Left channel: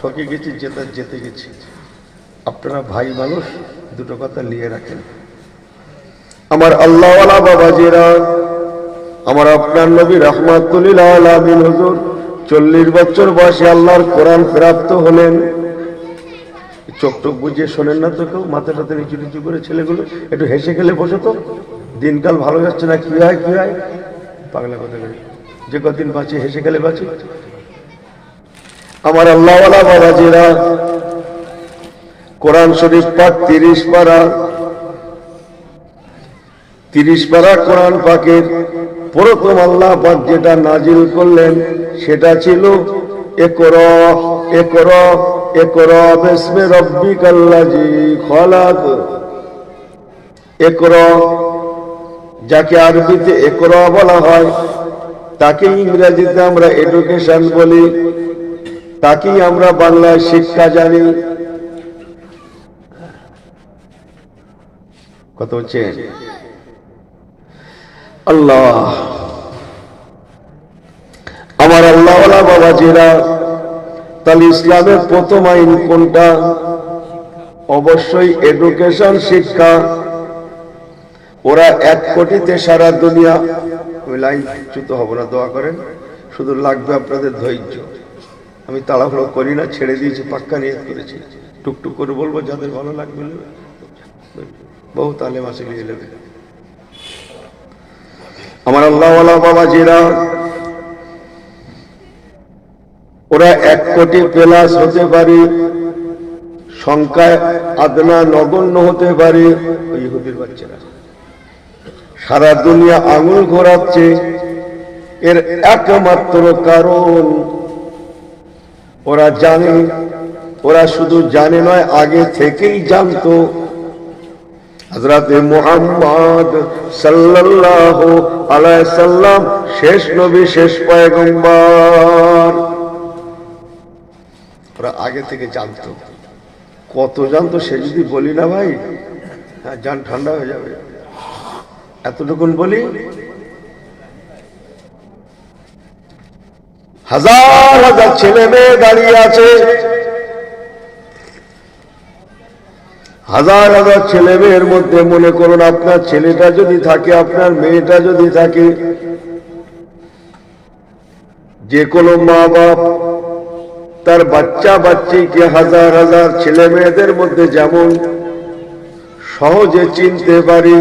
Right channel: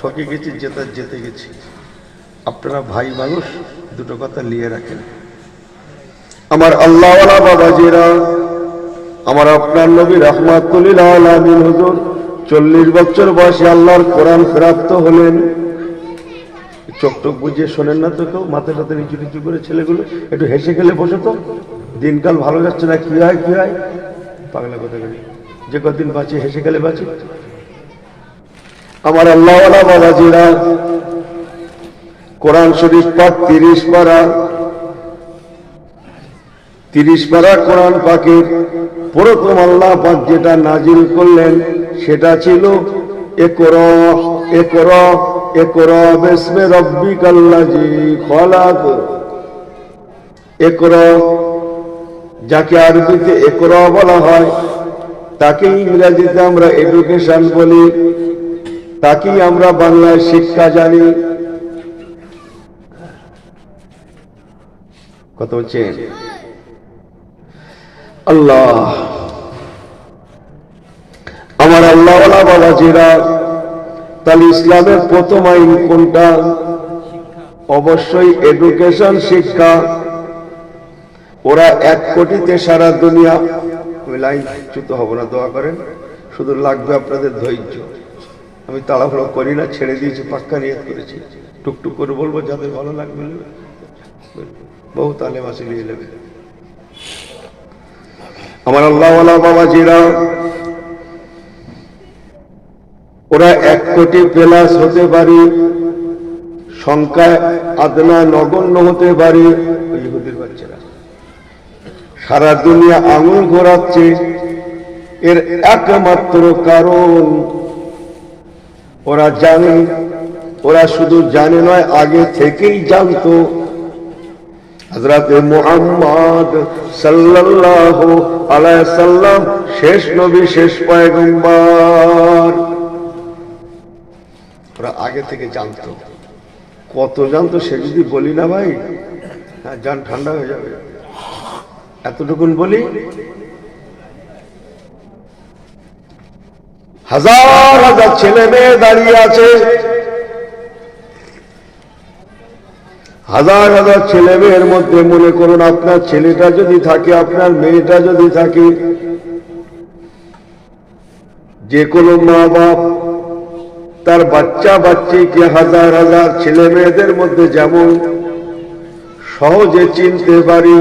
ঠকে গেছি, যেতে গেছি। আপনারা ভাই মানুষ, দুটো কথা নিয়ে রাখেন। আমার আল্লাহওয়ালা বাবাজিরা, আমার আপনার নবী রাহমাতুল আলামিন হুজুর 40 বছর বয়সে আল্লাহর কোরআন প্রাপ্ত হলেন। চোখ টোক বুঝিয়ে শোনেন না তো কেউ? মাথা টাথা নিচু নিচু করে ছেলেগুলো একটু হেসে গেলে বসে তো। দিনকাল ভালো যাচ্ছে না, কি হয় পাগলা কথা বলি। যে কদিন বাঁচি হেসে গেলে বাঁচি। আমার আল্লাহওয়ালা বাবাজিরা, কোরআন শরীফ পাক 30 পারা কোরআন পাকের প্রথম আল্লাহ পাক যেটা নাজিল করলেন সেটা ছিল ইকরা বিসমি রাব্বিকাল্লাযী খালাক। ইকরা, যাকে আরবিতে ইকরা বলা হয়, তাকে ইংরেজিতে আমরা এডুকেশন বলি, তাকেই আমরা বাংলায় শিক্ষা জানি। কত হচ্ছে আল্লাহ। আমার আল্লাহওয়ালা বাবাজিরা, তাহলে ইসলামের প্রথম আইন কোনটা? অবশ্যই এডুকেশন, শিক্ষা। ওরা 1 কোটিতে সারা দুনিয়া। আমি লাইন চ্যুত হব না, দোয়া করেন। শুধু লাগবে আপনাদের ধৈর্য। আমি তাড়াহুড়ো করি না, ছেড়ে দিয়েছি, পাক্কা নিয়ত করেছি। টুকটুক করে বলবো, যাদের ভালো লাগবে বহু তালেম আছে, নিয়ে নেবে। আমার আল্লাহওয়ালা বাবাজিরা, ওরা 1 কোটি প্লাস হতে পারে, সংখ্যায় আদনা নগণ্য হতে পারে। ইহুদির বাচ্চারা সারা দুনিয়া আঙুল ঘোরাচ্ছে, এর একমাত্র কারণ ওরা জানে। ওরা শুধু জানে নয়, আগে থেকেই জানতো। হযরতে মুহাম্মদ সাল্লাল্লাহু আলাইহি সাল্লাম শেষ নবী, শেষ পয়গম্বর। ওরা আগে থেকে জানতো। কত জানতো সে যদি বলি না ভাই, হ্যাঁ, জান ঠান্ডা হয়ে যাবে। এতটুকুন বলি, হাজার হাজার ছেলে মেয়ে দাঁড়িয়ে আছে, হাজার হাজার ছেলে মেয়ের মধ্যে মনে করুন আপনার ছেলেটা যদি থাকে, আপনার মেয়েটা যদি থাকে, যে কোনো মা বাপ তার বাচ্চা বাচ্চিকে হাজার হাজার ছেলে মেয়েদের মধ্যে যেমন সহজে চিনতে পারি,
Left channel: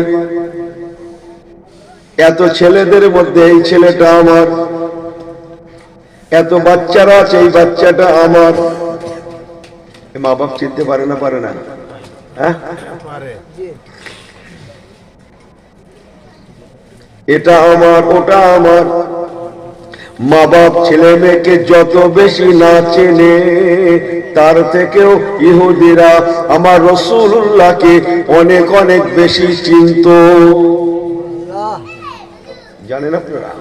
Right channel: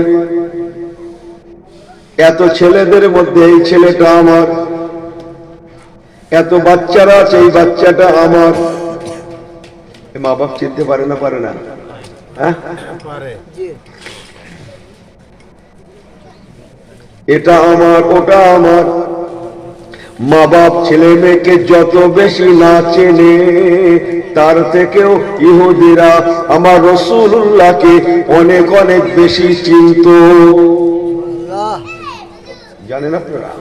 এত ছেলেদের মধ্যে এই ছেলেটা আমার, এত বাচ্চারা আছে, এই বাচ্চাটা আমার। মা বাপ চিনতে পারে না? পারে না? হ্যাঁ, এটা আমার, ওটা আমার। মা বাপ ছেলে মেয়েকে যত বেশি না চেনে, তার থেকেও ইহুদিরা আমার রাসূলুল্লাহকে অনেক অনেক বেশি চিনত। জানেন আপনারা?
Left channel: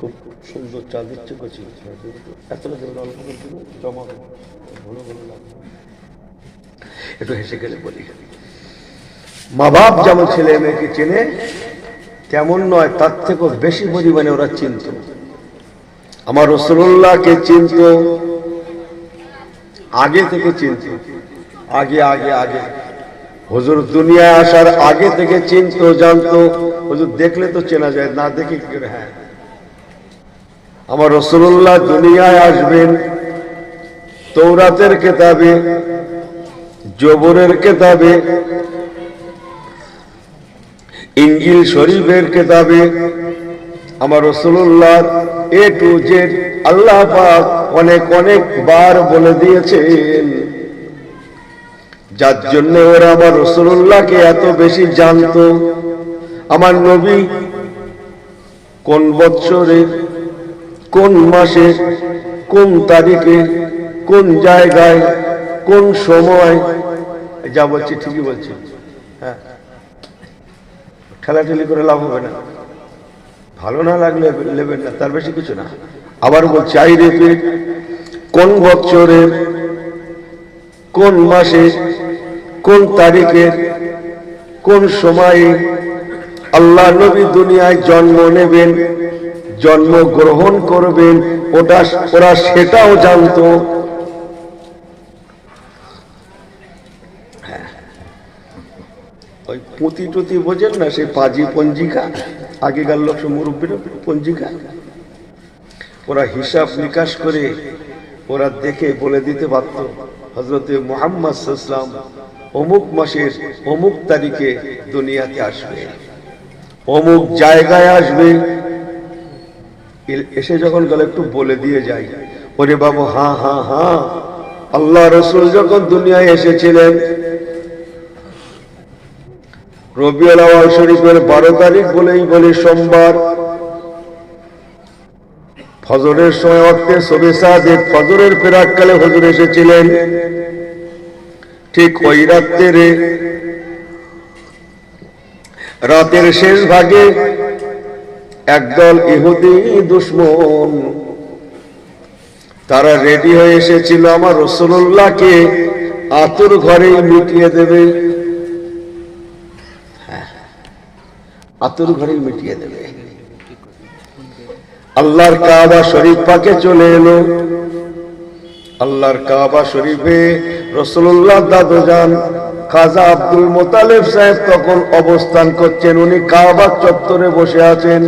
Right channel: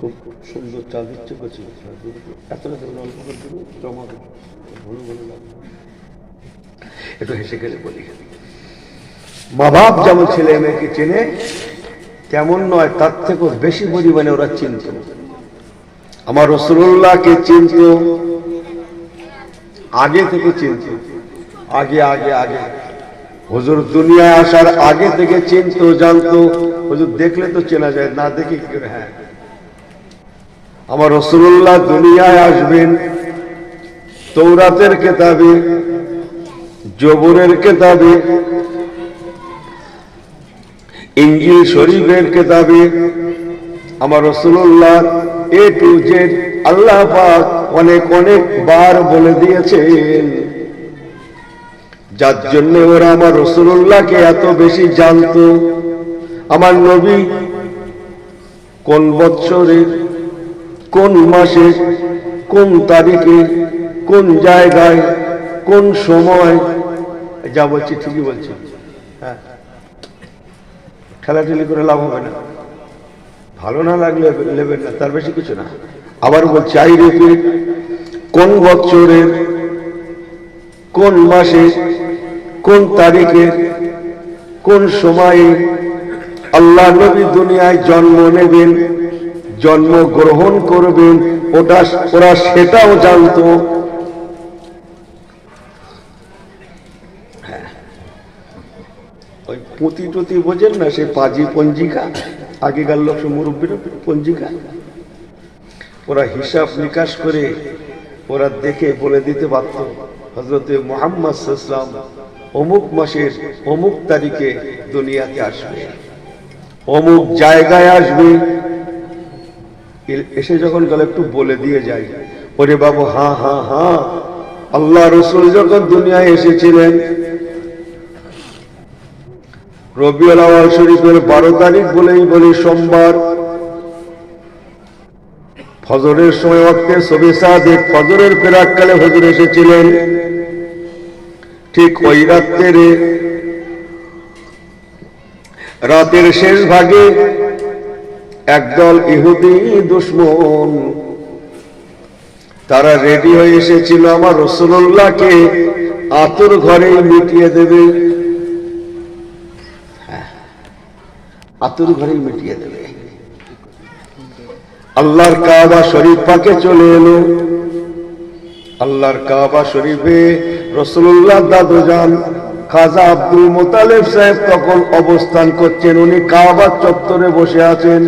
খুব সুন্দর চা দিচ্ছে, একটু হেসে গেলে বলি। মা বাপ যেমন ছেলে মেয়েকে চেনে, তেমন নয়, তার থেকেও বেশি পরিমাণে ওরা চিনত। আমার রাসূলুল্লাহকে চিনত, আগে থেকে চিনত। আগে হুজুর দুনিয়া আসার আগে থেকে চিনত, জানতো। হুজুর দেখলে তো চেনা যায়, না দেখে কি করে? হ্যাঁ, আমার রাসূলুল্লাহ দুনিয়ায় আসবেন তওরাতের কিতাবে, জবুরের কিতাবে, ইনজিল শরীফের কিতাবে। আমার রাসূলুল্লাহ A to Z আল্লাহ পাক অনেক অনেক বার বলে দিয়েছেন, যার জন্য ওরা আমার রাসূলুল্লাহকে এত বেশি জানতো। আমার নবী কোন বৎসরে, কোন মাসে, কোন তারিখে, কোন জায়গায়, কোন সময়, যা বলছি ঠিকই বলছি। হ্যাঁ, ঠেলাঠেলি করে লাভ হবে না, ভালো না লাগলে নেবেন না, তার বেশি কিছু না। আবার বলছি, আই রিপিট, কোন বৎসরের, কোন মাসে, কোন তারিখে, কোন সময়ে আল্লাহ নবী দুনিয়ায় জন্ম নেবেন, জন্মগ্রহণ করবেন, ওরা সেটাও জানতো। ওই পুঁতি টুতি বোঝেন না, সে পাজি পঞ্জিকা, আগেকার লোক মুরব্বীর পঞ্জিকা, ওরা হিসাব নিকাশ করে ওরা দেখে বলে দিতে পারত হযরতে মুহাম্মদ সাল্লাল্লাহু আলাইহি ওয়াসাল্লাম অমুক মাসের অমুক তারিখে দুনিয়াতে আসবে, অমুক জায়গায় আসবে। এসে যখন গেল একটু বলে দিয়ে যায়, ওরে বাবু হ্যাঁ হ্যাঁ হ্যাঁ, আল্লাহ রাসূল যখন দুনিয়ায় এসেছিলেন রবিউল আউয়াল শরীফের 12 তারিখ বলেই বলি সোমবার, ফজরের সময় ওয়াক্তে সবে সাদিক, ফজরের প্রাক্কালে হুজুর এসেছিলেন। ঠিক ওই রাতের শেষ ভাগে একদল ইহুদি দুশমন তারা রেডি হয়ে এসেছিল আমার রাসূলুল্লাহকে আতুর ঘরে মিটিয়ে দেবে, আতুর ঘরে মিটিয়ে দেবে। আল্লাহর কাবা শরীফ পাকে চলে এলো। আল্লাহর কাবা শরীফে রাসূলুল্লাহ দাদুজান খাজা আব্দুল মুতালিব সাহেব তখন অবস্থান করছেন। উনি কাবা চত্বরে বসে আছেন।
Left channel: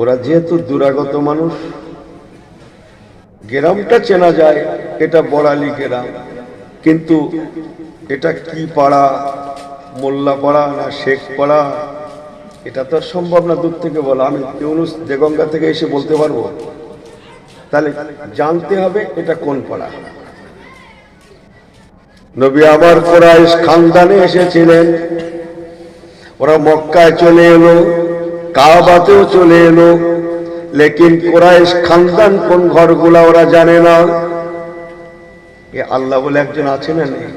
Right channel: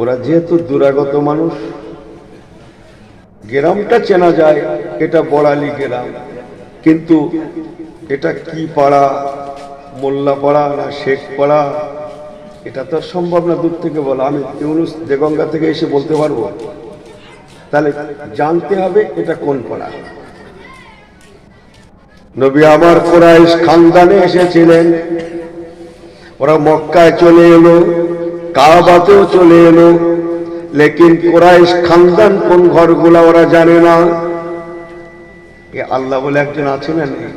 ওরা যেহেতু দুরাগত মানুষ, গ্রামটা চেনা যায়, এটা বড়ালি গ্রাম, কিন্তু এটা কি পাড়া, মোল্লা পাড়া না শেখ পাড়া, এটা তো সম্ভব না দূর থেকে বলা। আমি ইউনুস দেগঙ্গা থেকে এসে বলতে পারবো? তাহলে জানতে হবে এটা কোন পাড়া। নবী আমার কুরাইশ খানদানে এসেছিলেন, ওরা মক্কায় চলে এলো, কাবাতেও চলে এলো, লেকিন কুরাইশ খানদান কোন ঘরগুলা ওরা জানে না। এ আল্লাহ বলে একজন আছে না নেই?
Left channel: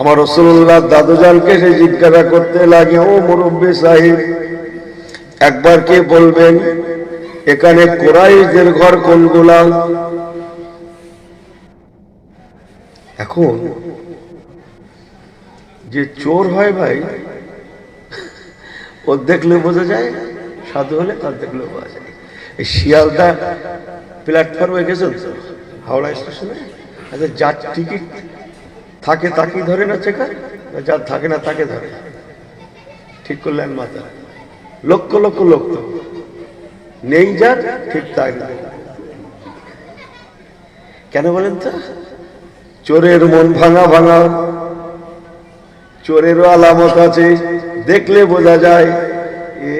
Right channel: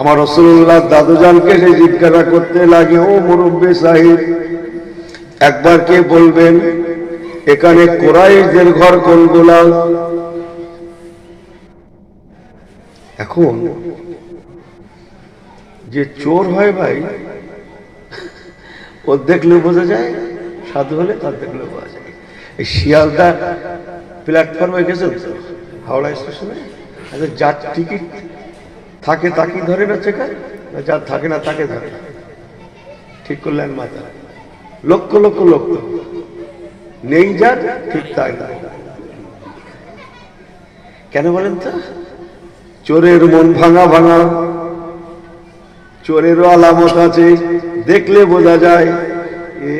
আমার রাসূলুল্লাহ দাদুজানকে সে জিজ্ঞাসা করতে লাগে, ও মুরব্বী সাহেব, একবার কে বলবেন এখানে কুরাইশদের ঘর কোনগুলা? এখন যে চোর হয় ভাই, ও দেখলে বোঝা যায়, সাধু হলে তার দেখলে বোঝা যায়। এই শিয়ালদা প্ল্যাটফর্মে গেছেন তো, হাওড়া স্টেশনে, যার টিকিট থাকে তাকে ধরে না চেকার, যার থাকে না তাকে ধরে। ঠিক করলেন মাথা, লক্ষ লক্ষ লোক তো নেই, যার ঠিক তাই না। কেন বলেন তো? চোরের মন ভাঙা ভাঙা, চোরেরও আলামত আছে, দেখলে বোঝা যায় এ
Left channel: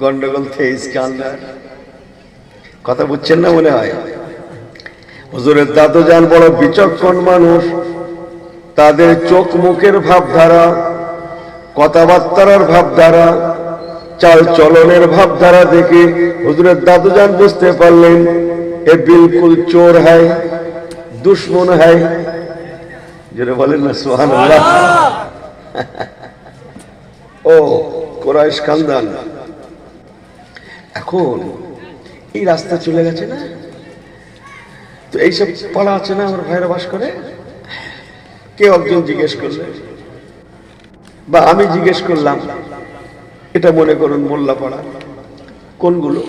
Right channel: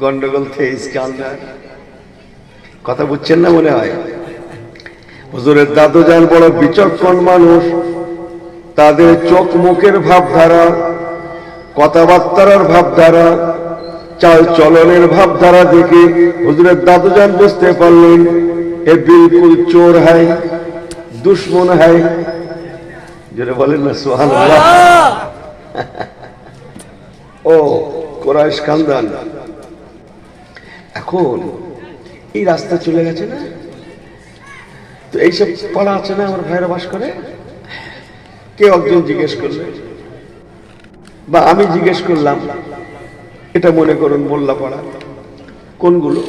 গন্ডগোল থেইস কান্দার। কথা বুঝছেন না মনে হয়? হুজুরের দাদুজান বড় বিচক্ষণ মানুষ, তাদের চোখ মুখের ভাবধারা, কথাবার্তার ভাবধারা, চাল চলনের ভাবধারা দেখে হুজুরের দাদুজান বুঝতে পারলেন এ বিলকুল চোর হয়, দুশ্মন হয়। যেটা বলেন না সুবহানাল্লাহ। ও কুরাইশ খানদান। এখন এই রাস্তা চলে গেছে না, তো এইসব পাড়া আছে না আমার ভাইরা বাস করে। কেউ একজন জিজ্ঞেস করলে বা আমি জিজ্ঞেস করলাম, এটা মনে করুন মোল্লা পাড়া কোনগুলো,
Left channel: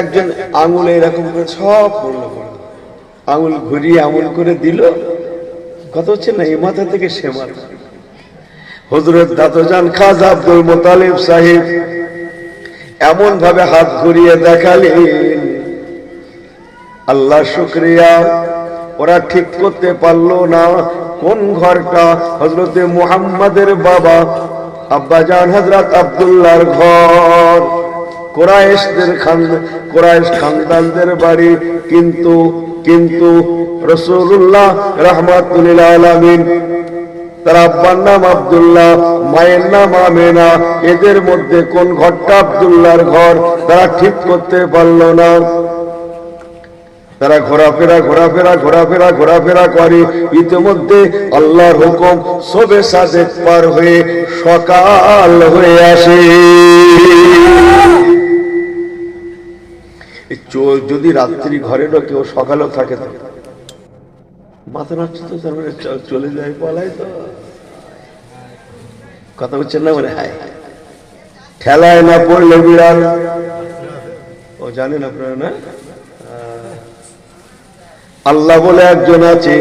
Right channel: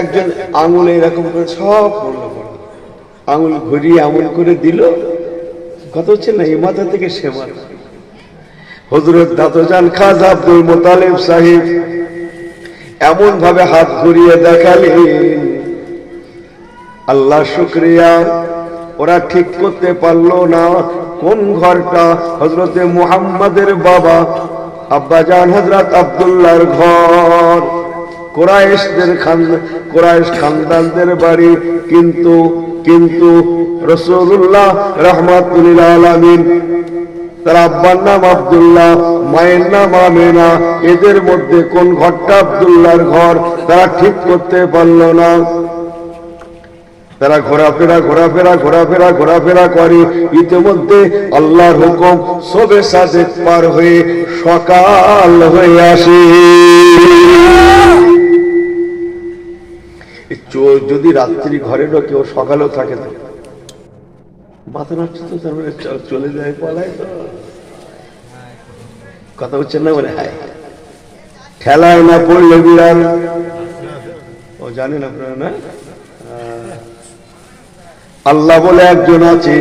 একজন আঙুলে এরকম করে সব মোল্লা পাড়া, আঙুল ঘুরিয়ে আমুল করে দিল। কথা হচ্ছে না, এই মাথা থেকে সে মাথা। হুজুরের দাদুজান খাজা আব্দুল মুতালিব সাহেব এমন ভাবে হাত ঘুরিয়ে দেখালেন, আল্লাহ শুকরিয়া, ওরা ঠিক করতে পারলো না কোন ঘরটা হযরতে মুহাম্মাদের বাবা আব্বাজান হযরত আব্দুল্লাহর ঘর, কুরাইশ খানদানদের বাড়ি। কিন্তু রাসূলুল্লাহ রাহমাতুল লিল আলামিন, তার আব্বার নাম আব্দুল্লাহ, মায়ের নাম আমেনা, এদের মধ্যে কোন ঘরটা আব্দুল্লাহর ঘর তারা ঠিক করতে পারলো না। তারা ঘোরাফেরা করে। ইতিমধ্যে আল্লাহর হুকুম সবে সাদেক পার হয়ে সকাল হয়ে আসে। যদি রাত্রি ঘরে ঢোকে, ও সকালেও থাকে তো মাথা নাড়ছে তো, তারপরে চলে যায়, পালায় তো। কথা হচ্ছে না বলে হায় ঠেলায় না পড়লে বিড়াল ও জানেন আপনারা না আল্লাহ বলে একজন আছে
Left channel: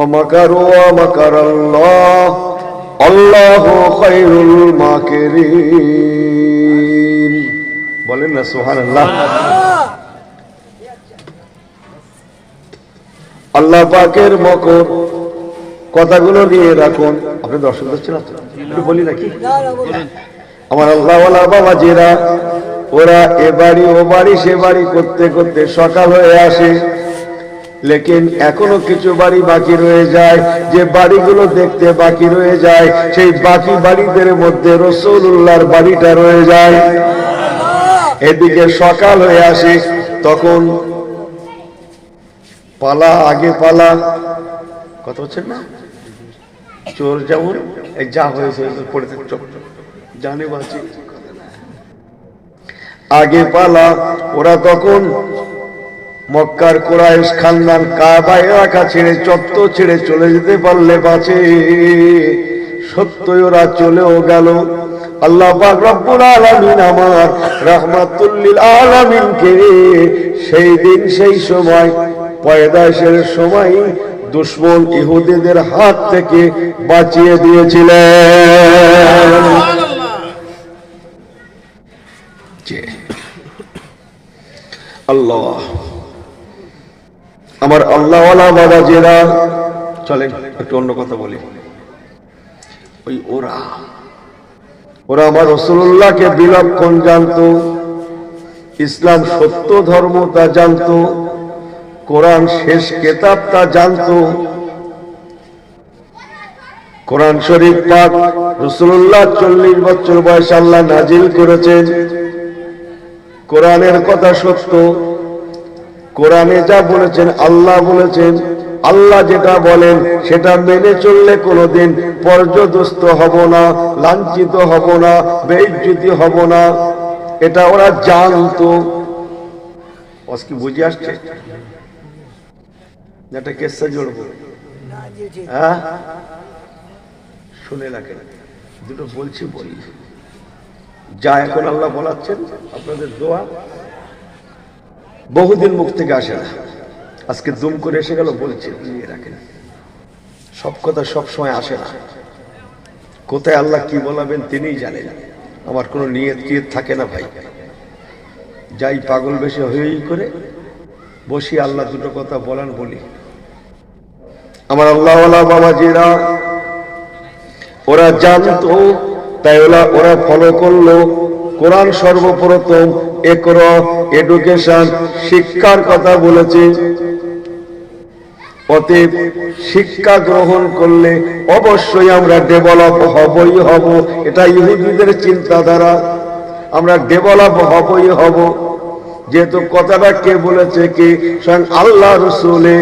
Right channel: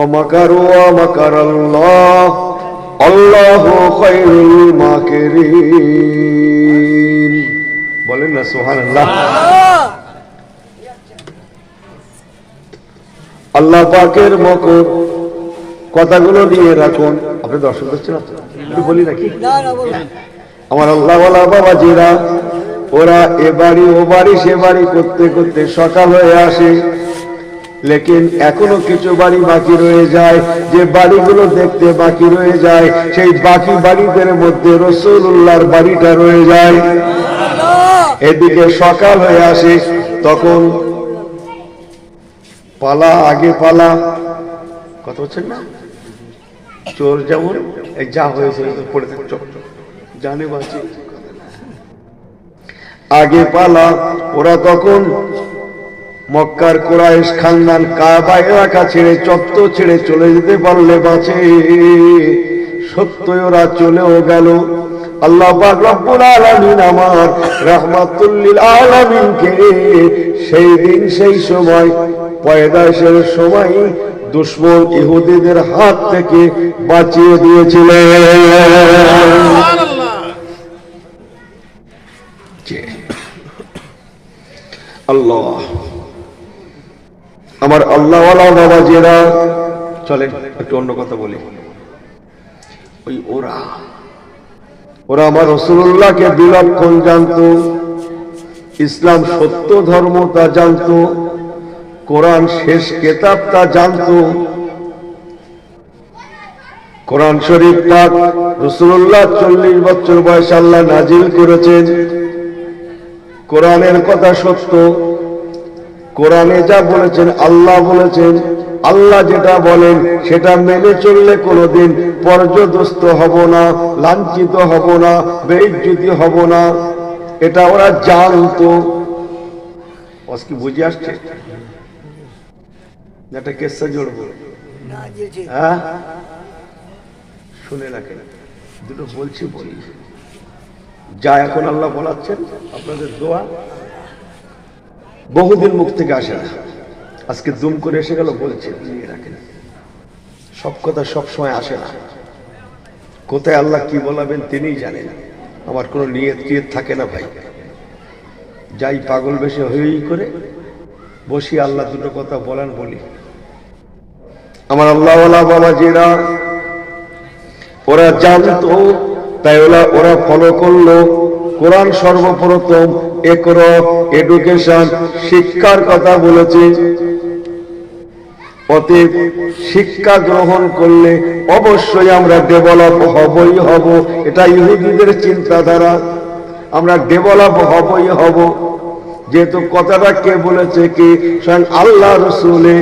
ওমাকারু ওমাকারাল্লাহ আল্লাহু খায়রুল মাকিরিন বলেন না সুবহানাল্লাহ আল্লাহ পাকের মকর কথাগুলো নিয়ে রাখুন আপনি দর্শক হচ্ছেন একটু বলি নাকি আমার আল্লাহওয়ালা বাবাজিরা ওরা এ বাড়ি ও বাড়ি সে বাড়ি করতে করতে সকাল হয়ে আসে লেকিন এখনো কিছু বাড়ি বাকি রয়ে যায় যে বাড়িগুলো দেখতে বাকি রয়ে যায় সেই বাকি বাড়িদের মধ্যে রাসূলুল্লাহর বাড়িটা রয়ে যায় এদিকে সকাল হয়ে আসে তখন পালা আগে পালা কথা হচ্ছে না চোর যেমন এই যা হয়েছে পড়ে জানে বাঁচি আগে পালা ওরা তখন মক্কার কুরাইশ খানদান কাবা এলাকা ছেড়ে চত্ব ছেড়ে চলে যেতে পারলে বাঁচে সত্যই ওরা চলেও গেল আল্লাহ পাক রব্বুল আলামিন আমার রাহমাতুল লিল আলামিনকে সেই দিন সেই সময় পয়দাশের সময় দুশমন ইহুদিদের হাত থেকে বাঁচিয়ে দিয়েছিলেন আল্লাহ আমার আল্লাহওয়ালা বাবাজিরা চলেন একটু অন্য কথা বলি ওই ওরা আমার রাসূলুল্লাহকে বিলক্ষণ জানতো ইসলাম সত্য ধর্ম তা জানতো কোরআন শেষ কিতাব তা জানতো কোরআন শরীফ পাক রাসূলুল্লাহ 40 বছর বয়সে আল্লাহ নাজিল করেছেন কোরআনের কথা সত্য কোরআনে যা বলেছেন আল্লাহ বলেছেন আল্লাহ যেটা বলেন সেটা মেনে চললে কোনোদিন পর্যদস্ত হব না লাঞ্ছিত হব না বেইজ্জতি হব না এটা ওরা জানতো কি বুঝে আসছে একটা কেসা জড়বো হ্যাঁ শুনে রাখেন দুটো বলছি বলি যা এখন আল্লাহ বলাচ্ছেন আপনাদের দোয়া বহুদিন মুখ থেকে আসে না আজকে দুম করে এসে গেল বলছি নিয়ে রাখেন সব কথা সব সময় আসে না কোথায় আল্লাহ কি বলাবেন তিনিই জানেন আমার কোনো নিয়ত থাকে না ভাই যাই পাগল বেশি হয়েই করে বসি আল্লাহ দুটো কথা বলেন বলি আমার আল্লাহওয়ালা বাবাজিরা ওরা জানতো তাই ওরা ফলো করলো কোরআন সর্বপ্রথম এডুকেশন শিক্ষার কথা বলেছে অতএব শিক্ষা গ্রহণ করলে অবশ্যই আমরা ডেভেলপ হবই হব এটা ইহুদিদের চিন্তাধারা আমরা ডেভেলপ হবই হব যেহেতু কথাটা কে বলেছে কি স্বয়ং আল্লাহ রসুলে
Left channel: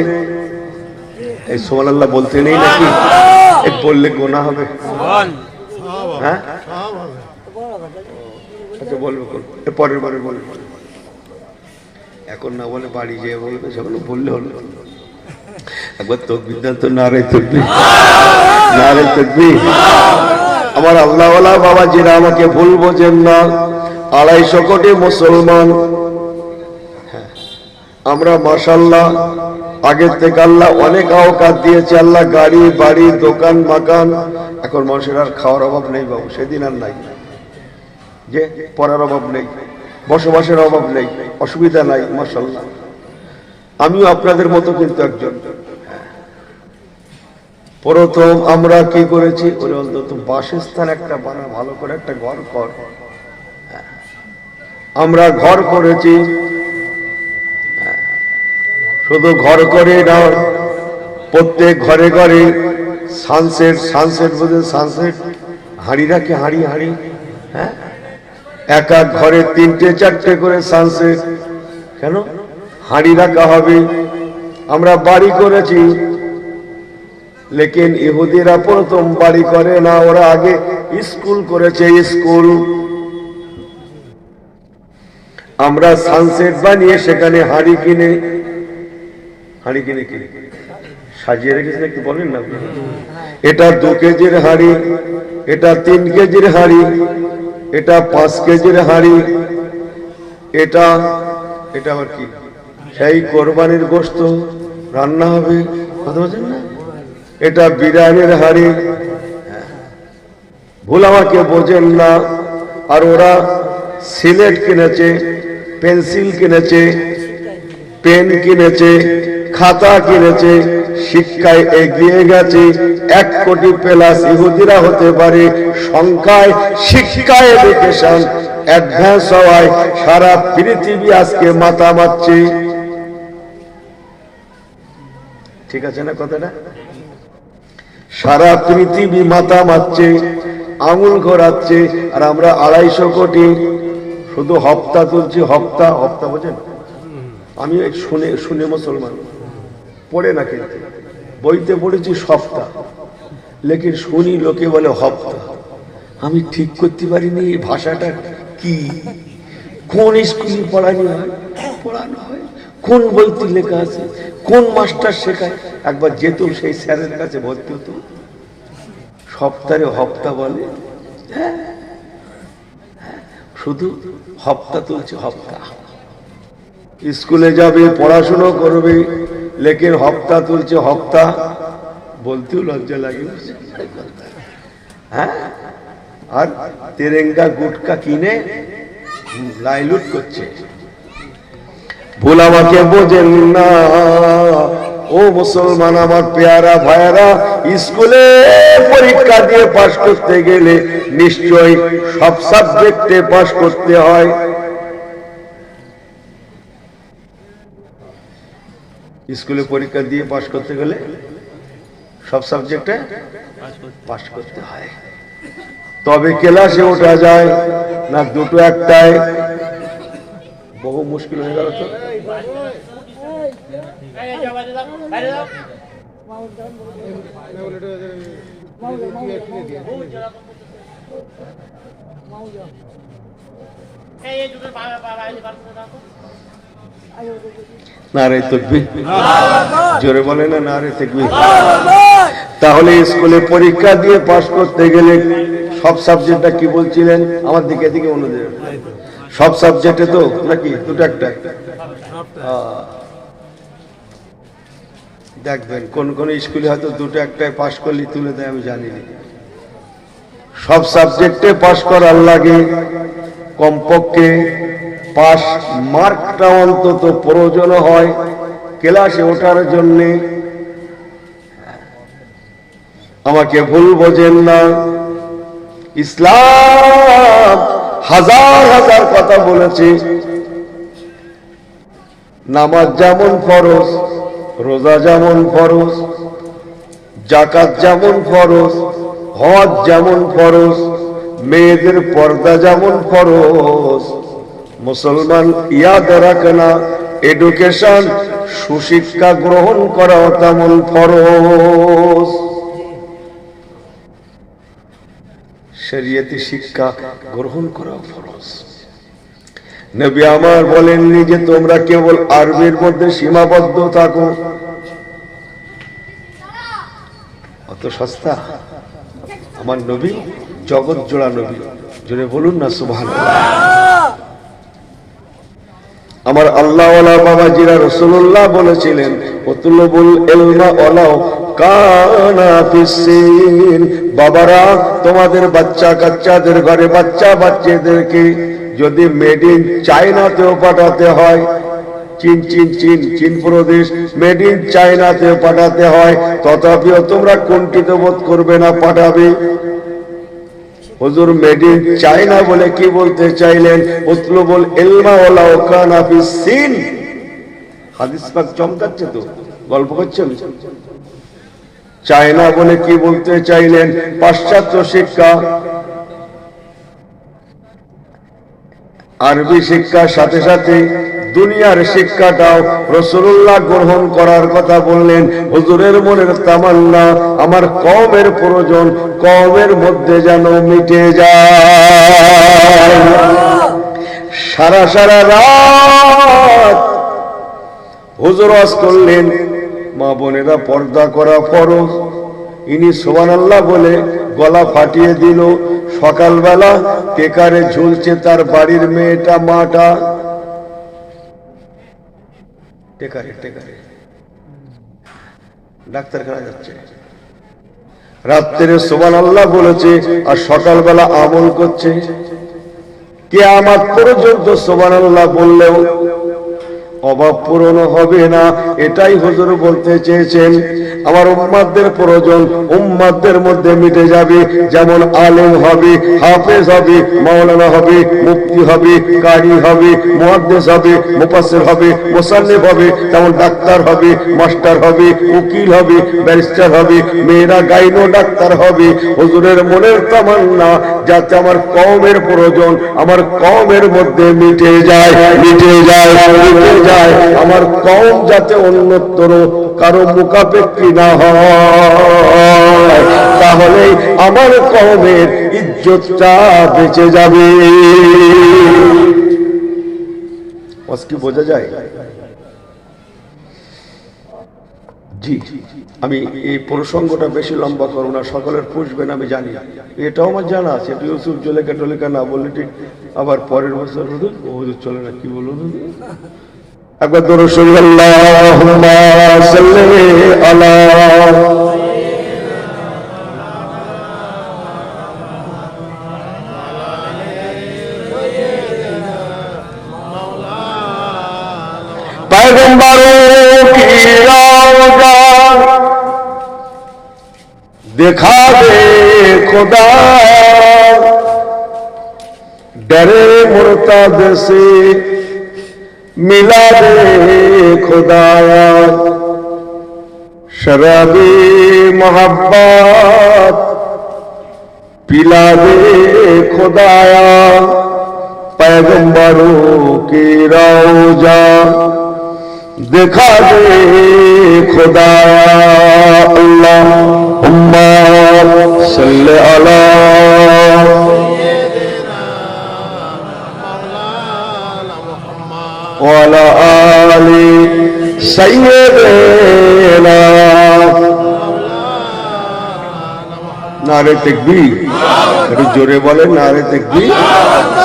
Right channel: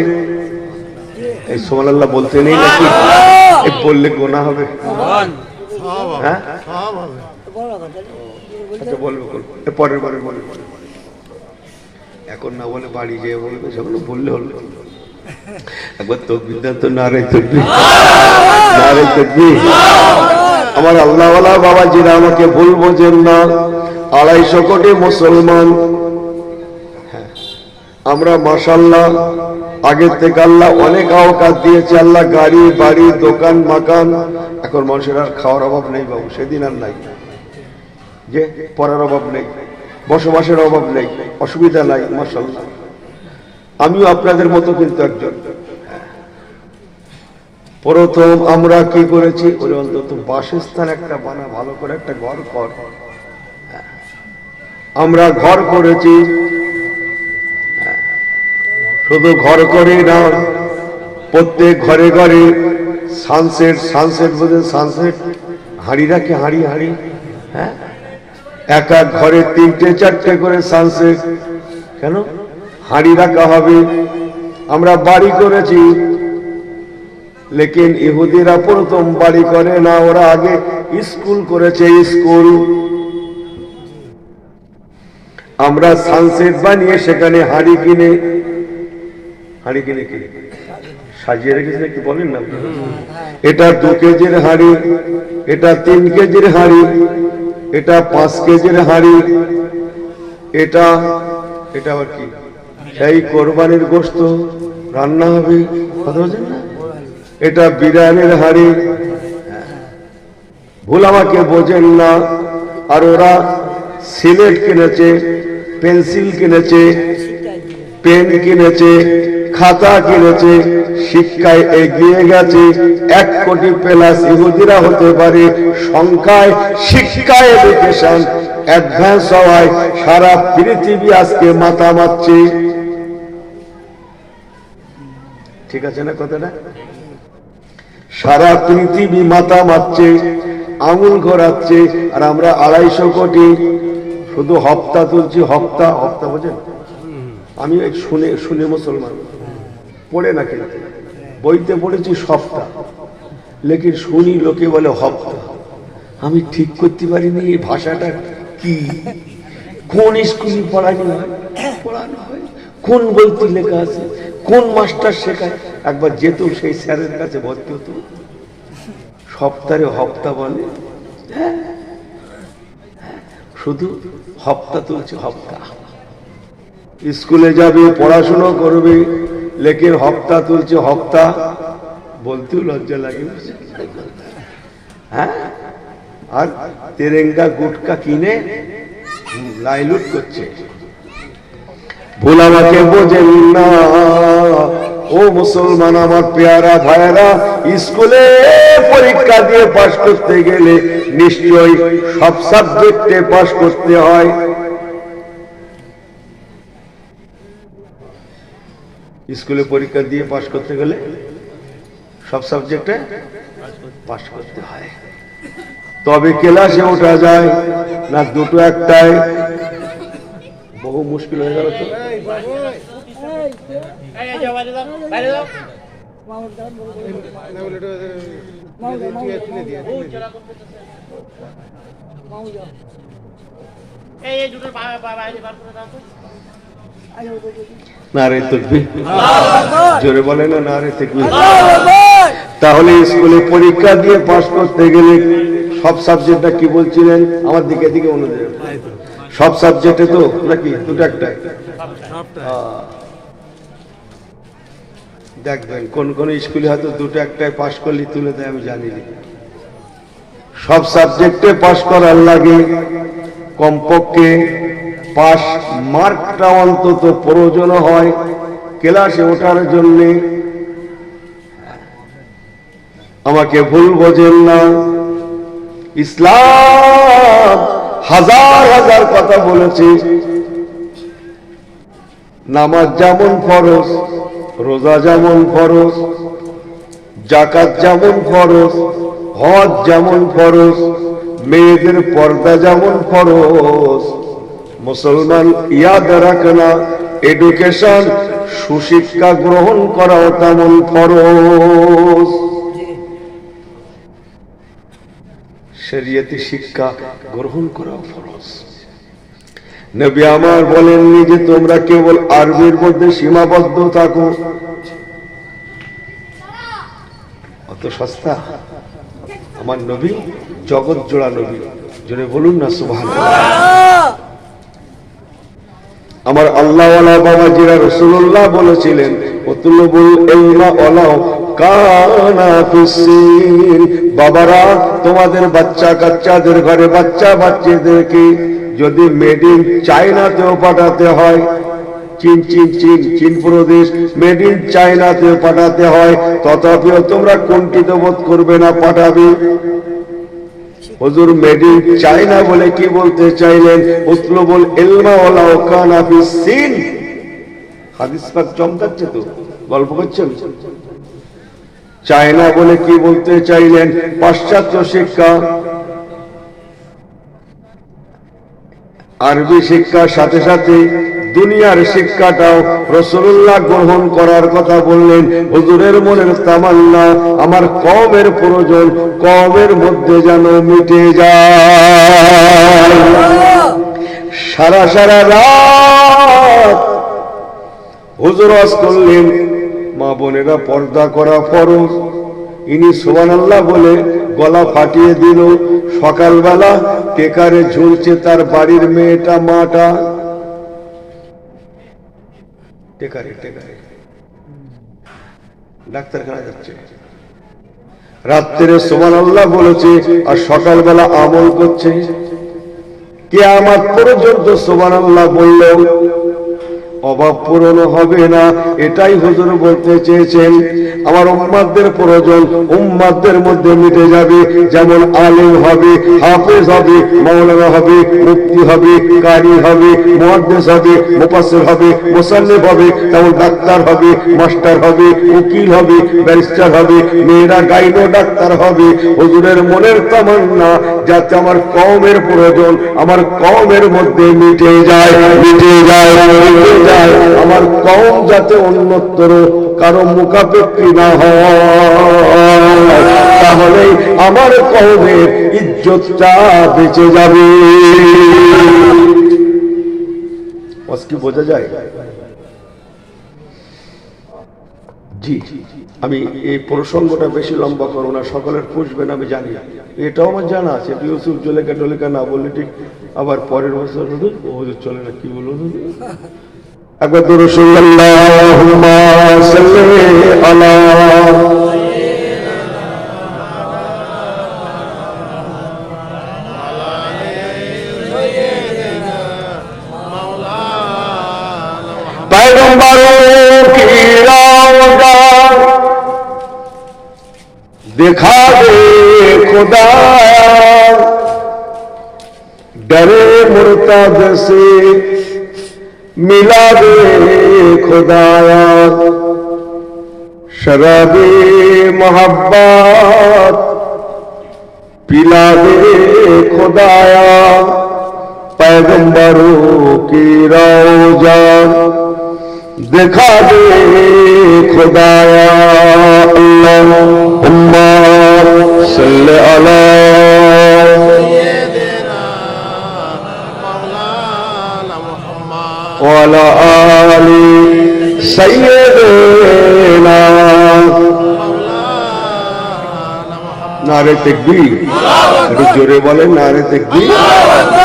এই সুবহানাল্লাহ বলতে নেই নাকি বললে গোনা হবে হ্যাঁ আচ্ছা বলবো পরের বারে বলবো এখন না বলে বাড়ি যেয়ে বলবে সেগুলো বললে হলো একবার তকবীর তো নারে তকবীর আমার আল্লাহওয়ালা বাবা যারা আমাকে ভুল বোঝেন না 250 কোটি মুসলমান আমরা মাশাআল্লাহ আগের থেকে আল্লাহ অনেক আওকাত দিয়েছে আল্লাহ গাড়ি বাড়ি দোকান মাকান এখন মানুষের আর খাওয়ার অভাব নেই বাবু সেদিন আর নাই যে পড়ার অভাব নেই বসবাসের অভাব নেই অসুবিধা নাই মাশাআল্লাহ আমিও আপনাদের মতো কিন্তু একজন প্রথম আমরা কি করেছি ওই অন্তত বাসস্থান একটা বানা ভালো করে একটা ঘর কর আমরা ঘর করেছি শুধু ঘর করে না প্রত্যেক ঘরে ঘরে সানসেট বুঝে সানসেট হাঁড়ি রাখে হাঁড়ি হ্যাঁ এক এক ঘরে 3টে 4টে করে সানসেট কেন হাঁড়ি রাখা হবে আমরা বাড়ি করেছি লেকিন ইহুদিরা প্রথম বাড়ি করে না ওরা আগে স্কুল করেছে স্কুল আমরা সানসেট বানিয়ে সেখানে হাঁড়ি কিনে সাজিয়ে রেখেছে নাকি বলেন না? এটা 2 কেজির হাড়ি, এটা 3 কেজির হাড়ি, এটা 5 কেজির হাড়ি, এটা এটা আবার কি? সেই কোরবানির গোশত রান্না হবে, কথা বলছেন না? এটা বিরিয়ানির হাড়ি। ভুল আমাকে বোঝেন না। আর ওরা সিলেট কিনেছে, পেন্সিল কিনেছে, পেন কিনেছে, খাতা কিনেছে, শিক্ষায় এগিয়ে গেছে। 1 কোটি প্লাস ইহুদিরা হতে পারে সংখ্যায়, শিক্ষায় এডুকেশন অ্যাডভান্স হওয়ায় সারা পৃথিবী আজকে মাথা মারছে। ঠিক আছে না কথাটা? সারা পৃথিবী মাথা মারছে, আঙুল ঘোরাচ্ছে, আর আমরা 250 কোটি শুধু হপ্তা তুলছি। হপ্তা হপ্তা বোঝেন? আমি শুনে শুনে মুসলমান, পড়ে না কিন্তু বইতে পড়েছি সপ্তাহ, লেকিন শুনি লোকে বলে হপ্তা। আমি ঠিক করতে পারিনি এই ভাষাটা কি, কোন স্কুলে পড়ানো হয়, কোন বইতে লেখা আছে, কোন মাস্টার শেখায়। একবার যেত সেই স্যারের কাছে ভর্তি হতো, সপ্তাহে হপ্তা বলে, শুধু হপ্তা তুলছে হপ্তা। স্কুলে যাবে, পড়াশোনা করবে, লেকিন হপ্তা তুলছে হপ্তা, বলতেও লজ্জা লাগে। হ্যাঁ, আর তেরেঙ্গা গুটকা কিনে লাইলুট করছে। ভুল আমাকে বোঝেন না ও মুসলমান, আমার পেয়ারা ভাইরা। স্কুলে পরীক্ষা দিয়ে পাশ করতে গেলে নিশ্চয়ই সব সাবজেক্টে পাশ করতে হয়। স্কুলে পরীক্ষা দিয়ে পাশ করতে গেলে সব সাবজেক্টে পাশ করতে হয়, তবে ক্লাসে ওঠা যায় না। দুটো একটাই বহু মুশকিল হয়ে গেল। তো নারে তাকবীর, জোরে বলে না নারে তাকবীর। তাহলে স্কুলে পরীক্ষা দিয়ে পাস করতে গেলে সব সাবজেক্টটা কি বলছিলেন? আমার দিকে দিকে অনুযায়ী সব সাবজেক্টে তো নাকি দুটো একটা। দেখবেন কোন কোন স্কুলে হয়তো দুটো একটাই পাস করলে তুলে দেয়, আমি জানি না। সব সাবজেক্টে পাস করার লাগে কমপক্ষে 5 মার্কটা অন্তত প্রয়োজন হয় ক্লাসে ওঠার জন্য। আমাকে ভুল বোঝেন না, ইসলাম হাজার হাজার কথা বলেছে। নামাজ যেমন ফরজ, রোজা যেমন ফরজ, যাকাত যেমন ফরজ, হজ যেমন ফরজ, মেয়েদের পর্দা যেমন ফরজ। মুসলমান ইয়াদ রাখনা, এডুকেশন সুশিক্ষা গ্রহণ করা তেমন ফরজ। শরীয়তি শিক্ষা গ্রহণ করা ফরজ। নবী আমার বলেননি যে তোমরা কেবল আরবির মধ্যে সীমাবদ্ধ থাকো। অত সস্তা আমার নবী, জগৎ জোড়া নবী। জোরে বলুন না সুবহানাল্লাহ। আমার আল্লাহওয়ালা বাবাজিরা রাসূলুল্লাহ বলেছিলেন, উতলুবুল ইলমা ওয়ালাউ কানা ফিসসিন। বাবারা, তোমাদের বাচ্চা কাচ্চাদের ঘরে বাচ্চা বাচ্চাদেরকে যদি মেড ইন চায়নাতেও পাঠাতে হয়, চীন চীন চীন চীন প্রদেশ মেড ইন চায়নাতে পাঠাতে হয়, তথাপিও তোমরা কুণ্ঠিত বোধ করবে না, পাঠাবে। হুজুর মেড ইন চায়না বলে কি বলতে চাইলেন? উতলুবুল ইলমা ওয়ালাউ কানা ফিসসিন। হাদিস পাক চমকাচ্ছে তো, গল্প করছেন। চায়না বলে কি বলতে চাইলেন? পাশ্চাত্য শিক্ষা, আরবি শিক্ষার সাথে সাথে দুনিয়ার শিক্ষাটাও রাসূলুল্লাহ গ্রহণ করার কথা বললেন। হুজুরের মনের তামান্না, আমার কওমের প্রয়োজন কওমের মধ্যে যেন মিটে যায়। সারা সারা রাত হুজুর ওয়াজ করলেন, মা বোনেরা, পর্দা করা ফরজ। ইনি সুবহানাল্লাহ বলে গলা ফাটিয়ে দিল। সকালবেলা টেকারে ঝুলছে তার বাড়ির মেয়েটা, মাটা টেকারে টেকারে ডাক্তারখানা যাচ্ছে। রাত্রে সুবহানাল্লাহ বলেছে আর সকালবেলা আমল করছে। কিয়ামত পর্যন্ত সুবহানাল্লাহ বললেও অভাব পূরণ হবে না। এটাই হুজুর বলতে চেয়েছেন। আমার উম্মাদের প্রয়োজন উম্মাদের মধ্যে মিটে যাবে। যেমন আলেম হবে, হাফেজ হবে, মাওলানা হবে, মুফতি হবে, কারি হবে, মুহাদ্দিস হবে, মুফাসসির হবে, মুসান্নিফ হবে, তেমন ডাক্তার হবে, মাস্টার হবে, উকিল হবে, ব্যারিস্টার হবে, মেয়েরা গাইনো ডাক্তার হবে। হুজুরের মনের তামান্না যাতে আমার কওমের প্রয়োজন আমার কওমের মধ্যে মিটে যায়, মিটে যায়, মিটে যায়। আমার কওম যাতে অন্যতর কারো মুখাপেক্ষী না হয়, তাহলে আমার কওমের ইজ্জতটা বেঁচে যাবে। কি বোঝা যায়? জি, আমি এই প্রসঙ্গটা বেশি লম্বা করবো না, সকলের পুষবেন আমি জানি। এটাও আমার জানা আছে, ইউসুফ জলেকা টলেকা না বললে ঠিক আবার পরের বছর হুজুর চলে না, কি বলুন একবার দরুদ আল্লাহুম্মা সাল্লি আলা पैगंबरों की रौज़ा दिखा दे खुदा, डरे मुर्तद से मिला दे खुदाया, शराबी मोहब्बत पिला दे खुदाया, पैगंबरों की रौज़ा दिखा दे खुदाया। अल्लाहुम्मा सल्ली अला व अला आलि सय्यिदिना। नारे तकबीर, একটু জোরে বলেন নারে তাকবীর।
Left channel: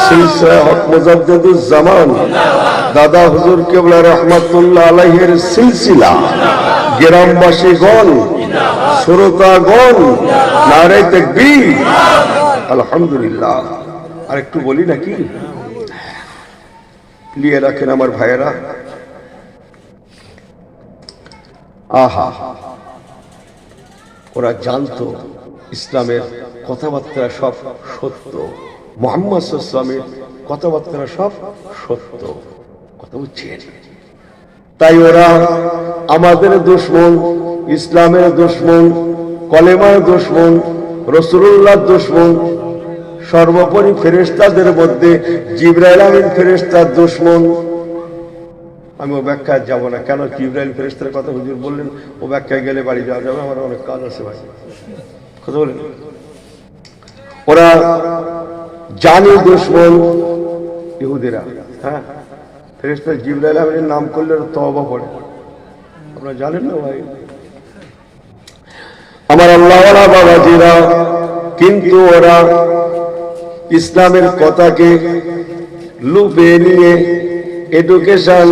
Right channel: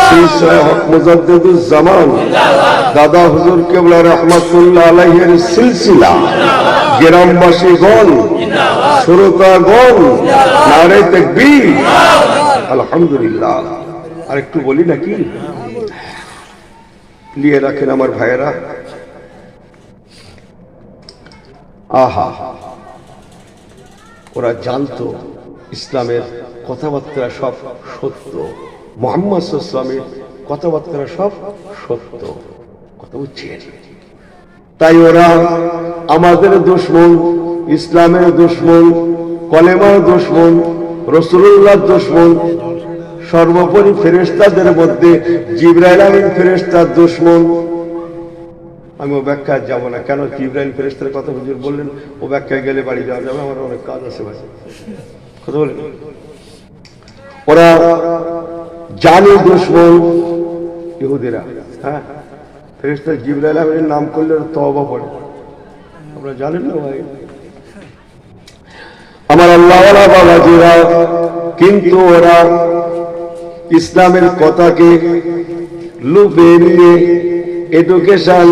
সিলসিলা হক মুজাদ্দিদুজ জামান দাদা হুজুর কিবলা রাহমাতুল্লাহ আলাইহির সিলসিলা, গ্রামবাসীগণ, শ্রোতাগণ, নারে তাকবীর, আলহামদুলিল্লাহ। আর একটু বলি নাকি, নিয়ে রাখেন আমার ভাইয়েরা। আহা, ওরা জানতো ইসলামের কথাবার্তা সব সত্য, মুহাম্মদ সাল্লাল্লাহু আলাইহি ওয়াসাল্লামের কথাবার্তা সব সত্য, কথা বুঝছেন? তাই ওরা আমাদের দুশমন, ইসলামের দুশমন, কলেমার দুশমন, রাসূলুল্লাহর দুশমন, সর্বোপরি ফেরেশতাদের মধ্যে জিবরাইল আমিন ফেরেশতার দুশমন। আমি ও ব্যাখ্যা যাব না, কেন জিবরাইল ফেরেশতার কথা হুজুর বললেন, ও ব্যাখ্যায় গেলে বাড়ি যাওয়া যাবে, আমার অনেক কাজ আছে ভাই, কথা বলেন। ওরা জানি দুশমন ইহুদিরা, হ্যাঁ, ফেরেশতা জিবরাইল আমিনের নাম করলে তওবা পড়ে, আপনারা জানেন না ভাই আমার আল্লাহওয়ালা বাবাজিরা। কিন্তু ওরা ইসলামের কথাকে লুপে নিয়ে এডুকেশন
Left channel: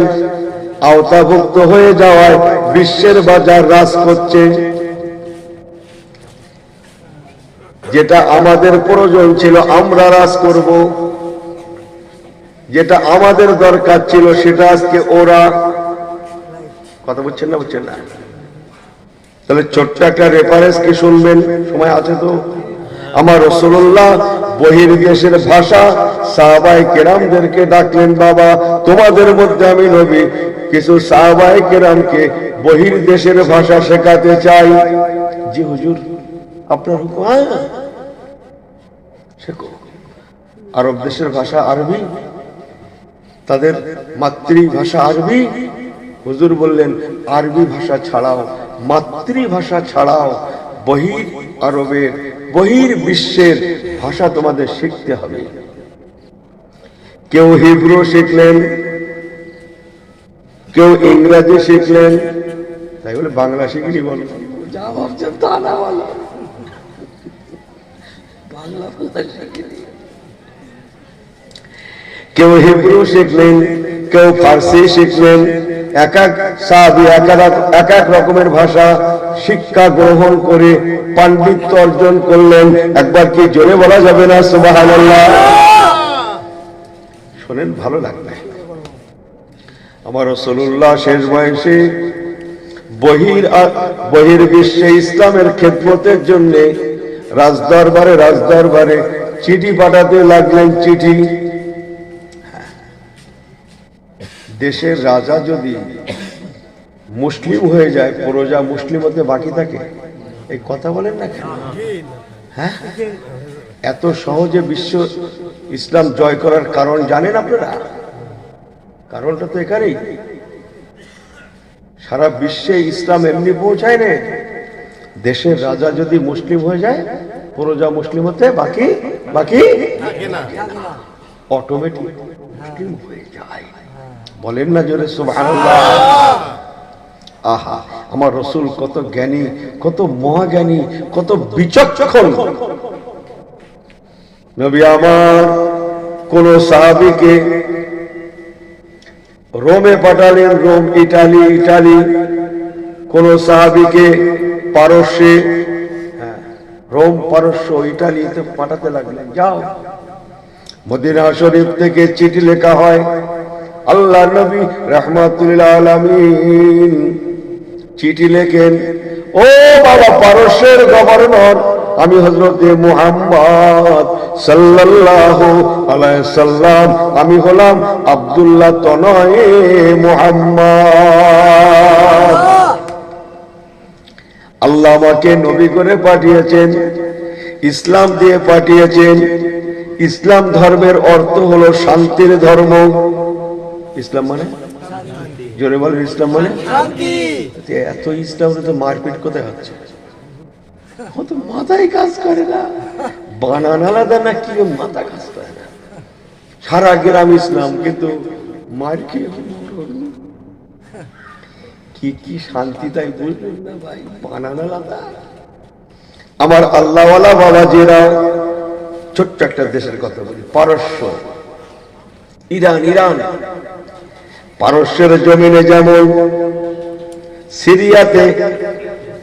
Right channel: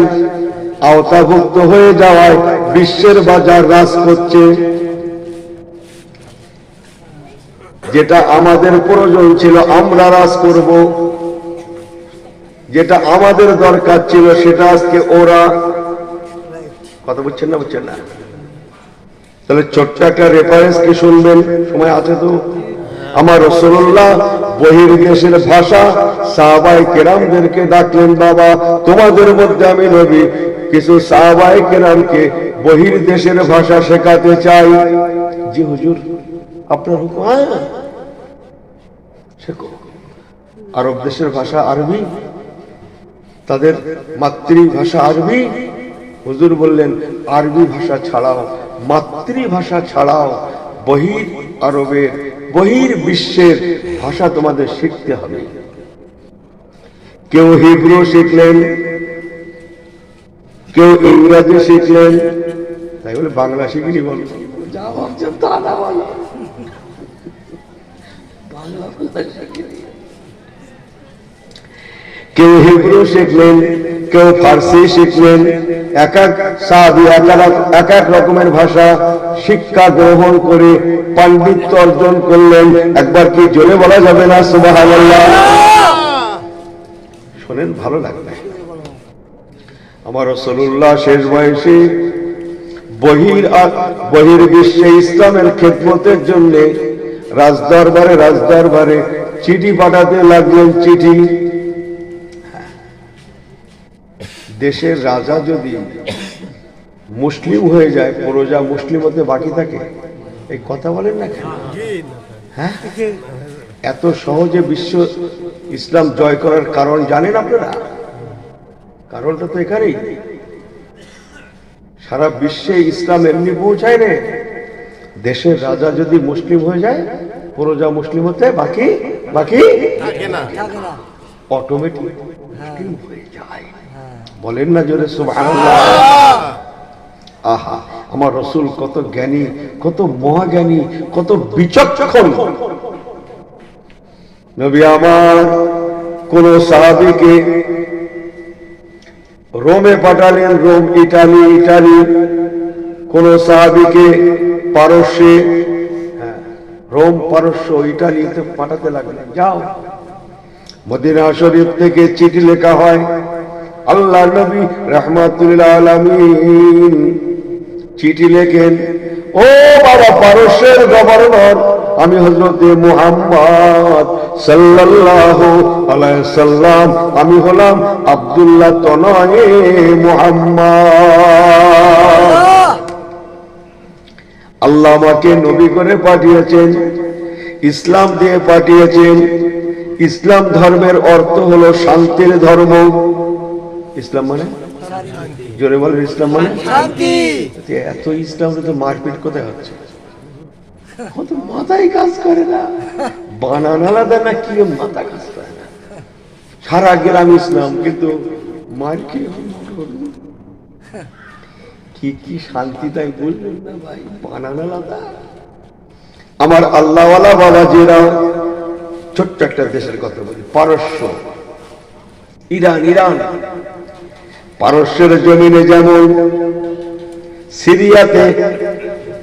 আওতাভুক্ত হয়ে যাওয়ার বিশ্বের বাজার রাজ করছে। যেটা আমাদের প্রয়োজন ছিল আমরা রাজ করব, যেটা আমাদের দরকার ছিল সেটা আজকে ওরা, কথা বুঝছেন না, বুঝছেন না? তাহলে ছোট্ট একটা রেফারেন্স কি শুনবেন, সময় আছে তো? আমার রাসূলুল্লাহ বহির্দেশের ভাষা সাহাবায়ে কেরামদেরকে ডাকলেন, বাবা তোমাদের মধ্যে আমি নবী কিছু সাহাবায়ে কেরামকে বহির্দেশের ভাষা শেখাতে চাই। জি হুজুর, আপনার হুকুম, শেখো। আরব দেশের ভাষা আরবি, তাদের মাতৃভাষা আরবি। হুজুর বললেন আরবি ভাষা ছাড়াও, মাতৃভাষা ছাড়াও বহির আরবের, বহির বিশ্বের ভাষা তোমাদের শিখতে হবে। কেউ হিব্রু শিখলেন, কেউ ইংরেজি শিখলেন, তাই বলে বাংলা শিখিনি বলো, যা ভাবছেন তা না বলো, বাংলা শিখিনি। কেউ হিব্রু শিখলেন, কেউ ফার্সি শিখলেন, এক এক সাহাবী এক এক রকমের ভাষা শিক্ষা গ্রহণ করে পাণ্ডিত্য অর্জন করলেন। একবার কি জোরে বলা যাবে না সুবহানাল্লাহ? শোনেন, ভালো লাগবে। আমার রাসূলুল্লাহ শেষ বয়সে বহির্বিশ্বে ইসলামের খেদমতের জন্য রাজদরবারে চিঠি পাঠাতে লাগলেন। চিঠি, দেশের রাজা যদি মুসলিম হয়ে যায়, প্রজা মুসলিম হতে বাকি থাকে, এই কথা বলেন না কেন? হ্যাঁ, এত সহজে বিশ্ব ইসলাম জয় করার কারণ জানেন আপনারা? কারণটা তো এখানেই, সারা বিশ্বে ইসলাম এমনি পৌঁছায় না, দেশের রাজা যদি মুসলিম হয়ে যায়, প্রজা মুসলিম হতে বাকি অটোমেটিক মুসলিম হয়ে যায়। বলেন না জোরে সুবহানাল্লাহ? আহা, আমার রাসূল কত জ্ঞানী, কত মহাজ্ঞানী, কত বিচক্ষণ নবী। আমার কোন সাহাবীকে রোমে পাঠালেন, রোম ইটালি, কোন সাহাবীকে পারস্যে, রোম পারস্য ইটালিতে পাঠাতে লাগলেন। যাও, মদিনা শরীফ থেকে চিঠি লেখা হয়, আল্লাহ নবী রাহমাতুল আলামিন চিঠি লেখেন, ও বাবা পারস্যের গভর্নর, আমি হযরতে মুহাম্মদ সাল্লাল্লাহু আলাইহি সাল্লাম, আমি হলাম আব্দুল্লাহ তনয়ে মুহাম্মদ। আল্লাহ আমাকে নবী করে পাঠিয়েছেন, ইসলাম দিয়ে পাঠিয়েছেন। ইসলাম ধর্মের অর্থ হলো শান্তির ধর্ম। ইসলাম মানে, জোরে বলেন, ইসলাম মানে শান্তি। এত ইসলামে তো মারপিট কোথায় হচ্ছে? মাথায় কাজ করে না, বানান আলাদা না, কি মাথা কাজ করে না। সারা গ্রাম ইসলাম, কিন্তু মার কি শান্তি, তাই বুঝলেন না ভাই? বানান আলাদা। আমার আল্লাহওয়ালা বাবাজিরা, ছোট্ট একটা দেশের কথা বলি, পারস্য, ইরান। পারস্যের জমিনে যেমন সিরিয়াতে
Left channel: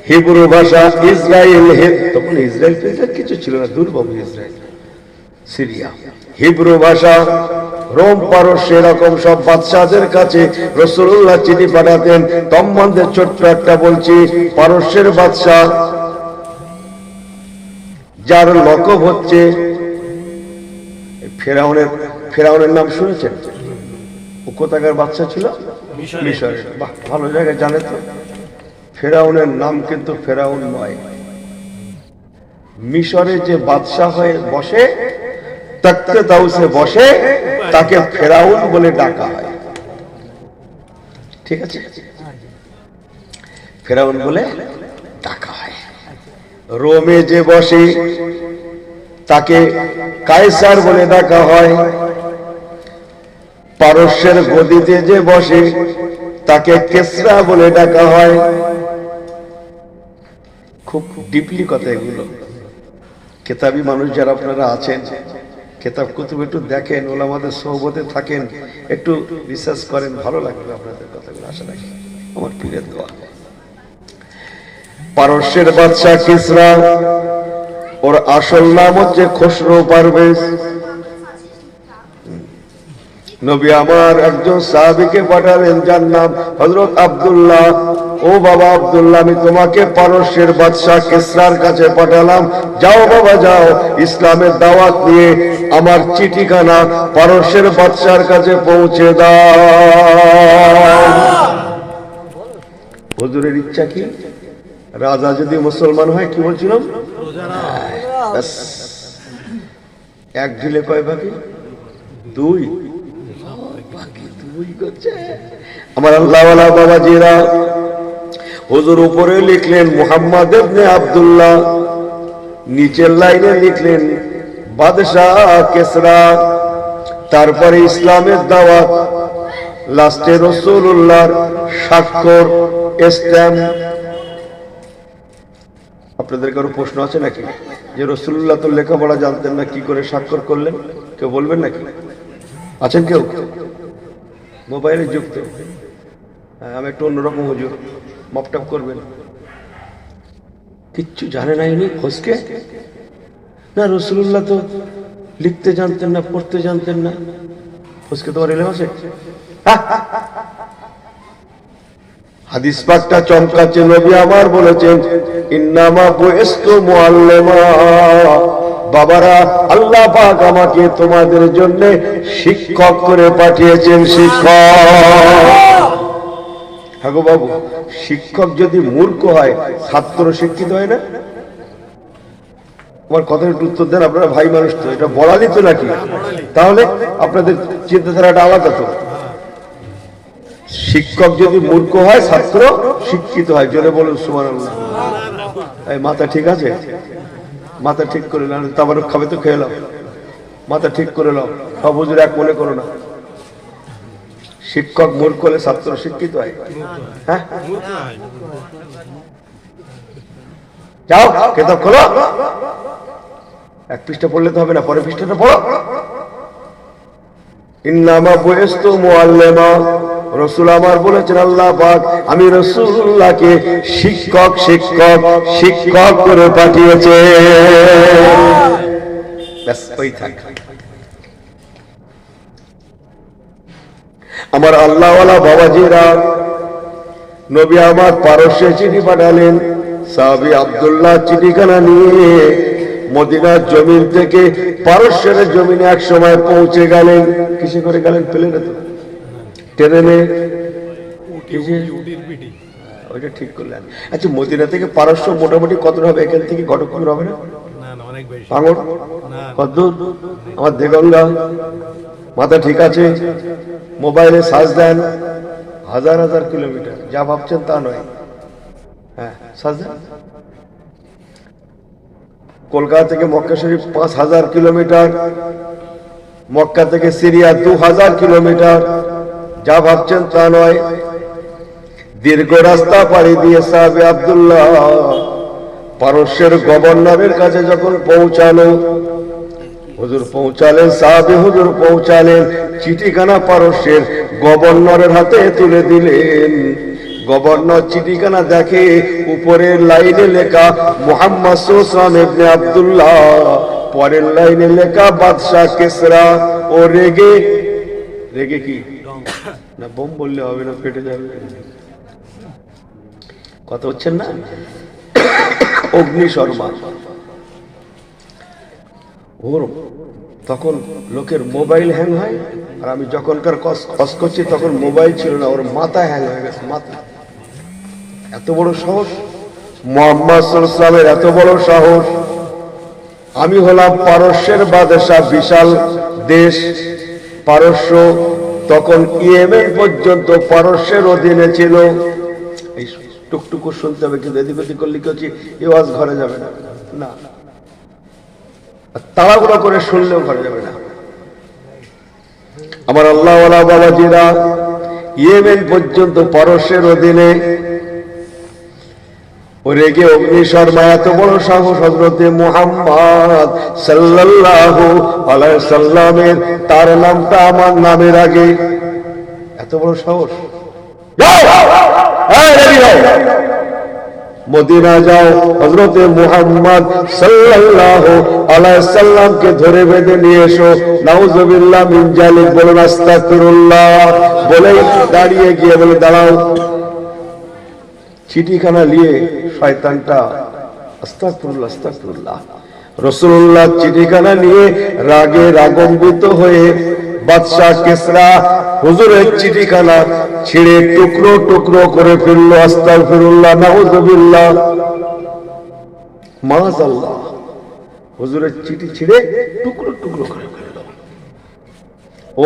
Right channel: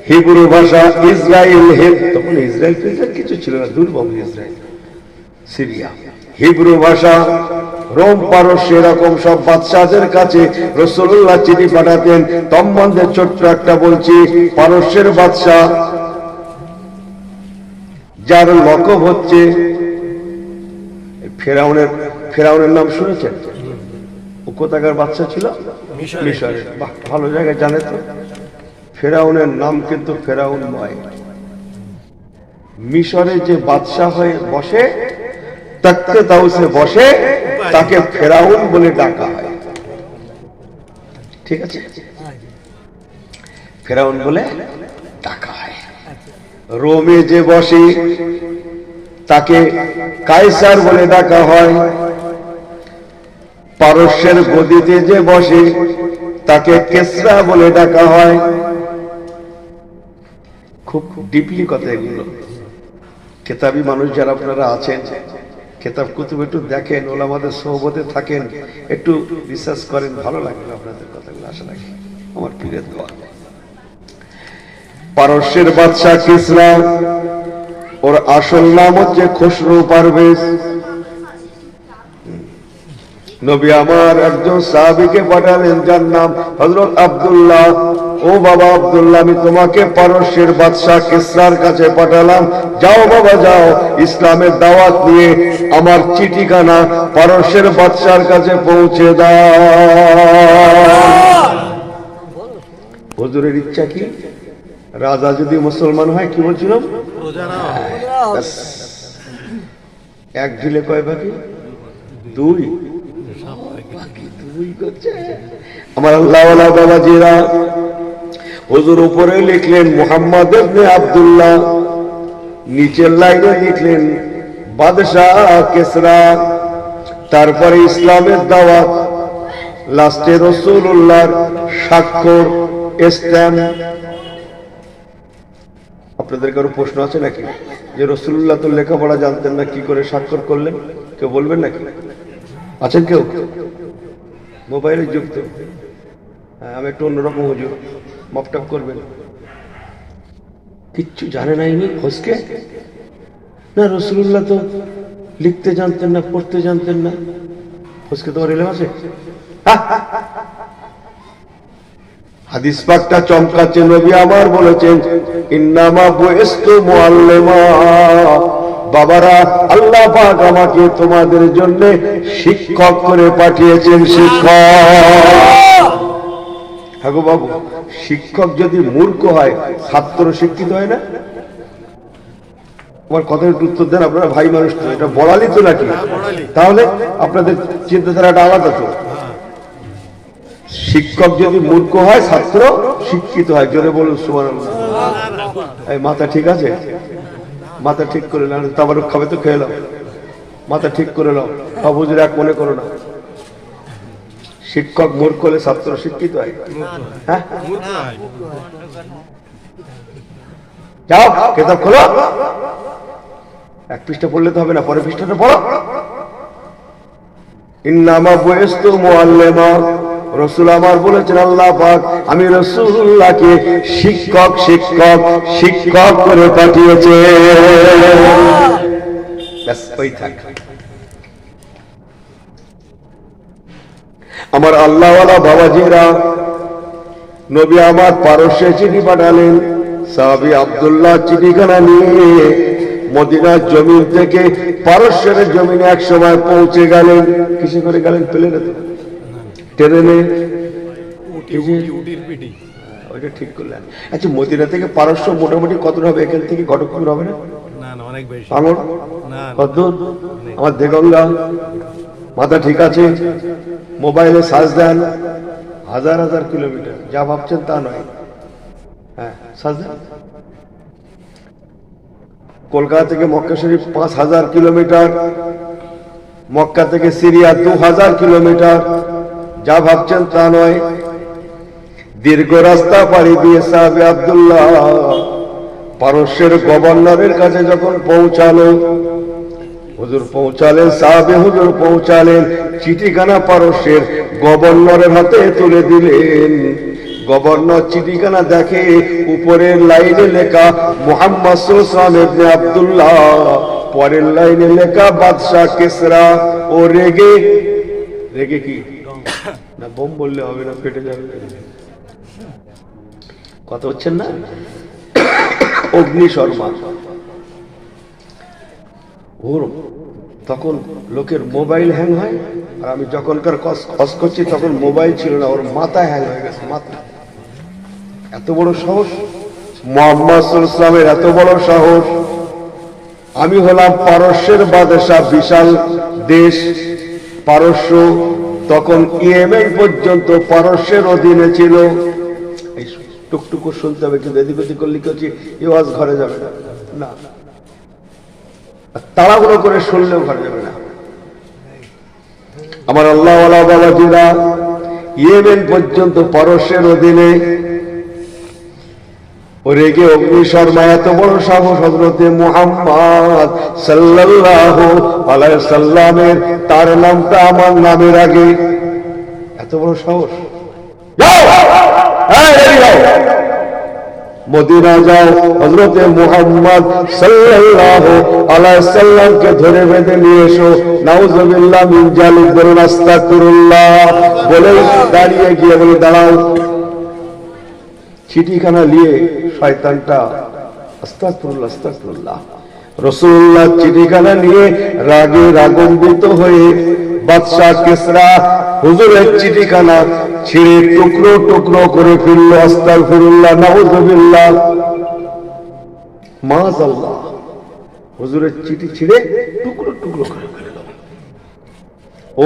হিব্রু ভাষা, ইসরায়েল, তখন ইসরায়েল কিছু ছিল না, দুর্গম ইসরায়েল, সিরিয়া, হিব্রু ভাষা, রোম পারস্য, এরকম সব বাদশাহদের কাছে রাসূলুল্লাহ চিঠি পাঠাতেন। সম্বন্ধে ছোট্ট একটা বলছি, পারস্যের বাদশাহ, যার লকব হচ্ছে ফেরাউনের নাম শুনেছেন? ও কোথাকার বাদশা ছিল? মিশরের। বাহ, ভালো জায়গায় জানে তো। ফেরাউনের নাম কিন্তু ফেরাউন নয়। মিশরে যে বাদশাহ হয়ে বসে, তখতে তাউসে বসে, তাকে ফেরাউন বলে ডাকা হয়। ঠিক আছে, ফেরাউন বলে ডাকা হয়। রোমে যে বসে, তাকে কায়সার বলে ডাকা হয়। পারস্যের গদিতে যে বসে, তাকে কেসরা বলে ডাকা হয়। খুব ডিপলি কথা এগুলো। কেতাবি মানুষ যারা আপনারা আছেন, কেতাব কুতুব একটু দেখেন, ওলামাদের সোহবতে থাকেন, একটু রিসার্চ করেন, ভালো লাগবে আপনাদের কথাগুলো, আশা রাখি। আমার পীরের দোয়া। পারস্যের বাদশা কিসরা, ওর আসল নাম হচ্ছে খসরু পারভেজ। নবী আমার একজন সাহাবীকে পাঠালেন, যার নাম হযরত আব্দুল্লাহ। ও বাবা আব্দুল্লাহ, আমি তোমাকে পারস্যের বাদশাহ কিসরার কাছে পাঠালাম, যাও বাবা যাও, ইসলামের দাওয়াত নিয়ে আমার চিঠিখানা পারস্যের বাদশার কাছে পৌঁছে দাও। হুজুরের ইচ্ছা কি? রাজা যদি মুসলমান হয়, কি বলছিলাম, এক ঢিলে কয় বাকি? দুই। আমার আল্লাহওয়ালা বাবাজিরা, হুজুর উপরে লিখলেন মুহাম্মদ ইবনে আব্দুল্লাহ, নিচের লাইনে লিখলেন বাদশাহ কিসরা। তারপরে ইসলামের দাওয়াত, লাস্টে রাসূলুল্লাহর স্বাক্ষর, স্ট্যাম্প। আপনাদের কারো প্রশ্ন আছে নাকি যে রাসূলুল্লাহ তো লেখাপড়া জানতেন না, কি করে স্বাক্ষর করলেন? কেউ বলবেন নাকি? আছেন কেউ? মোবাইলে যুক্ত। হ্যাঁ, আমি একটু অন্যরকম হুজুর, মকটপ করবেন। কিচ্ছু জানে নাই নি খোঁজকে না, রাসূলুল্লাহ তো লিখতে জানতেন না, পড়তে জানতেন না, খোঁজকে তোমার এলেম আছে? হাদিস পাকটা চমকাচ্ছে, নবী আমার বলেছেন ইন্নামা বুইস্তু মুআল্লিমা, বাবারা আল্লাহ পাক আমাকে তোমাদের জন্য শিক্ষক করে পাঠিয়েছেন। শিক্ষক, হ্যাঁ গো বাবু, শিক্ষক যদি মূর্খ হয় ছাত্র শিক্ষিত হয় না? আমার কথার উত্তর দেন, আপনারা ভাই মানুষ তো, এটা বড়ালি তো নাকি? তাহলে আপনাদের চিন্তাধারাটা আলাদা তো। শিক্ষক যদি মূর্খ হয় ছাত্র শিক্ষিত হয়। জোরে বলুন সুবহানাল্লাহ। এই মাথা ঠিক আছে? মাথা ঠিক করে নাও, তাবারক খাবে তো খেয়ে নাও, মাথা ঠিক করে নাও, হুজুর এক মনে করো না। শিক্ষক মূর্খ হলে ছাত্র শিক্ষিত হয়? হ্যাঁ, যাও কিতাব খোলো, এক পৃষ্ঠা পড়লে তো হবে না, পরের পৃষ্ঠাটা পড়ো। ইন্নামা বুইস্তু মুআল্লিমা, রাসূল আমার বলেছেন আল্লাহ পাক আমি রাসূলুল্লাহকে শিক্ষক শিক্ষক শিক্ষক করে পাঠিয়েছে। ব্যাস ওই থাক। আমার আল্লাহওয়ালা বাবাজিরা, নবী আমার পারস্যে চিঠি পাঠালেন। সাহাবী আব্দুল্লাহ চিঠিখানা নিয়ে মদিনার জমিন থেকে পারস্যের জমিনে এক সময় পৌঁছে গেলেন। কিসে করে গেলেন? প্লেনে তো, ট্রেনে, ওইটা ঠিক করলেন। আচ্ছা, মদিনা থেকে পারস্য মোটামুটি কত হবে? এখান থেকে ঘটকপুর হবে না? কতদূর? আমার দেগঙ্গা, মাথা ঠিক আছে? মোবাইলে সার্চ দেন, হাজার হাজার কিলোমিটার। যা ভাবছেন তা নয়। হ্যাঁ, সার্চ দেন। কলকাতা থেকে মক্কা শরীফ 5000 কিলোমিটার, মক্কা থেকে সিরিয়া 2000 কিলোমিটার। যা ভাবছেন তা নয়। দীর্ঘ রাস্তা পাড়ি দিয়ে সাহাবে আব্দুল্লাহ পারস্যের গভর্নরের কাছে যখন পৌঁছালো, হুজুর পৌঁছালেন, সাহাবে হুজুর পৌঁছালেন, চিঠিখানা পারস্যের গভর্নরের হাতে তুলে দিলেন। গভর্নর চিঠিখানা দেখে, উপরের লাইনে লেখা মুহাম্মদ সুলতান ইবনে আব্দুল্লাহ, পরের লাইনে লেখা বাদশাহ কিসরা। ও রেগে, রেগে কি না, বোম বললে হবে না, ফেটে যাবে। কথা হচ্ছেন না? অগ্নি শর্মা। ওর তখন লোকের মোবাইল হ্যাং হয়, আর আমি যখনকার কস করছি তখন মোবাইল ছিল না, ওর মাথা হ্যাং হয়ে গেছে। মাথা, এত বড় সাহস মুহাম্মদ সাল্লাল্লাহু আলাইহি ওয়াসাল্লামের, এত বড় সাহস। আমি হলাম পারস্যের বাদশা, বিশাল দেশ পারস্য, তখন ইয়েমেন পর্যন্ত পারস্যের অধীনে ছিল। এই টুকটুকু শুনতে হবে, কিন্তু এদিক ওদিক করলে কি হচ্ছে, এ ওয়াজ ঘরে যাবে না, না তাড়াহুড়ো করে শুনলেও ঘরে যাবে না। আমার আল্লাহওয়ালা বাবাজিরা, ইয়েমেন পর্যন্ত পারস্যের অধীনে। রেগে অগ্নি শর্মা, এত বড় সাহস হযরতে মুহাম্মদ সাল্লাল্লাহু আলাইহি সাল্লামের, তার নামটা আমার নামের আগে। এত বড় সাহস। মদিনা যাও, হযরতে মুহাম্মদ সাল্লাল্লাহু আলাইহি সাল্লামকে ধরে বেঁধে নিয়ে এসো। নাউযুবিল্লাহ মিন জালিক, বলুন আস্তাগফিরুল্লাহ, বলেই দাঁড়িয়ে গিয়ে বলে দাঁড়াও। চিঠিখানা নিয়ে শয়তানটা আস্তাগফিরুল্লাহ আস্তাগফিরুল্লাহ। রাসূলুল্লাহ চিঠিখানা নিয়ে রাগে রাগান্বিত হয়ে বাদশা কিসরা হুজুরের চিঠিখানা ছিঁড়ে টুকরো টুকরো করে ফেলল। আস্তাগফিরুল্লাহ, নাউযুবিল্লাহ, মাআযাল্লাহ। হুজুরের চিঠি ছিঁড়ে টুকরো টুকরো করে ফেলল।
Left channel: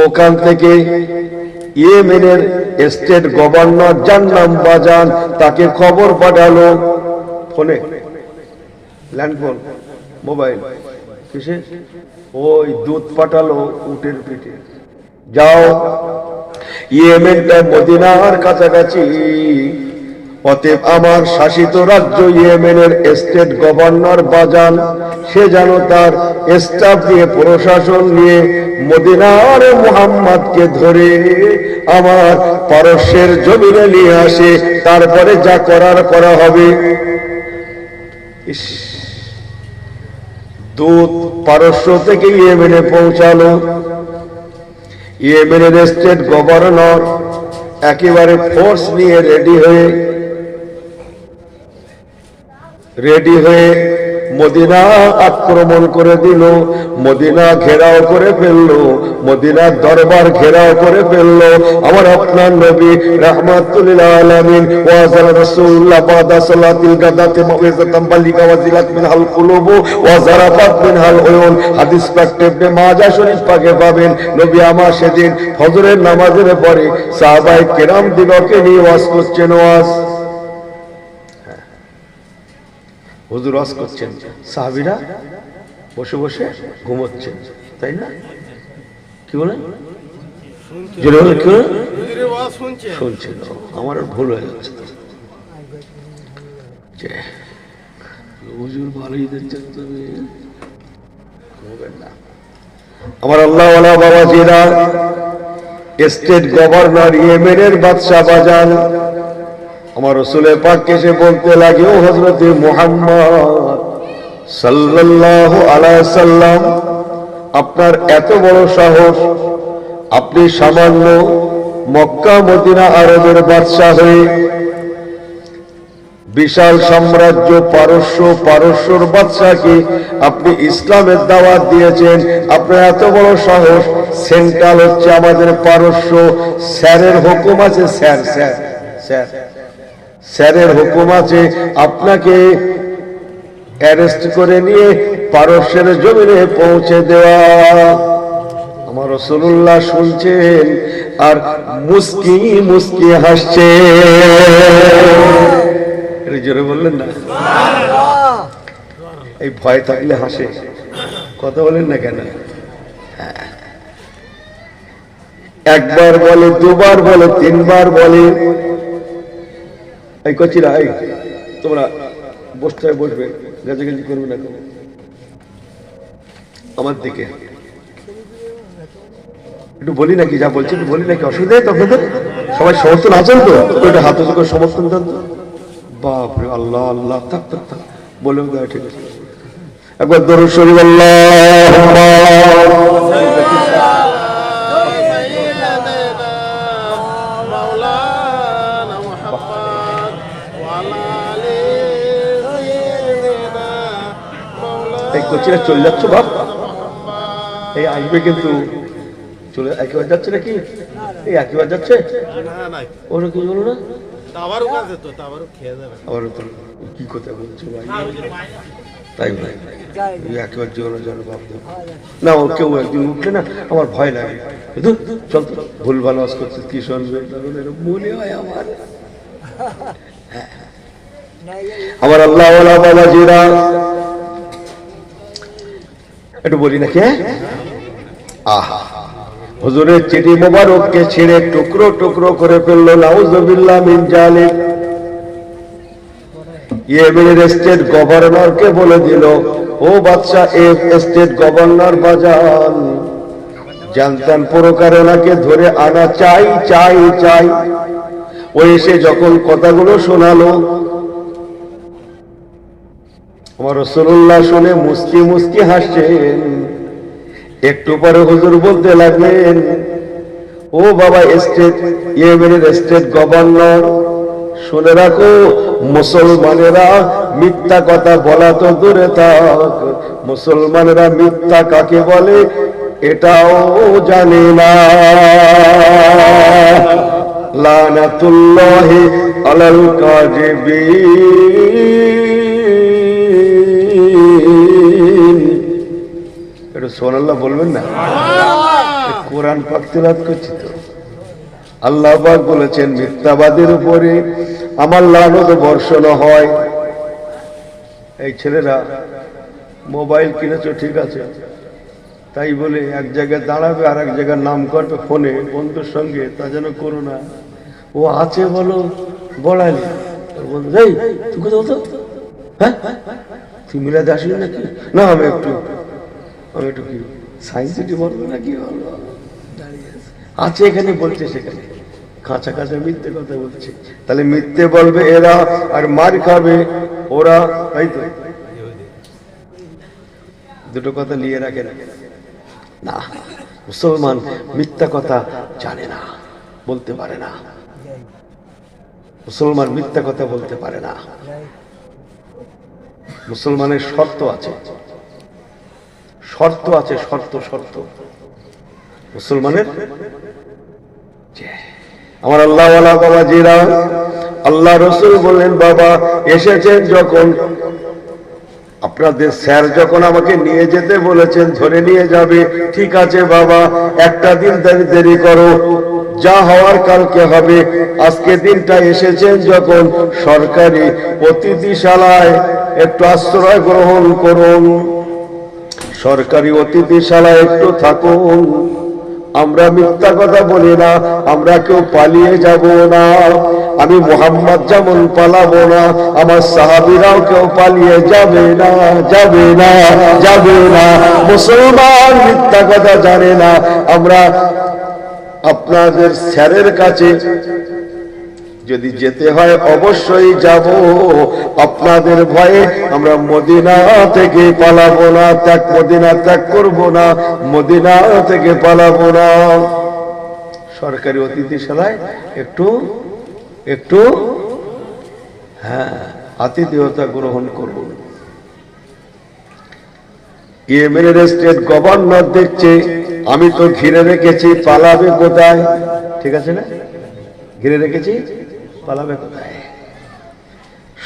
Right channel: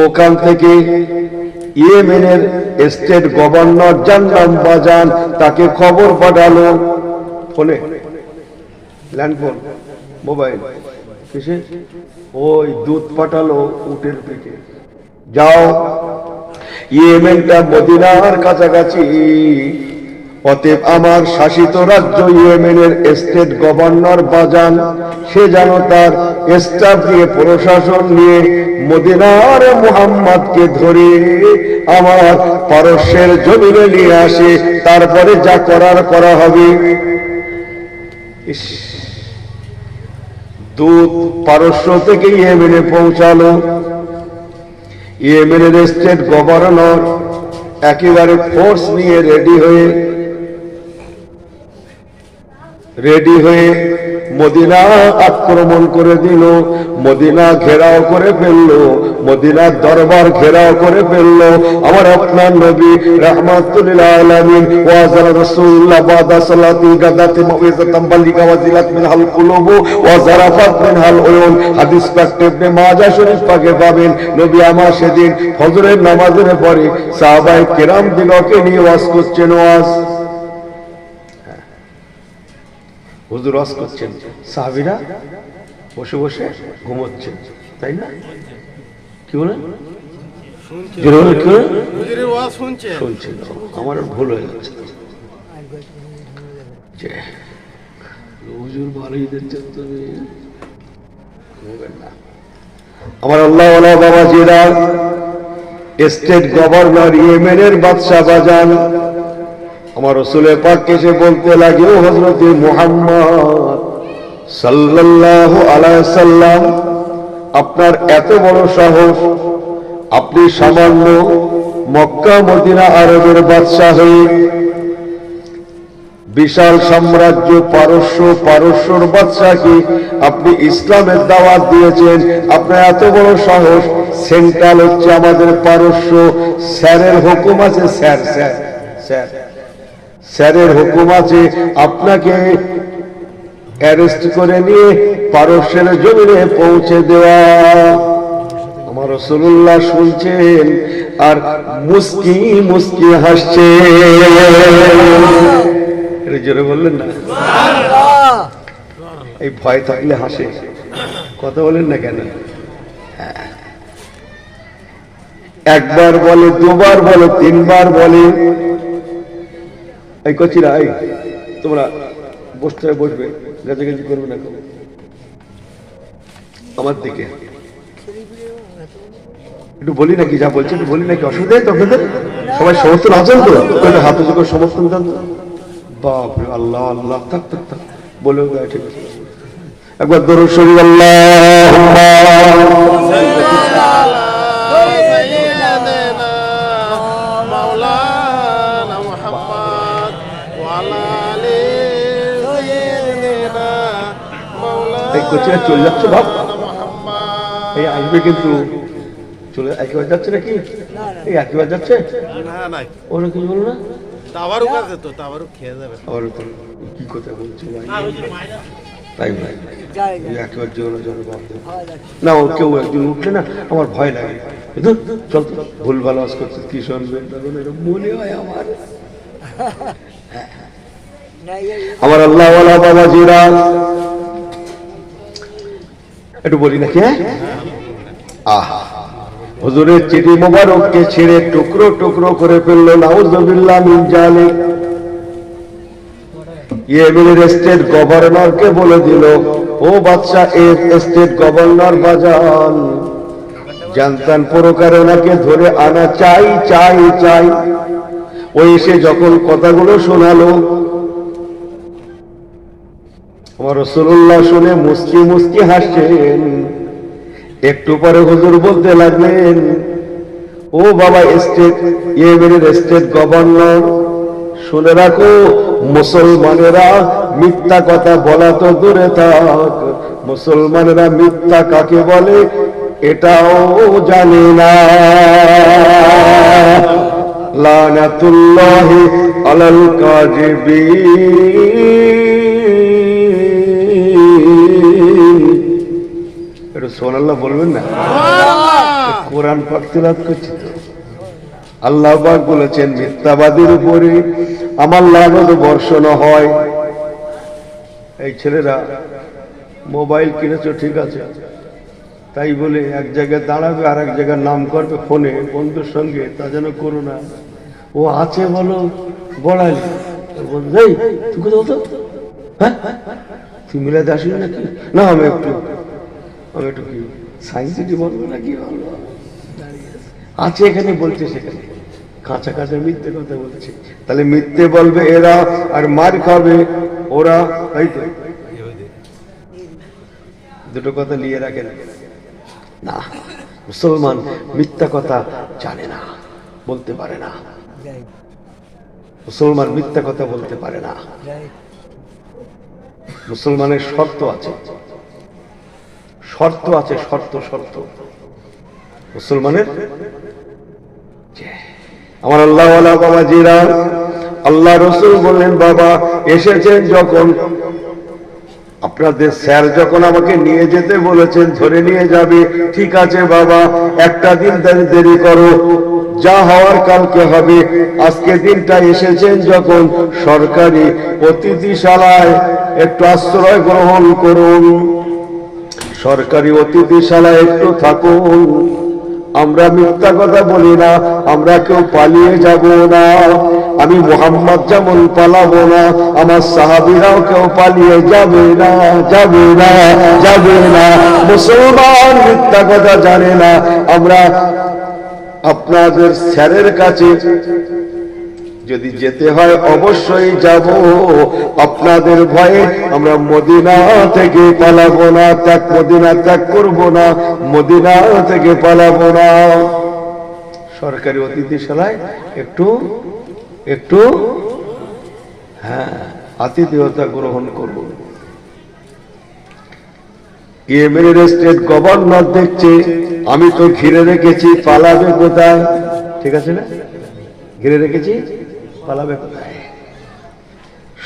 ওখান থেকে ইয়েমেনের স্টেট গভর্নর, যার নাম বাজান, তাকে খবর পাঠালো ফোনে, ল্যান্ডফোন, মোবাইল, কিসে, ওই দূত পাঠালো উটের পিঠে। যাও, ইয়েমেনটা মদিনার কাছাকাছি, অতএব আমার শাসিত রাজ্য ইয়েমেনের স্টেট গভর্নর বাজান, সে যেন তার স্টাফ নিয়ে প্রশাসন নিয়ে মদিনার মুহাম্মদকে ধরে আমার পারস্যের জমিনে নিয়ে আসে, তারপরে যা করার করা হবে। দূত পারস্য থেকে ইয়েমেনে পৌঁছালো। ইয়েমেনের স্টেট গভর্নর একেবারে ফোর্স নিয়ে রেডি হয়ে মদিনা আক্রমণ করে দিল, মদিনা ঘেরাও করে ফেললো, মদিনার দরবার ঘেরাও করে ফেললো। আমার আপনার নবী রাহমাতুল লিল আলামিন ওয়া রাসূলুল্লাহ বাদা সালাতিল গাদাতি মাউইযাতাম বালিগা ওয়াজিলাত মিনহাল কুলুবু ওয়া যারাফাত মিনহাল উয়ুন। হাদিস পাক ইবনে মাজাহ শরীফ পাকে পাবেন, নবী আমার সেদিন ফজরের নামাজের পরে সাহাবায়ে কিরাম দিগকে নিয়ে ওয়াজ করছেন। হুজুর ওয়াজ করছেন, সাহাবীরা বসে বসে ঘুমোচ্ছেন, তাই না? কি বলেন? শুনছেন। আমার ভুল হয়ে যাচ্ছে। হুজুর ভালোই দিচ্ছেন তুমি, আমার আল্লাহওয়ালা বাবাজিরা, স্টেট গভর্নর ইয়েমেনের বাদশাহ বাজান আমার রাসূলের পাককে এসে বলতে লাগে, ও হযরত মুহাম্মদ সাল্লাল্লাহু আলাইহি সাল্লাম, আপনার এত বড় সাহস, আপনি সামান্য মক্কা মদিনা আরবের বাদশাহ হয়ে বিশাল সাম্রাজ্য পারস্যর বাদশাকে আপনি ইসলামের দাওয়াত দিয়েছেন। আপনার এত বড় সাহস, সেন্ট্রাল হচ্ছে আমাদের পারস্য, স্যারের হুকুম আছে, স্যারের হুকুম আছে আপনাকে অ্যারেস্ট করে নিয়ে পারস্যের জমিনে পৌঁছে দেওয়া। আমার রাসূলুল্লাহ শুনছেন আর মুস্কি মুস্কি হাসছে। জোরে বললেন না? এই ভয় থাকলে হাসে, কথা বলেন না কেন? একবার বলে, দুবার বলে, তিনবার বলে। এই কচিরা, এই তোমরা বসবে, গাছাগাছি করবে না আমার দিকে। একটু বলি নাকি, যা বলছি একটু বলি নাকি, অসুবিধা নেই তোদের? সবাই সমর্থন আছেন তো? ওইটা হাতে চোখে সমর্থন দেন। বাপরে, আল্লাহ আল্লাহ, থাক বলে ঠিক আছে। একবার দরুদ শরীফ চলে যাচ্ছে বাপ, এই আসবে কিন্তু চলে একেবারে যাচ্ছে নাকি? এই একেবারে যাচ্ছে, ওরা কি বলো না? কি কথা বলছো তাই ভাই, একেবারে না, ও কেউ একদিন উঠলে না আমার ভয় লাগে, চল তো ভুল ভালো আজ করছে, কি শুনবে মনে হয় আমার আল্লাহওয়ালা বাবাজিরা। একটু বলি নাকি? হুজুরের চিঠি মোবারককে ছিঁড়ে টুকরো টুকরো করে ফেললো, নাউযুবিল্লাহ মিন জালিক। ইয়েমেনের স্টেট গভর্নরকে বলে দিল, ও বাদশা, স্টেট গভর্নর বাজান, জানতাম প্রকারে ওনাকে ধরে আনা চাই চাই চাই। ও এসে যখন কথাগুলো শোনালো, আমার রাসূলুল্লাহ শুনে মুস্কি মুস্কি হাসছেন। একটু পরে হুজুর বলতে লাগলেন, ও বাবা ইয়েমেনের স্টেট গভর্নর, শুনে রাখো, মুসলমানেরা মিথ্যা কথা বলা তো দূরে থাক, মুসলমানেরা মিথ্যা কাকে বলে এটাও জানে না। লানাতুল্লাহি আলাল কাযিবিন। এটা সুবহানাল্লাহ বলবেন না? কোরআন পাক তেলাওয়াত করছি তো। আল্লাহ পাক বলেছেন, মিথ্যাবাদীর উপরে আমার লানত বর্ষণ হয়। এই ছেলেরা মোবাইল কিনেছো ঠিক আছে, তাই বলে এক জায়গায় দাঁড়াবে আর এক জায়গায় নাম করবে ফোনে বন্ধুর সঙ্গে, তা যেন করো না। ও আছে বলো বড়ালি, বলতো এই তুই কোথাও তো, হ্যাঁ তুই মিলাদে আসলি নাকি? না আমি একটু কি সায়েন্স সিটি বলবো নাকি আছে এখানে বলছে, সেখানে কাঁচা কাঁচা মিথ্যে কথা বলছে। তাহলে মিথ্যে বলবে এরা আর মার খাবে ওরা, তাই তো? দুটো কথা নিয়ে রাখে না। মুসলমান মিথ্যা কথা জানে না, বলতে পারে না। মুসলমান মিথ্যা কথা বলতে পারে না। মুসলমানের শর্ত আছে, শর্ত আছে, শর্ত শর্ত মুসলমানের। আমার আল্লাহওয়ালা বাবাজিরা, আল্লাহ রসুল বললেন বাবা এসেছেন যখন, আপনাদের স্যার যখন আমাকে নিয়ে যেতে বলেছেন, ধরে নিয়ে যাবে, ঠিক আছে বাবা, একটা দিন দেরি করো, যা হওয়ার কালকে হবে। আজকে দিনটা এসেছেন যখন, সরকারি অতিথিশালায় একটু আশ্রয় গ্রহণ করুন, সরকারি অতিথিশালায় একটু থাকুন। আমরা মিথ্যা কথা বলি না, আমরা কেউ পালিয়ে যাব না। আমি মুহাম্মদ যেমন পালাবো না, আমার সাহাবীরাও কেউ পালিয়ে যাবে না, যাবে না, যাবে না। মুসলমান মিথ্যা কথা জানে না। আমরা আপনাদের স্যারের কাছে যদি যেতে হয় অবশ্যই যাব, আপনাদের ভয়ে আমরা মদিনা থেকে পালাবো না, মদিনা ত্যাগ করবো না, মদিনা থেকে পালাবো না। সরকারি অতিথিশালায় একটু একটু আতিথেয়তা গ্রহণ করুন। ইয়েমেনের স্টেট গভর্নর দেখছে আমি তো ঘিরে রেখেছি, পালাবে কোথায়? ঠিক আছে না, ঘিরে রেখেছি, পালাবে কোথায়?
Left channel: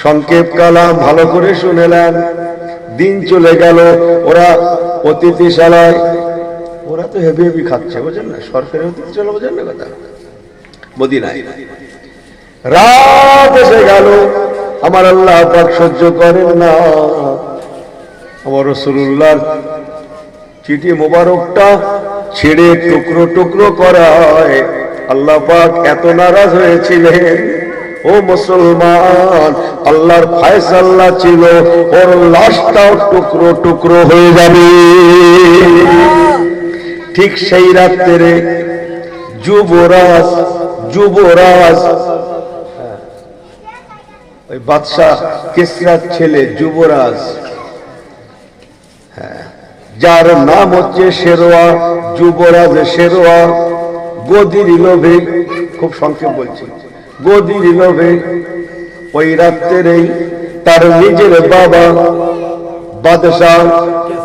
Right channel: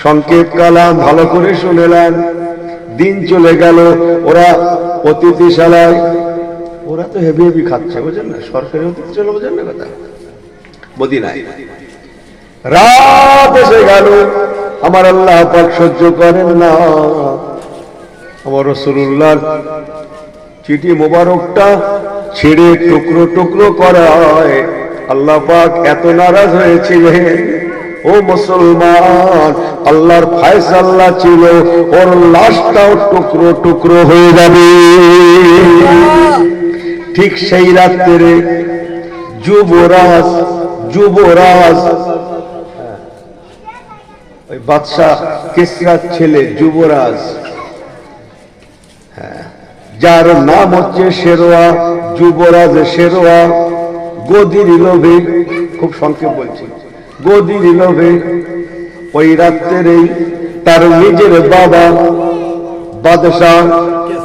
সংক্ষেপ কালাম ভালো করে শুনেলেন। দিন চলে গেল, ওরা অতিথিশালায়, ওরা তো হেভি হেভি খাচ্ছে, বুঝলেন না, সরকারি অতিথিশালা, বুঝলেন না কথা, মদিনায়। রাত এসে গেল, আমার আল্লাহ পাক সহ্য করেন না, আমার রাসূলুল্লাহর চিঠি মোবারকটা ছিঁড়ে টুকরো টুকরো করায় আল্লাহ পাক এত নারাজ হয়েছিলেন। ও মুসলমান, আল্লাহর ফয়সালা ছিল ওর লাশটাও টুকরো টুকরো হয়ে যাবে। ঠিক সেই রাত্রে যুবরাজ ওই বাদশাহ কিসরার ছেলে যুবরাজ, যার নাম হচ্ছে শেরওয়া, যুবরাজ শেরওয়া, গদির লোভে, খুব সংক্ষেপ বলছি, গদির লোভে ওই রাত্রেই তার নিজের বাবা বাদশাহ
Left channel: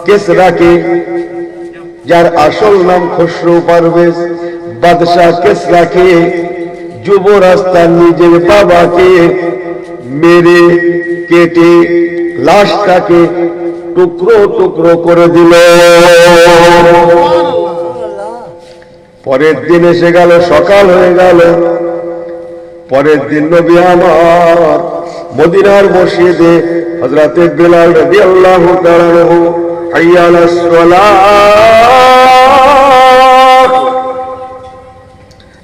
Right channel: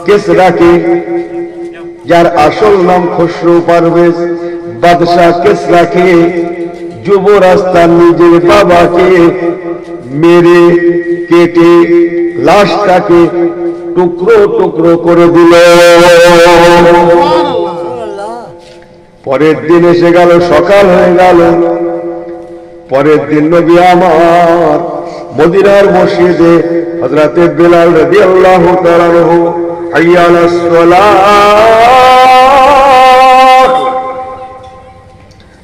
কিসরাকে, যার আসল নাম খসরু পারভেজ, বাদশাহ কিসরাকে যুবরাজ তার নিজের বাবাকে মেরে কেটে লাশটাকে টুকরো টুকরো করে দিল। পরের দিন এসে গেল, সকাল হয়ে গেল। পরের দিন নবী আমার মদিনার মসজিদে হযরতে বেলাল রাদিয়াল্লাহু তাআলা আনহু হাইয়া আলাস সালাহ,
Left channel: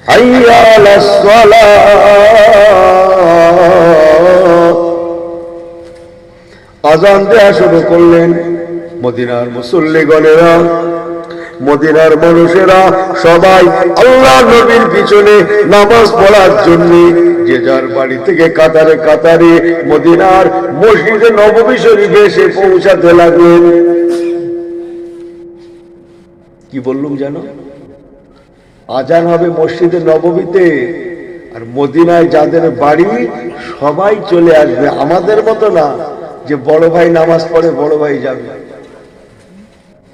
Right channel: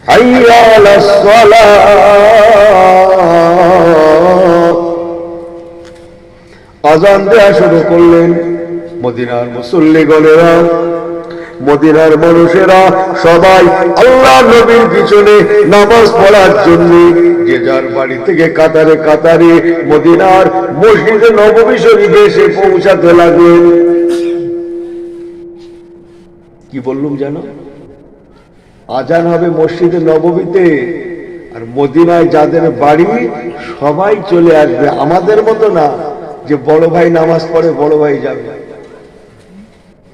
হাইয়া আলাস সালাহ আযান দেয়া শুরু করলেন। মদিনার মুসল্লিগণেরা, মদিনার মানুষেরা সবাই আল্লাহ নবীর পিছনে নামাজ পড়ার জন্য যে যার বাড়ি থেকে কাতারে কাতারে মদিনার মসজিদে নববী শরীফে এসে পৌঁছাতে লাগলেন। কি বললুম জানো? আজান হবে মসজিদে নববীতে, আর মদিনায় যাদের বাড়ি সবাই চলে আসবে। আমাদের মতো না যে বড় ভাই নামাজ পড়ে বড় ভাই যাবে,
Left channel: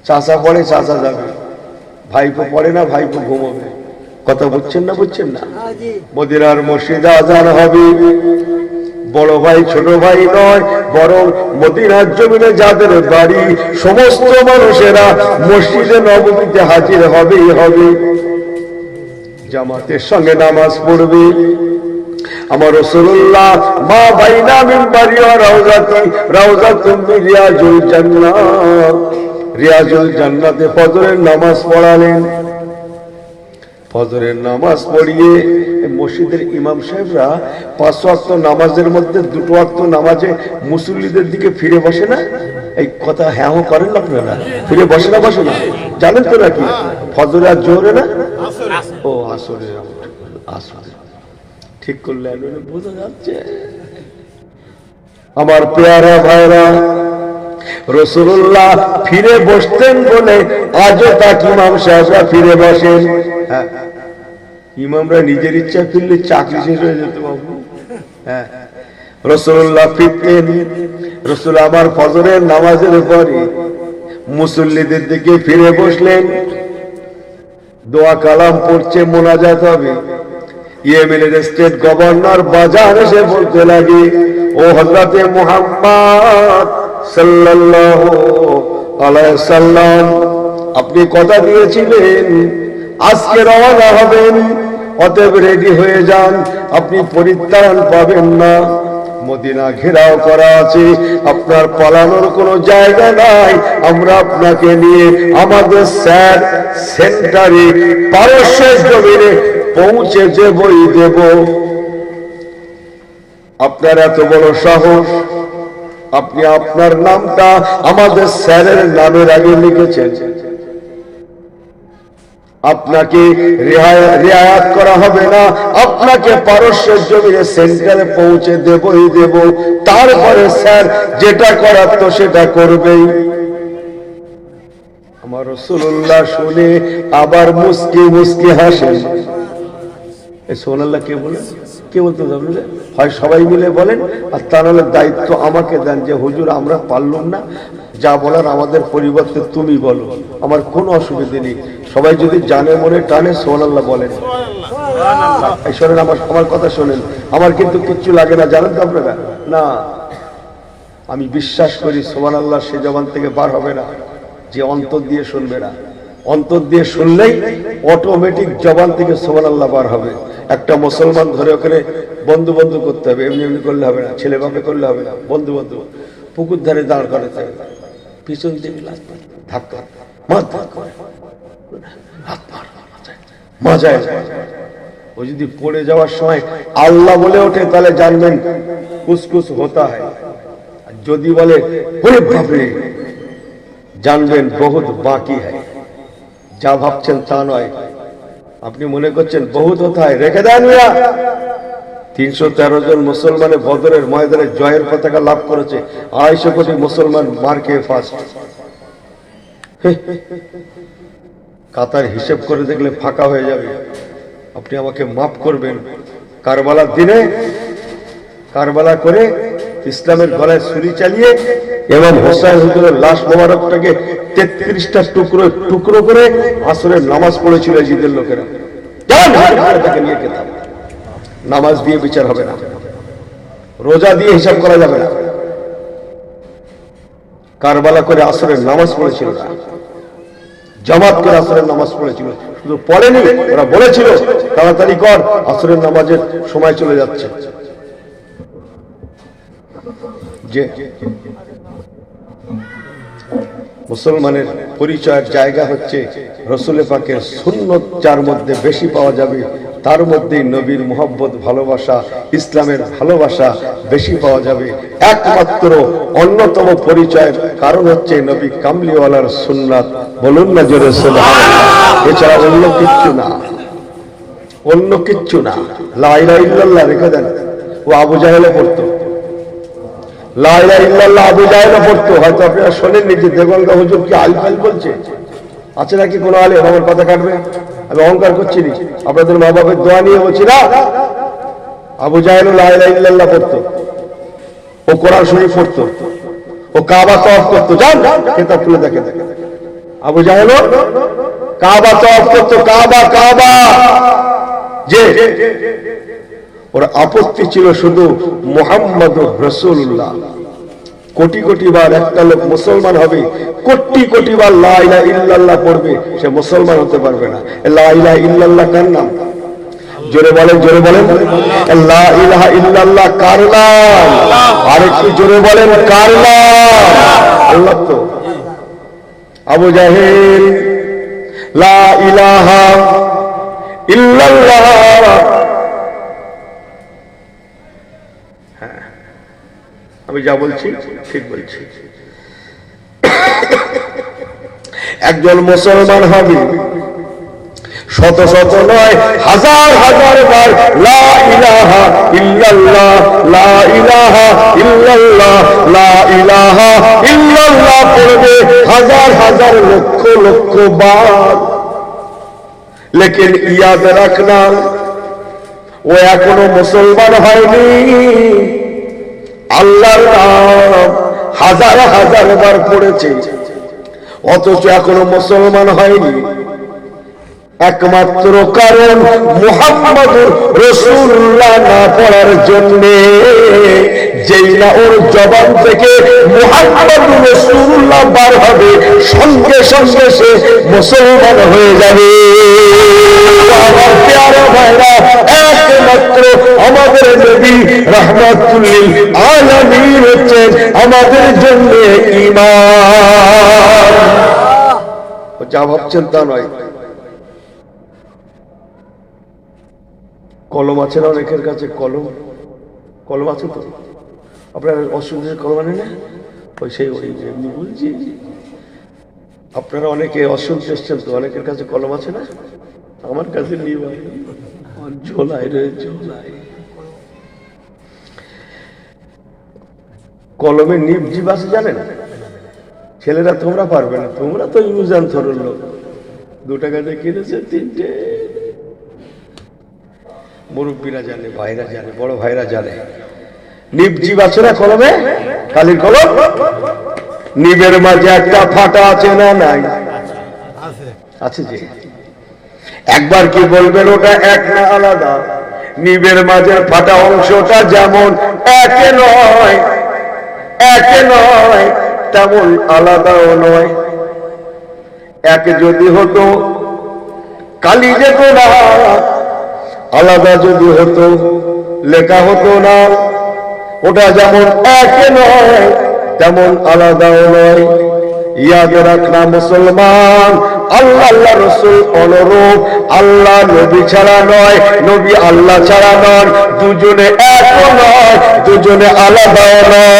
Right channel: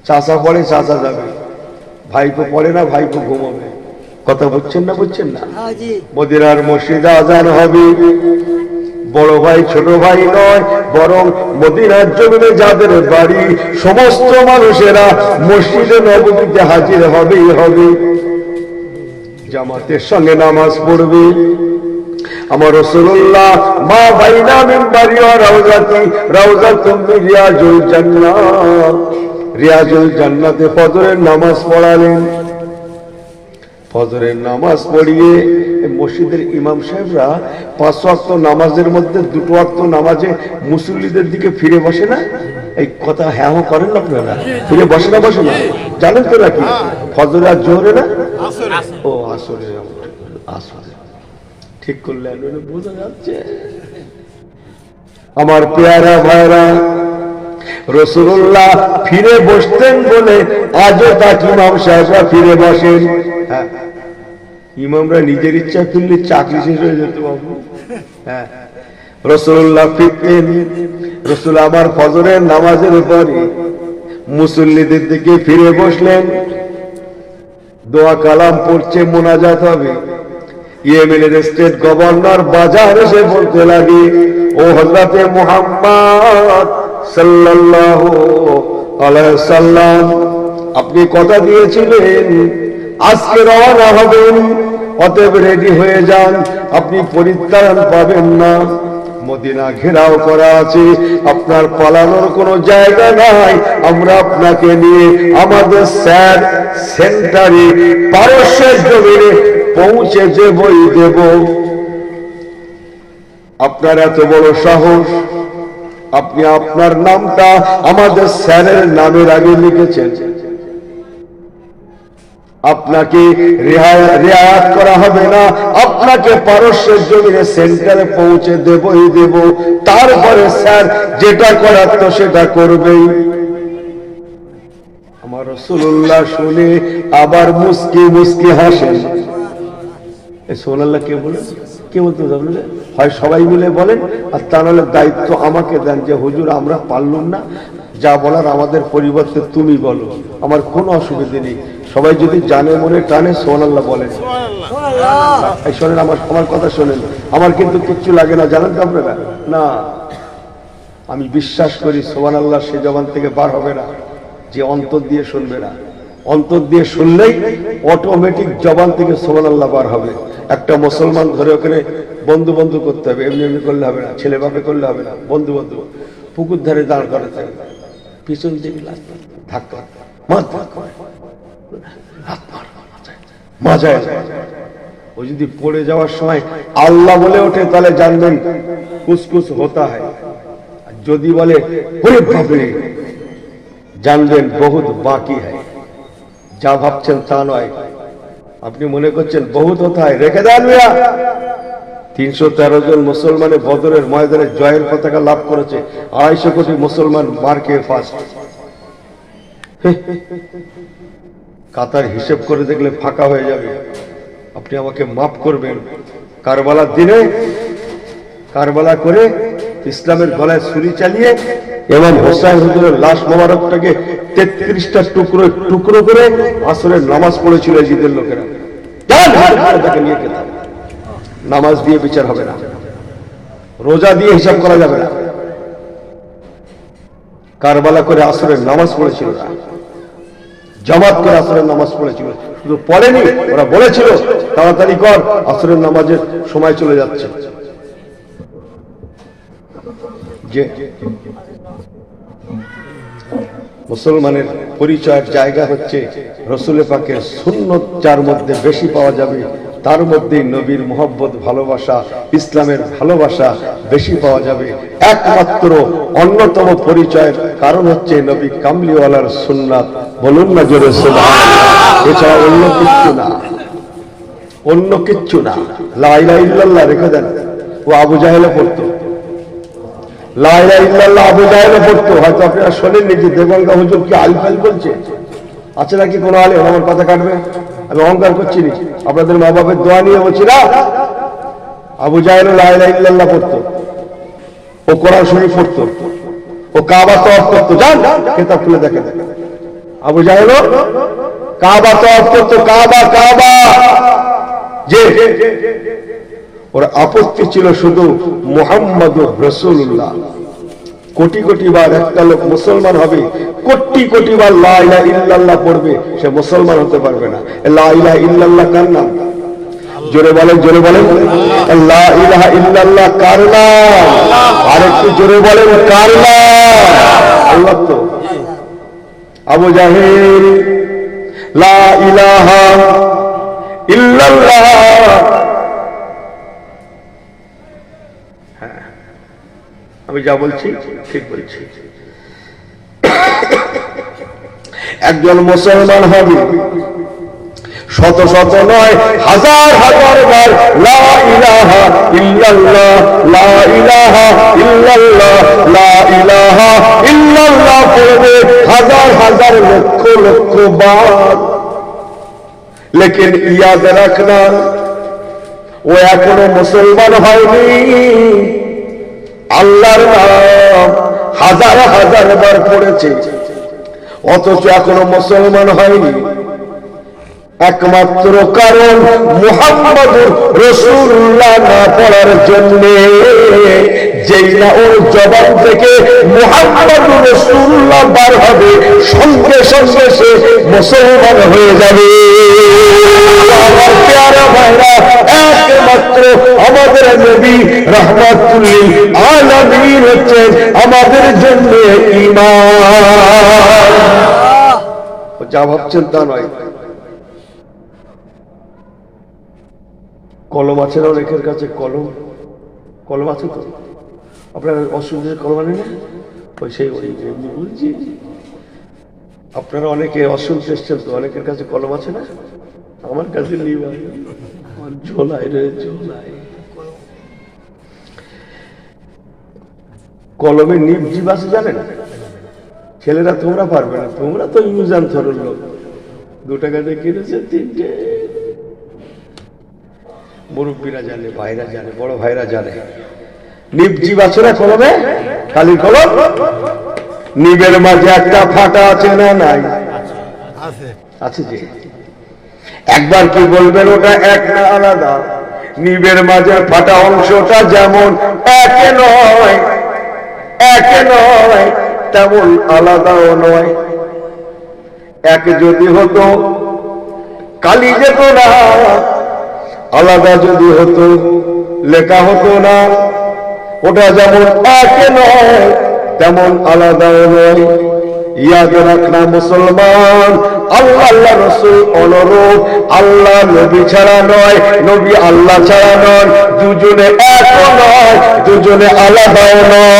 চাচা পড়ে চাচা যাবে, ভাইপো পড়ে না ভাইপো ঘুমাবে। কথা বুঝছেন না? বুঝছেন না? মদিনার মসজিদে আজান হবে, বড় ভাই ছোট ভাই নয়, বরং মদিনার জমিনে যাদের বাড়ি সমস্ত মানুষেরা মসজিদে নববীতে হাজির হবেই হবে, জামাতের সঙ্গে নামাজ পড়বে। আমার রাসূলুল্লাহ মা বাইনা মিনবারি ওয়া রাউজাতি, রাউজাতুম মিন রিয়াজুল জান্নাহ, রিয়াজুল জান্নাতে ফজরের নামাজ পড়ালেন। ফজরের নামাজ পড়িয়ে মসজিদের ইমাম সাহেবরা 5 ওয়াক্ত নামাজের মধ্যে 2 ওয়াক্ত নামাজে মুসল্লিদের দিকে ফিরে বসে না? এই কথা হ্যাঁ করেন না আপনারা? ফিরে বসে না, বসে না? জানেন তো নাকি ফজরে আর জোহরে না? ও আসরে, আসরে ঠিক করলে বোঝা যাচ্ছে। আমার পেয়ারা ভাইরা, রাসূলুল্লাহ ফিরে বসতেন বলে আজও তাকে ইমাম সাহেবরা ফিরে বসেন। হ্যাঁ, ইমামরা নিজের ইচ্ছা ফিরলে চাকরি শেষ হয়ে যেত বাবু। হ্যাঁ, রাসূলুল্লাহ ফিরতেন। রাসূল আমার ফজরের নামাজের পরে মুসল্লিদের দিকে ফিরে বসলেন। দোয়া কালাম পড়ছে, মোনাজাত হবে। ইয়েমেনের স্টেট গভর্নর বাজার এসে বলতে লাগে, ও হযরতে মুহাম্মদ সাল্লাল্লাহু আলাইহি সাল্লাম, আপনি কথা দিয়েছিলেন আজকে রওনা হবেন, অতএব রেডি হয়ে যান, আপনি পরিত্রাণ পাবেন না। মদিনা ঘেরাও করা আছে, আপনার পালানোর কোনো জায়গা নাই। আমরা আপনাকে নিয়ে আমাদের স্যার সেন্টারে পারস্যের জমিনে পৌঁছে দেবই দেব। আপনার এত বড় সাহস, আপনি আপনার নামটা আমাদের স্যারের নামের আগে লিখেছেন। আপনাকে রেয়াত করা হবে না, আপনাকে পারস্যের জমিনে সেন্টারে পৌঁছে দেবই দেব। তারপরে স্যার যেটা করার তো সেটা করবেই। আমার রাসূলুল্লাহ শুনে আবার মুস্কি মুস্কি হাসেন। সুবহানাল্লাহ কে বলে? কে বলতে যাবেন? হয় সবাই মিলে বলেন, আর তা নাহলে দায়িত্ব আমাকে দেন যে হুজুর আমরা পারলাম না, যা বলার আমাদের পরিবর্তে তুমি বলো, আমার কোনো অসুবিধা নেই। সবাই যদি জানে মনে টানে সুবহানাল্লাহ বলেন। এই শোনেন, আমার কথা শোনেন, আমার কিন্তু কিচ্ছু লাগে না, জানেন তো আপনারা? না, আমি বিশ্বাস করি সুবহানাল্লাহ সে জবান থেকে বার হবে না যে অন্তর দিয়ে শুনবে না। অন্তর দিয়ে শুনলেই অটোমেটিক জবান থেকে সুবহানাল্লাহ বার হবে। একটা মুসলমান ধরে ওখানে বন্ধু বন্ধু করতে হবে, এমনি এমনি করলে হবে না, ছেলে বাপে করলে হবে না। বন্ধু বন্ধু পুকুর ধারে দাঁড় করাতে হবে, পিছন দিকে ধাক্কা মাজায়। ও যদি পড়ে যাওয়ার সময় আল্লাহ বলে ওঠে তাহলে জানবেন কুসকুস হতা হয়। যদি বলে ওরে বাপরে, জানবেন বহুত বাকি হয়। যা ভাবছেন তা নয়। আপনি মনে করছেন বহুত কোথায়, রেখে দেন মিয়া। 313 জন মুসলমানের বদরের ময়দানে জয়ের পতাকা লাভ করেছে। 250 কোটি মুসলমান মার খেয়ে ফার্স্ট। কাতার হিসেব করে দেখলে ফাঁকা হয়ে যাবে। আপনি আমাকে মাফ করবেন। কারবালার দিনে কারবালা করে ইসলামের গলায় ছুরি চালিয়ে ইমাম হোসেন হুজুরের লাশ মোবারকটাকে 33টা টুকরো টুকরো করে আসরের নামাজ পড়েছিল জিদের লোকেরা। তাকে নিয়ে খেতাম। নামাজ দিয়ে বিচার হবে না, রোজা দিয়ে হিসাব করা যাবে না। কারবালা করে আসরের নামাজ পড়েছিল না, জামাত করে আসরের নামাজ পড়েছিল। শুধু পড়েনি, ওরা বলেছিল তাড়াতাড়ি কর, আসরের নামাজের সময় চলে যাচ্ছে। যে মুসলমানের পরিচয়ের জায়গা হচ্ছে রাসূল পাকের সুন্নত, যার মধ্যে বেশি পাওয়া যাবে তার মধ্যেই নবীর মুহাব্বত, ভালোবাসা, ইসলামের ভালোবাসা বেশি পাওয়া যাবে। একমাত্র অন্যতম পরিচয়ের কারণ হচ্ছে নবী কামলিওয়ালার সুন্নাত। বলুন না জোরে সুবহানাল্লাহ। এছাড়া অন্য কিচ্ছু না, অন্য কিচ্ছু না। লা ইলাহা ইল্লাল্লাহ রেখে দেন। ও আবু জাহেলে পড়তো লা ইলাহা ইল্লাল্লাহ, আবু জাহেলে পড়তো। হয়তো আপনারা শোনেননি যে দেগঙ্গা হুজুর কি আলফাল বলছে। আছে নাকি কোনো আলে? আমার কথা কাটবে, আমি অহংকার করছি না, আপনাদের মা বাপের দোয়া নিয়ে বলছি না। আবু জাহেল লা ইলাহা ইল্লাল্লাহ পড়তো, ও কোরআন শরীফ পড়তো, ও কাবা তওয়াফ করতো। যান কিতাব খুলে দেখেন, আবু জাহেল কাবা তওয়াফ করতো। কাবা কাবা যে ওর আপত্তি ছিল শুধু মুহাম্মাদুর রাসূলুল্লাহ। কোটি কোটি বার একটা লোক মুসলমান হবে, কোটি কোটি বার লা ইলাহা ইল্লাল্লাহ পড়বে, সে মুসলমান হতে পারবে না। লা ইলাহা ইল্লাল্লাহ কার নাম? জোরে বলেন, জোরে বলেন। লা ইলাহা ইল্লাল্লাহ কার নাম? আরেকটু জোরে বলেন, কার নাম? আল্লাহ। তো আবু জাহেল লা ইলাহা ইল্লাল্লাহ। হ্যাঁ, আমি যা বলছি ঠিক বলছি। একজন মুসলমান হবে শত শত নয়, হাজার হাজার বার লা ইলাহা ইল্লাল্লাহ, লা ইলাহা ইল্লাল্লাহ, লা ইলাহা ইল্লাল্লাহ পড়বে হাজার হাজার লক্ষ লক্ষ বার। লেকিন ইয়াদ রাখনা, ও এখনো মুসলমান হয়নি। আল্লাহর নাম হাজার হাজার বার পড়েছে, অথচ এখনো মুসলমান হয়নি। একমাত্র কারণ মুহাম্মদুর রাসূলুল্লাহ না পড়ার জন্য। যেই না ওর জবান থেকে মুহাম্মদুর রাসূলুল্লাহ বার হবে, সঙ্গে সঙ্গে সে মুসলমান হয়ে যাবে। আমার প্যারা ভাইরা, একমাত্র আমাদের নবী রাহমাতুল লিল আলামিন হচ্ছেন আমাদের জন্য ঈমান। যা ভাবছেন তা নয়। কলম আছে না অনেকের কাছে? কলম কলম আছে তো? আপনার অসুবিধার কলম আনে না? ওই সেই এমনি বলছি, আপনারা অনেকে অসুবিধা এসছেন তো, অনেকের কাছে কলম আছে না? আমার কাছে নেই, ঝোলাই রে ঝোলাই। কলমে নিব জিব আছে জানেন? ছেলেরা তোমরা পারবে না, তোমরা তো ইউজ অ্যান্ড থ্রোর লোক। 2 টাকা দিয়ে কিনেছে 3টে। মুরব্বীরা জানে, ভাইরা জানে, বড় ভাইরা জানে। নিব জিব আছে না কলমে? কালির কলম। নিবের মাঝে একটা ফাটা আছে না নাই? আছে যে। একবার কি বলবেন ওটা এক না আলাদা? নিবের মাঝে ফাটা অংশটা যেমন একে নয়, একে নয়, তেমন আলাদাও নয়। এক যদি হতো কালি যেত না, আলাদা যদি হতো লেখা হতো না। ওটা যেমন একে নয়, তেমন আলাদাও নয়। ইয়াদ রাখনা মুসলমান, আল্লাহ আল্লাহ রাসূল অনুরূপ, আল্লাহ নবী ছাড়া নয়, নবী আল্লাহ ছাড়া নয়। দুজনে এক নয়, দুজনে আলাদাও নয়।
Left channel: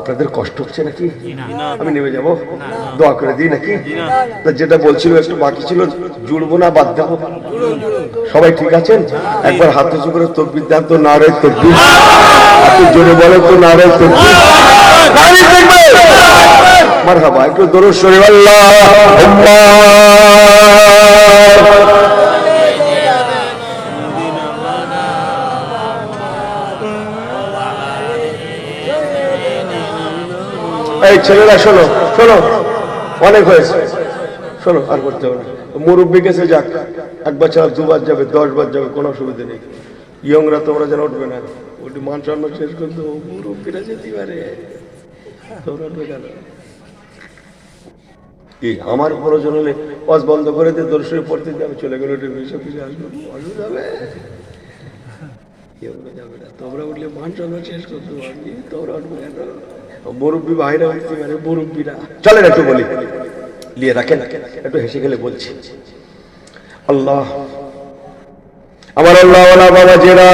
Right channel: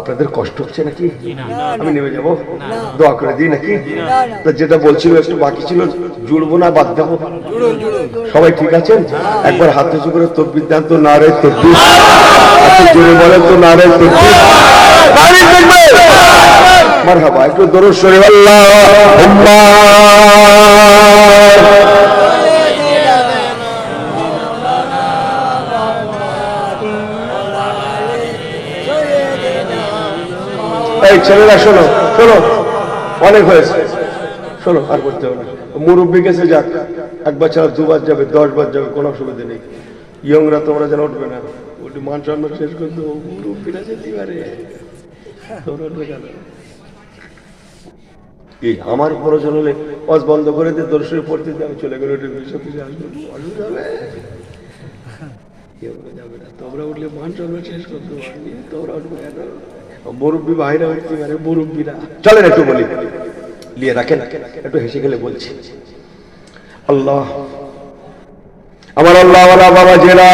আপনাদের কষ্ট হচ্ছে নাকি? আমি নেমে যাবো, দোয়া করে দিই নাকি? যেটা বলছিল একটু বাকি ছিল, জুড়বো না বাদ দেবো? সবাই ঠিক আছেন? একবার হাত উঁচু করে তাকবীর দেন তো, নারে তাকবীর। একটু জোরে বলো তো, নারে তাকবীর। মারহাবা, একটু দরুদ শরীফ আল্লাহুম্মা। এই ছেলেরা শোনো শোনো, অনেক হয়েছে, শোনো, আর করতে হবে না। মুরব্বী গেছে যাক, 1 বার ছাড়া 2 বার যাবে, 10 বার যাবে, কোনো অসুবিধা নেই। ইয়ংরা তোমরা যেন উঠবে না, ওটি মান সম্মান শেষ করতে মুরব্বীরা যেতে পারে, তোমরা উঠবে কেন? আমার প্রয়োজন হলে ওয়াজ বন্ধ করে দিয়ে দরুদ শরীফ পড়তে আমি চলে গেলে অসুবিধা হবে? যাবে না। তোমরা উঠলে মান সম্মান শেষ করতে পারবি, তোমরা উঠবে কেন? মুরব্বী ভাইরা উঠতে পারে, মুরব্বীরা। চলেন একটু বলি, নিয়ে রাখেন, একটু হেসে গেলে বলছি। আল্লাহ, আমার আল্লাহ বাবা জেরা,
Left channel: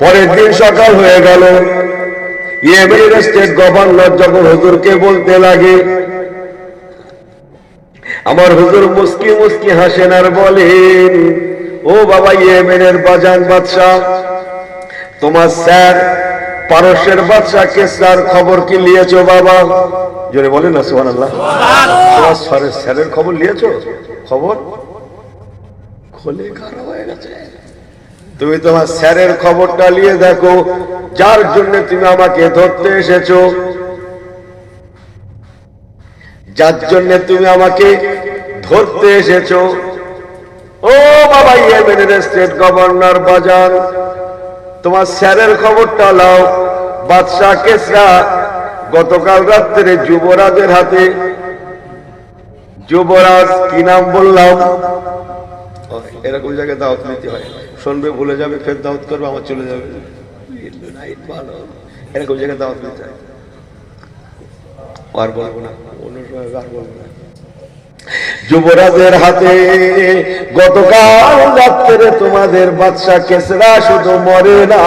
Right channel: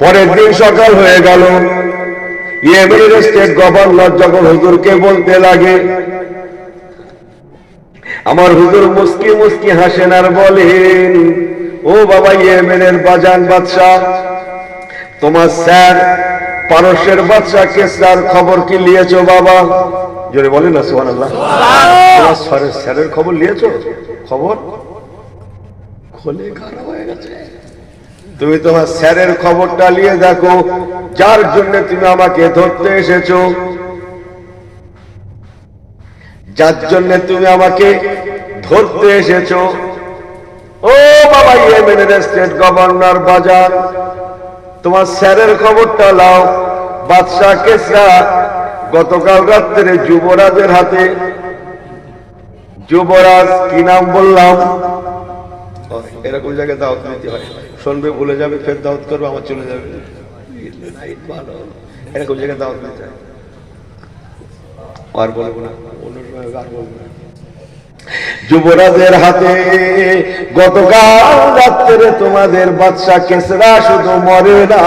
পরের দিন সকাল হয়ে গেল। ইয়েমেনের স্টেট গভর্নর যখন হুজুরকে বলতে লাগে, আমার হুজুর মুস্কি মুস্কি হাসেন আর বলেন, ও বাবা ইয়েমেনের বাজান বাদশাহ, তোমার স্যার পারস্যের বাদশাহ কেসরার খবর কি নিয়েছো বাবা? জোরে বলেন না সুবহানাল্লাহ। তোমার স্যারের খবর নিয়েছো? খবর খোলে খারাপ হয়ে গেছে। তুমি তোমার স্যারের খবরটা নিয়ে দেখো, যার জন্য তুমি আমাকে ধরতে এসেছো, যার জন্য তুমি আমাকে ধরতে এসেছো। ও বাবা ইয়েমেনের স্টেট গভর্নর বাজার, তোমার স্যারের খবরটা লাও। বাদশাহ কেসরা গতকাল রাত্রে যুবরাজের হাতে, যুবরাজ কি নাম বললাম? এরকম জায়গায় দাওয়াত নিতে হয়, শুনবে ভুলে যাবে, ফের দাওয়াত করবে, আমার চলে যাবে। ভালো, এরকম জায়গায় দাওয়াত নিতে হয়। আর বলবো না, অন্য সময় আর বলবো না। যুবরাজের হাতে গতকাল রাত্রে তোমাদের বাদশা কেসরা শুধু মরে না,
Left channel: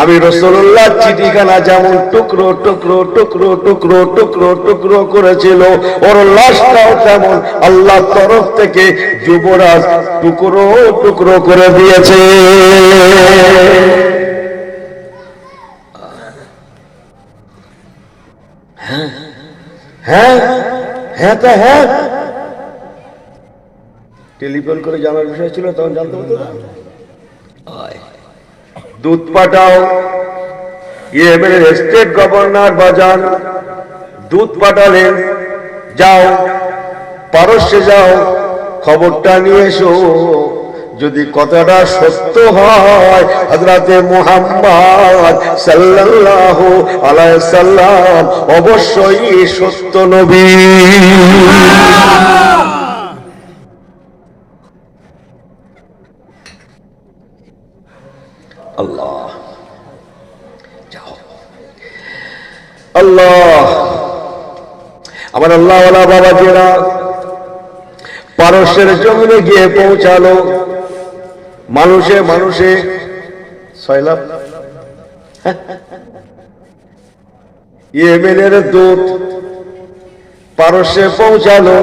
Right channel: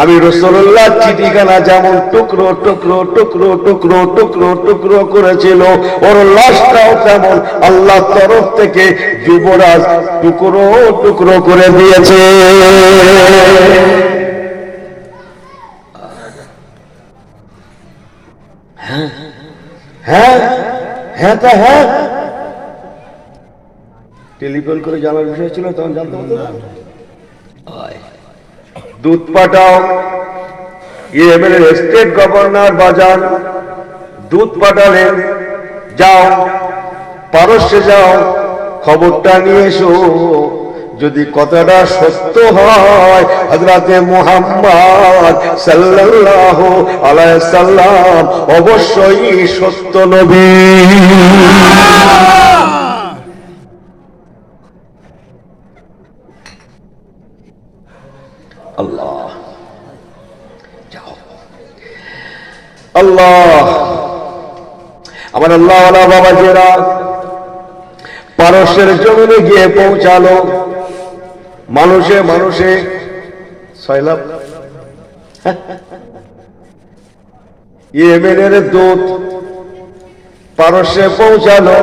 আমি রাসূলুল্লাহ চিঠিখানা যেমন টুকরো টুকরো টুকরো টুকরো টুকরো টুকরো করেছিল, ওর লাশটাও তেমন আল্লাহ তরফ থেকে যুবরাজ টুকরো টুকরো করে দিয়েছে। হ্যাঁ হ্যাঁ হ্যাঁ তা হ্যাঁ, টেলিফোন করে জানার বিষয় ছিল, তখন জানতে হতো না। দুধ পাঠাও, ইয়েমেনের স্টেট গভর্নর বাজার দুধ পাঠালেন, যাও পারস্যে যাও, খবরটা নিয়ে এসো, যদি কথাটা সত্য হয় হযরতে মুহাম্মদ সাল্লাল্লাহু আলাইহি সাল্লাম অবশ্যই সত্য নবী। আল্লাহ যাও, আল্লাহ আমার আল্লাহ বাবাজিরা পারস্যের জমিনে গিয়ে পৌঁছালো। মানুষে মানুষে সয়লাব, ইয়েমেনের দূত পারস্যে পৌঁছালো।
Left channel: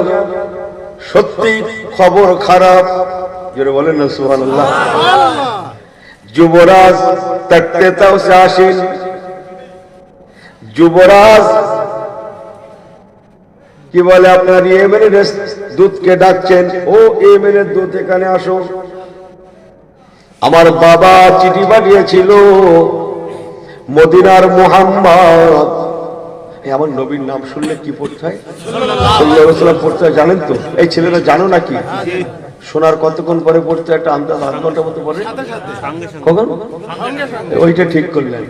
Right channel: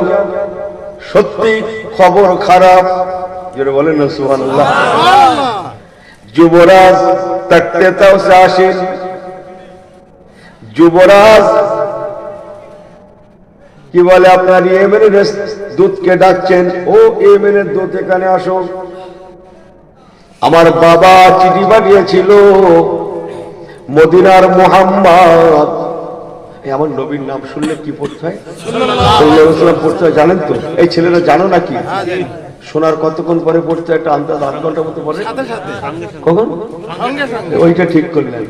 সত্যি খবর খারাপ, যেটা বলেন না সুবহানাল্লাহ। যুবরাজ তখতে তাওসে আসেন, যুবরাজ কি বলে, আপনার ইয়েমেনের দূতকে ডাকছেন, ও ইয়েমেনের দূত এখানে আসো, আমার বাবা চিঠি পাঠিয়েছিল মদিনার মুহাম্মদ। আমার নবীর নাম শুনলে কি পড়তে হয়? সাল্লাল্লাহু আলাইহি ওয়াসাল্লাম পড়তে হয়, জানেন তো? এই ছেলেরা জানো নাকি? শোনার কতক্ষণ পরে পড়তে একটা আন্দাজ, 8 ঘন্টা মতো পড়ে। কখন? ওইটা ঠিক করলেন।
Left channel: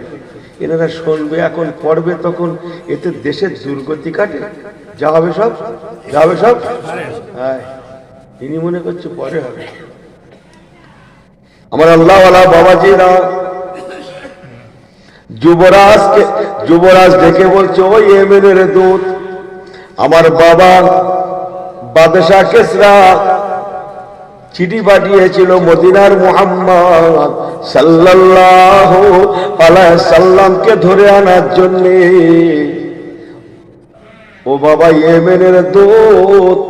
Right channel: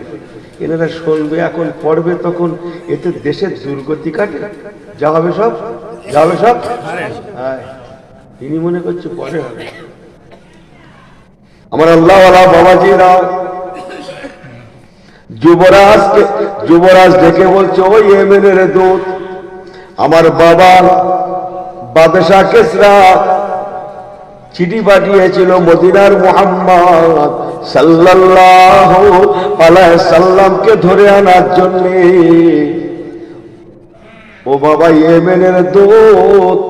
এনারা শুনবে এখন, পড়বে তখন, এতে দেশের দুর্গতি কাটে, যা হবে সব, যা হবে সব। হ্যাঁ, তিনি মনে করছে পরে হবে। আমার আল্লাহওয়ালা বাবাজিরা যুবরাজ ডেকে বলছে, ওই ইয়েমেনের দূত, আমার বাবা বাদশা কেসরা চিঠি পাঠিয়েছিল মদিনার মুহাম্মদ সাল্লাল্লাহু আলাইহি সাল্লামকে ধরে আনার জন্য। ও বাবা ইয়েমেনের দূত,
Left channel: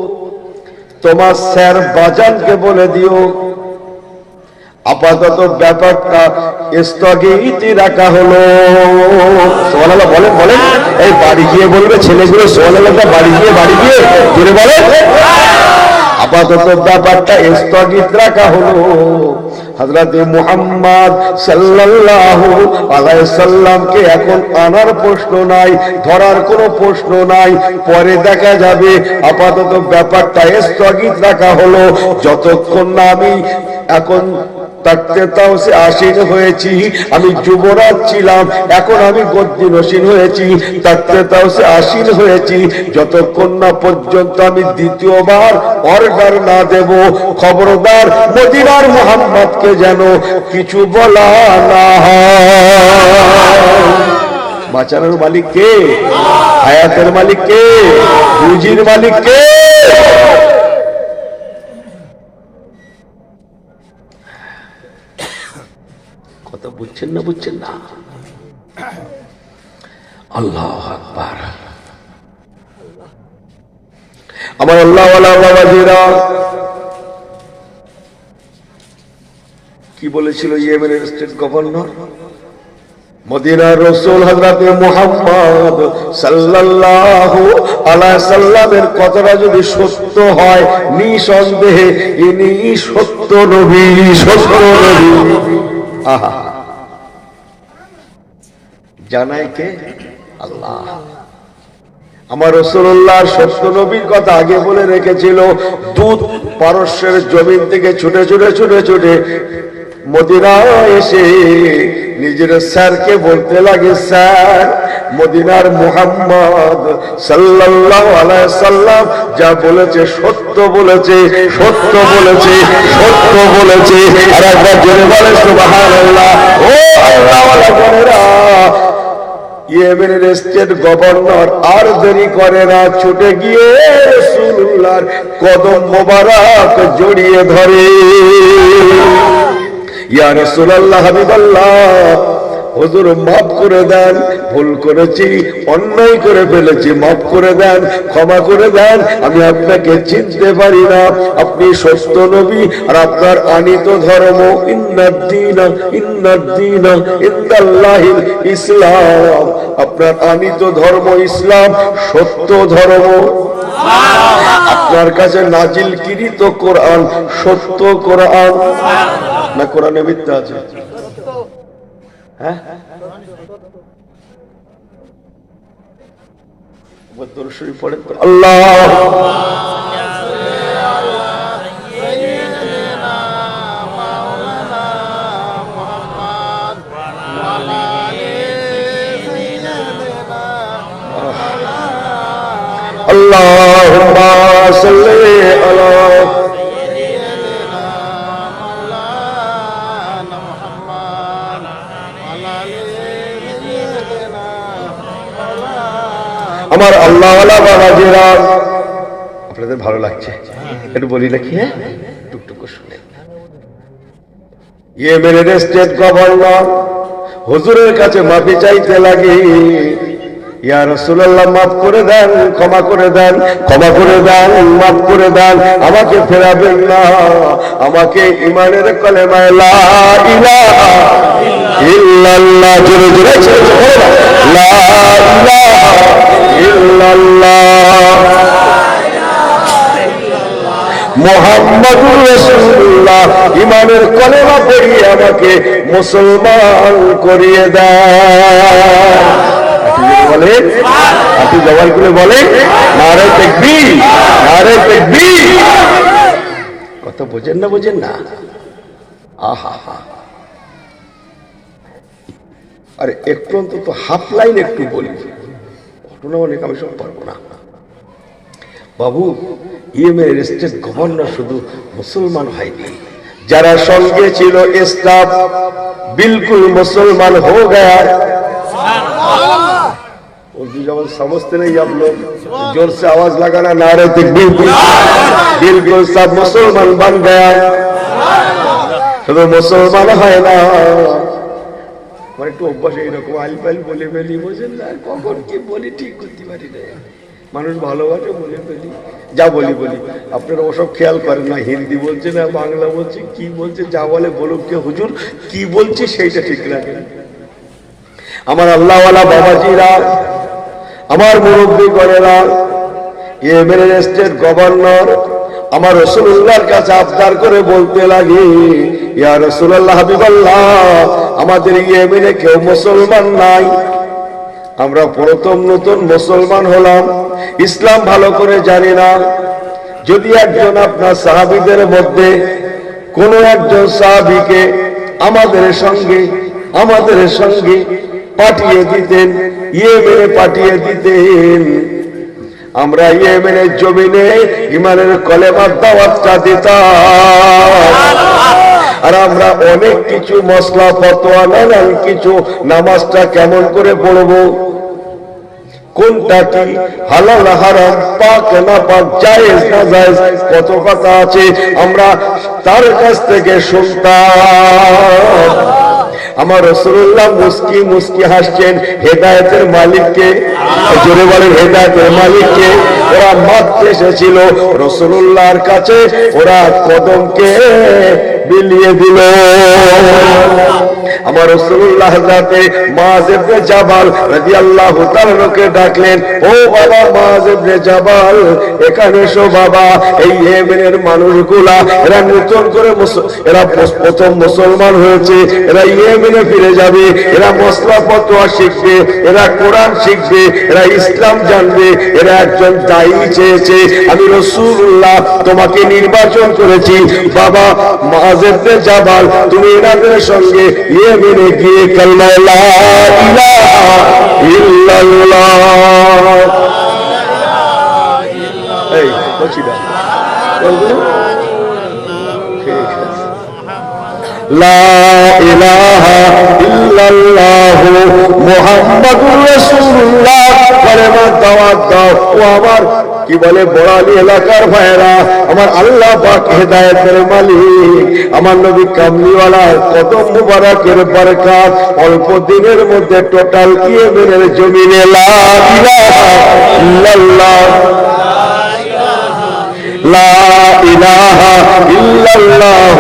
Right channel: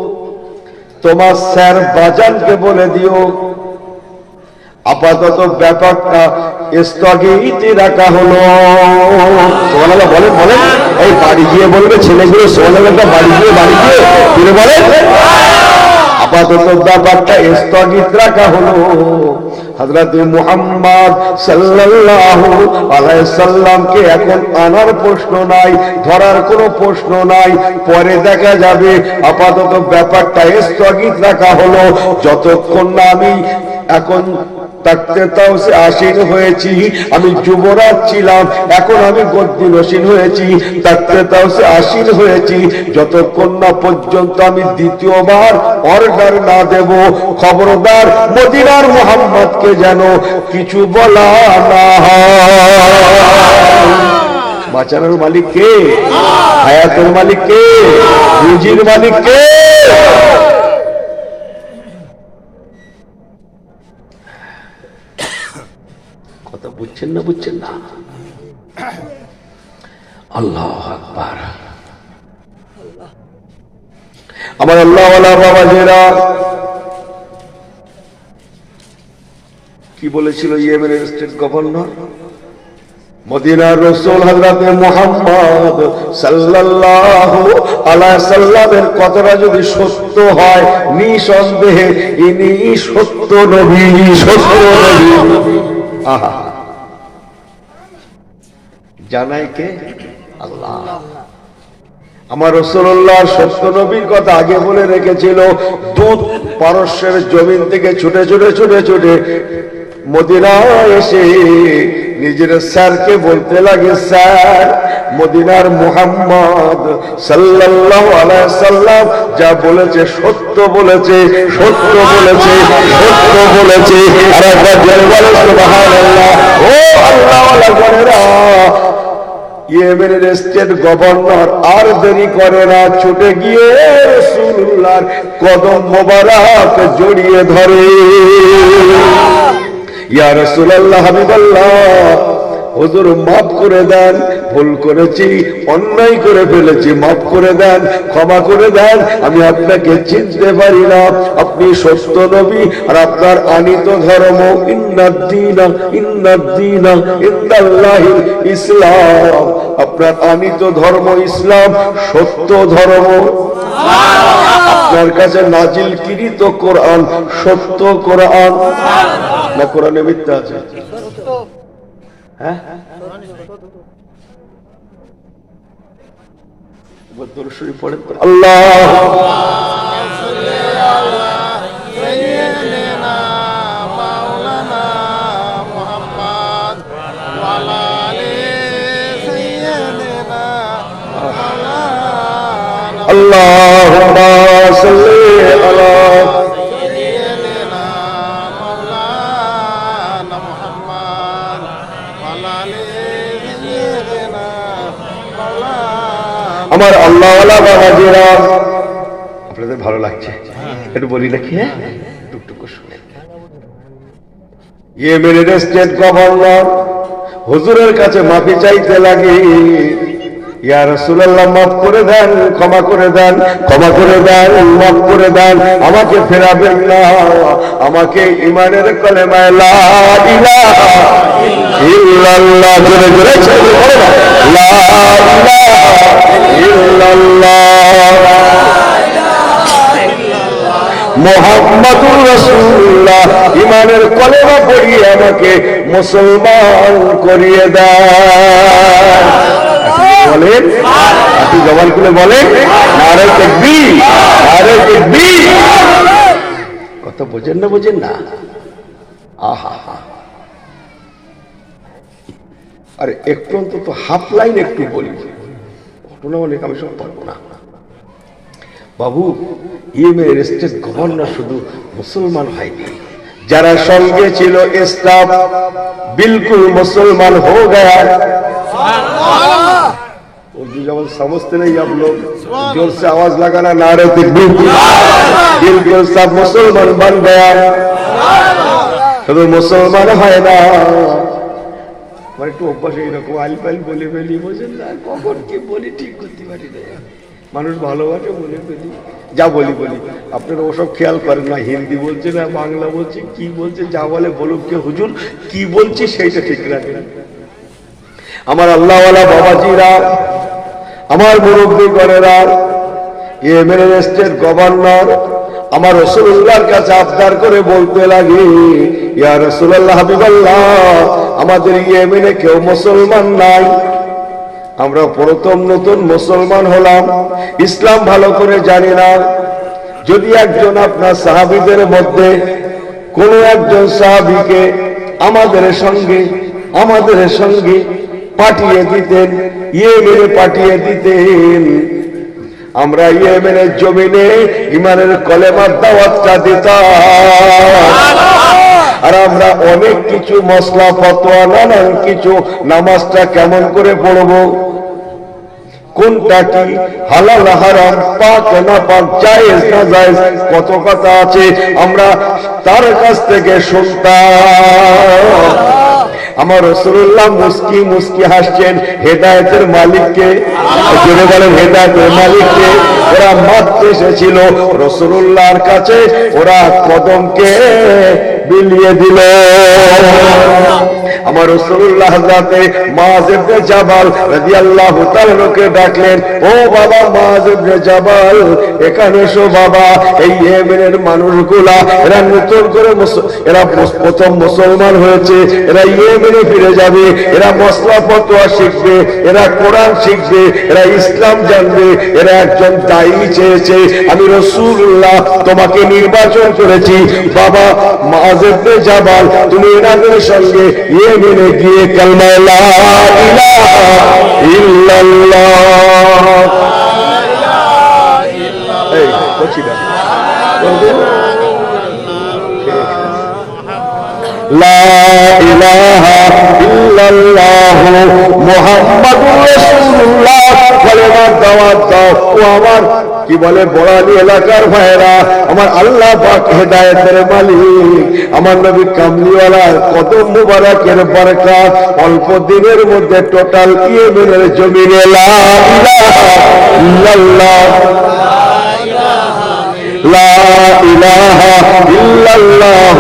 তোমার স্যার বাজানকে বলে দিও আপাতত ব্যাপারটা স্থগিত রাখা হলো। সুবহানাল্লাহ বলেন বলেন, এই বাড়ি গিয়ে বলবে ছেলেগুলো, সুবহানাল্লাহ বাড়ি গিয়ে বলে বলেন, আপাতত ব্যাপারটা স্থগিত রাখা হলো। হযরত মুহাম্মদ সাল্লাল্লাহু আলাইহি সাল্লামকে এখন আনার প্রশ্ন নাই, ধরার কোনো প্রশ্ন নাই, পরে দেখা যাবে। আপাতত ব্যাপারটা স্থগিত রাখা হলো, যতক্ষণ না আমি এখন তখতে তাওসে আসীন হয়েছি। আমি যুবরাজ ছিলাম, এখন আমি গদ্দি নশীন হয়েছি, তখতে তাওসে আসীন হয়েছি। যতক্ষণ না পর্যন্ত আমি দ্বিতীয়বার অর্ডার না দেব, খবরদার মদিনার মুহাম্মদকে যেন কিছু বলা না হয়। বাঁচানোর মালিক কে? হায়াতের মালিক কে? রুজির মালিক কে? কথা বুঝছেন না? বুঝছেন না? আল্লাহু আকবার। আমার আল্লাহওয়ালা বাবাজিরা কি বলেছিল ইয়েমেনের স্টেট গভর্নর? মদিনার রাসূল হযরতে মুহাম্মদ সাল্লাল্লাহু আলাইহি সাল্লামের কথাটা যদি সত্য হয়, নিঃসন্দেহে ইনি সত্য নবী, সত্য নবী। আহা, জানাই কে? আল্লাহ। আমার রাসূলুল্লাহ সত্য নবীর কথা আগে বলে রেখেছিল। দুধ পারস্যের জমিন থেকে ছুটে ছুটে ছুটে ছুটে মদিনায় এসে নিজের স্যারকে বলতে লাগে, স্যার মদিনার মুহাম্মদ সাল্লাল্লাহু আলাইহি সাল্লাম যা বলেছে সত্য বলেছে, সত্য বলেছে, সত্য বলেছে। আর একবার জোরে বলে সুবহানাল্লাহ। ও আল্লাহওয়ালা বোনেরা, ইয়েমেনের স্টেট গভর্নর আর দেরি করে না, ছুটে গিয়ে রাসূলুল্লাহর কদম মোবারক জড়িয়ে ধরে। ইয়া রাসূলুল্লাহ, হাবিবাল্লাহ, হুজুর মাফ করে দেন, ভুল করেছি, অন্যায় করে ফেলেছি, মাফ করে দেন, ক্ষমা করে দেন, আমি আপনাকে চিনতে পারি না, আপনি সত্য নবী আর আপনার আনিত ধর্ম ইন্নাদ্দীনা ইনদাল্লাহিল ইসলাম, আপনার আনিত ধর্ম ইসলাম, সত্য ধর্ম, আপনার কাছে নাজিলকৃত কোরআন সত্য কোরআন না কোরআনে মিথ্যা আছে? হ্যাঁ, পড়েন তো আল্লাহ। আল্লাহুম্মা সাল্লি আলা আমার আল্লাহওয়ালা বাবাজিরা, আপনাদের ভালো লাগছে? একটু বলি নাকি? হ্যাঁ, টুকটুকু শুনে। ইয়েমেনের স্টেট গভর্নর হুজুরের কাছে মাফি চাইতে লাগে, ইয়া রাসূলুল্লাহ, মাফ করে দেন, ক্ষমা করে দেন, ক্ষমা করে দেন, মাফ করে দেন, আমাকে ফেরাবেন না, আমাকে ঈমানের কলেমায়ে লা ইলাহা ইল্লাল্লাহ জোরে জোরে লা ইলাহা ইল্লাল্লাহ মুহাম্মাদুর রাসূলুল্লাহ ঈমানের কলেমা পড়িয়ে আমাকে মুসলমান করিয়ে দেন। বলেন, আপনি জবান খুলে বলেন নারে তাকবীর, নারে তাকবীর। কত বোঝেন না, বোঝেন না? আহা, আরে একটু অন্তত হাফ লাইন একটু বলি, ঘটনা অনেক, আমি সব পারবো না। বাবু, ইয়েমেনের স্টেট গভর্নর শুধু মুসলমান হয়নি, যারা সঙ্গে ছিল স্টাফ बिल्कुल मुसलमान हो गया। उर्दू जब समझते नहीं आप लोग, जोर से आवाज लगाना, नारे तकबीर, बिल्कुल सब मुसलमान बन गया। শুধু মুসলমান হয় না, মানে একটু অভ্যাস এইরকম আলপাল বলে ফেলি, বোঝেন না, কখন কি বলি ঠিক করতে পারি না, মানুষ ভালোবাসে বলে ফেলি, যা বলি বলি। আপনারা ওসব খেয়াল করেন না, হিন্দি বলছে না বাংলা বলছে, কি বলছে, যা বলে বলুক, কে হুজুর কি বলছি সেইটা ঠিক রাখেন। আমার আল্লাহওয়ালা বাবাজিরা, আমার মুরব্বী করেরা, ইয়েমেনের স্টেট গভর্নর আমার রাসূলুল্লাহর কাছে আবদার করে বলতে লাগে, ইয়া রাসূলুল্লাহ, হাবিবাল্লাহ, আমাদের ইয়েমেনে কেউ মুসলমান নাই, আমরা প্রথম নতুন মুসলমান হলাম, ইসলাম ভালো করে জানি না। যদি একজন আপনার সাহাবীদের মধ্যে কোন একজন সাহাবীকে আমাদের সঙ্গে পাঠিয়ে দিতেন, ইয়েমেনে পাঠিয়ে দিতেন, আমরা ইয়েমেনের জমিনে ঈমানের কলেমার দাওয়াতটা দিতাম। আর আমরা অনেক কিছু মশলা ফতোয়া, নানান কিছু, নামাজটা কেমন করে পড়বো, কোনটা কি হালাল হারাম, পাক না পাক, জায়েজ না জায়েজ, কত কথা আছে, আমরা তার কাছ থেকে শুনতাম। আমার রাসূলুল্লাহ মুস্কি মুস্কি হাসছেন, হেদায়েতের মালিককে, জোরে বলেন হেদায়েতের মালিককে। ওরা মাত্র এসেছিল রাসূলুল্লাহর কাছে, ওরা কদমকে বিলিয়ে দিল। আমার রাসূলুল্লাহ হযরতে মুআয ইবনে জাবাল রাদিয়াল্লাহু তাআলা কে ডাকলেন, ও বাবা মুআয ইবনে জাবাল, এখানে এসো বাবা, এই ইয়েমেনের মানুষগুলা এরা নতুন করে এরা প্রথম মুসলমান হয়েছে, এরা ইয়েমেনে ফিরে যাবে, এরা মশলা ফতোয়া শিখবে, এরা কোরআন শিখবে, এরা ইসলাম জানবে, এরা একজন দায়ী চেয়েছে, আমি রাসূলুল্লাহ তোমাকে নির্বাচন করেছি। বাবা মুআয ইবনে জাবাল, তুমি এনাদের সঙ্গে ইয়েমেনে গিয়ে কালিমা লা ইলাহা ইল্লাল্লাহ, এই বলছি না, লা ইলাহা ইল্লাল্লাহ মুহাম্মাদুর রাসূলুল্লাহ কালেমার দাওয়াত দাও। ও আমার কি বলে বড়ালি এলাকার ভাইরা, আমার আল্লাহ পাক হেদায়েতের মালিক, আমার নবী কামলিওয়ালার কদম মুবারকের বরকত অল্প দিনের মধ্যে টোটাল ইয়েমেনের জমিনে লা ইলাহা ইল্লাল্লাহ লা ইলাহা ইল্লাল্লাহ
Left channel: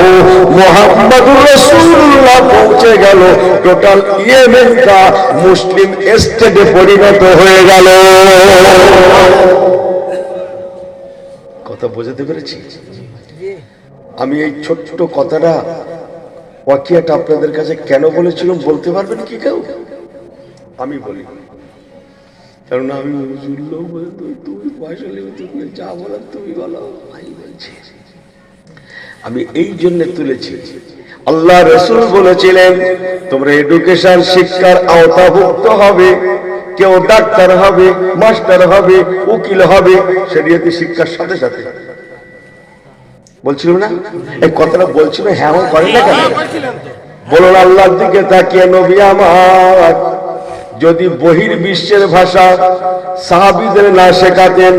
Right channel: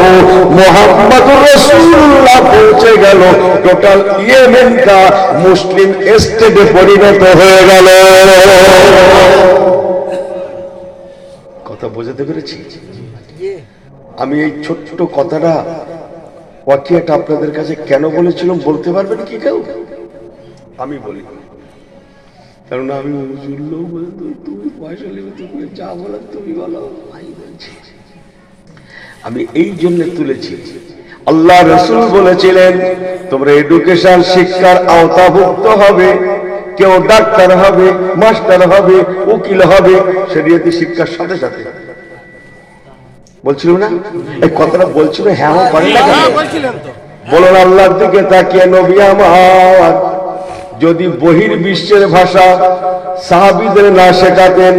মুহাম্মাদুর রাসূলুল্লাহ পৌঁছে গেল। টোটাল ইয়েমেনটা মুসলিম স্টেটে পরিণত হয়ে গেল। কথা বুঝতে পেরেছি? আমি এই ছোট্ট কথাটা ওয়াকিয়াটা আপনাদের কাছে কেন বলেছিলাম বলতে পারবেন কি কেউ? আমি বলি, কারণ আমি তুমি পয়সা নেবে, তুমি যা বলো তুমি বলো, আমি এই জন্য তুলেছি। আল্লাহ রাসূল বলেছিলেন তোমরা এডুকেশন শিক্ষার আওতাভুক্ত হবে, কেউ ডাক্তার হবে, মাস্টার হবে, উকিল হবে, শরীয়তি শিক্ষার সাথে সাথে। বলছিল না এই কথাটা? বলছিল হ্যাঁ করে না কেন? বলুন আল্লাহর দিকে তাকিয়ে নবী আমার যদি বহির্বিশ্বের ভাষা সাহাবীদের না শেখাতেন,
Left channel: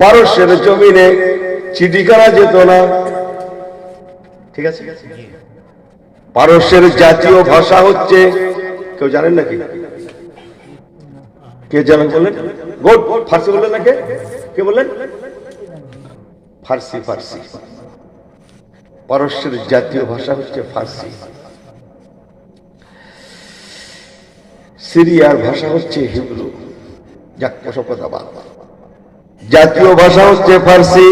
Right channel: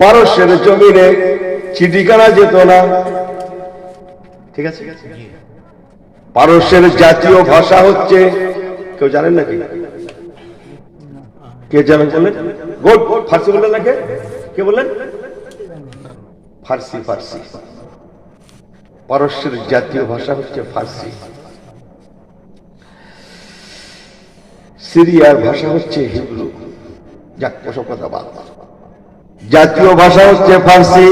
পারস্যের জমিনে চিঠিখানা যেত না। ঠিক আছে? পারস্যের জাতীয় ভাষা হচ্ছে, কেউ জানেন নাকি? কে জানেন বললেন? ফার্সি বললেন নাকি? কে বললেন? ফার্সি। ফার্সি পারস্যের জাতীয় ভাষা হচ্ছে ফার্সি। সিরিয়ার ভাষা হচ্ছে হিব্রু। যাক, ওসব কথা বাদ। জাতীয় ভাষা হচ্ছে ফার্সি,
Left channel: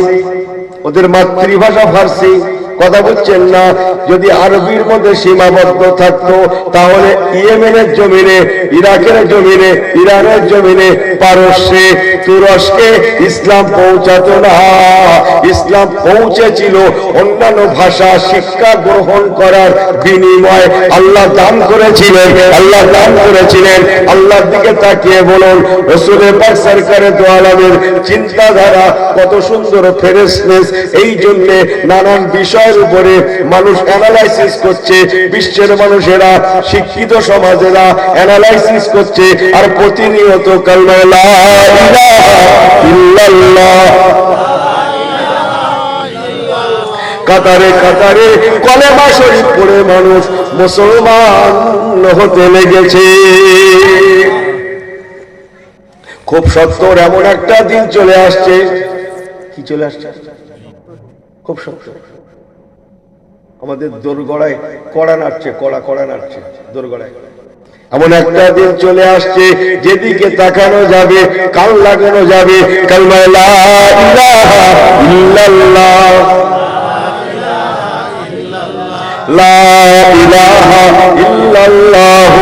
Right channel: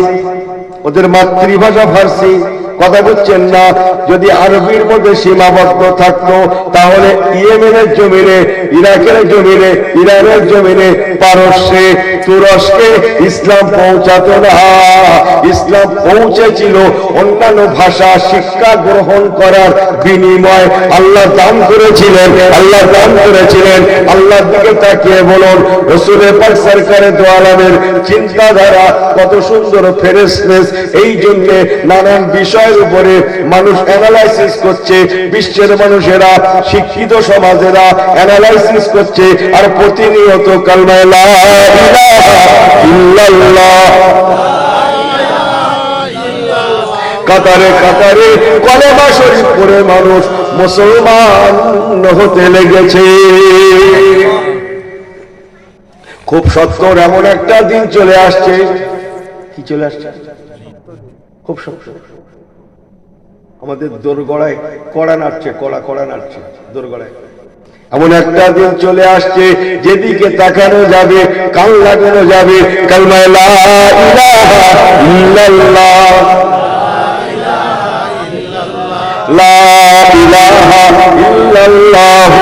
ওদের মাতৃভাষা ফার্সি। কথা বলছেন না? যদি আরবির মধ্যে সীমাবদ্ধ থাকতো তাহলে ইয়েমেনের জমিনে, ইরাকের জমিনে, ইরানের জমিনে, পারস্যে, তুরস্কে ইসলাম পৌঁছাতো না। ইসলাম পৌঁছেছিল অন্যান্য ভাষা শিক্ষা গ্রহণ করার বিনিময়। আল্লাহ দান করেছিলেন, আল্লাহ দান করেছিলেন। আল্লাহর দিকে তাকিয়ে বলুন, রাসূল পাক সরকারে দো আলমের চিন্তাধারা কত সুন্দর, ফ্রেশনেস। এই জন্য নানান বিষয়ের উপরে মানুষ অ্যানালাইসিস করছে, বিশ্বের মানুষেরা, শিক্ষিত সমাজেরা অ্যানালাইসিস করছে, আর প্রতিনিয়ত কালমা লা ইলাহা ইল্লাল্লাহ কাতারে কাতারে কলেমা শরীফ পড়ে মানুষ মুসলমান হতে লেগেছে। খুব সত্তর এমন একটা দিন চলে আসছে। কি চলে আসছে? খুব সত্তর আমাদের দোরগড়ায় কড়া নাড়ছে, কড়া নাড়ছে দোরগড়ায়। এমন একটা দিন চলে আসছে যেদিকে তাকানো যাবে, কান লাগানো যাবে কালমা লা ইলাহা ইল্লাল্লাহ লা ইলাহা ইল্লাল্লাহ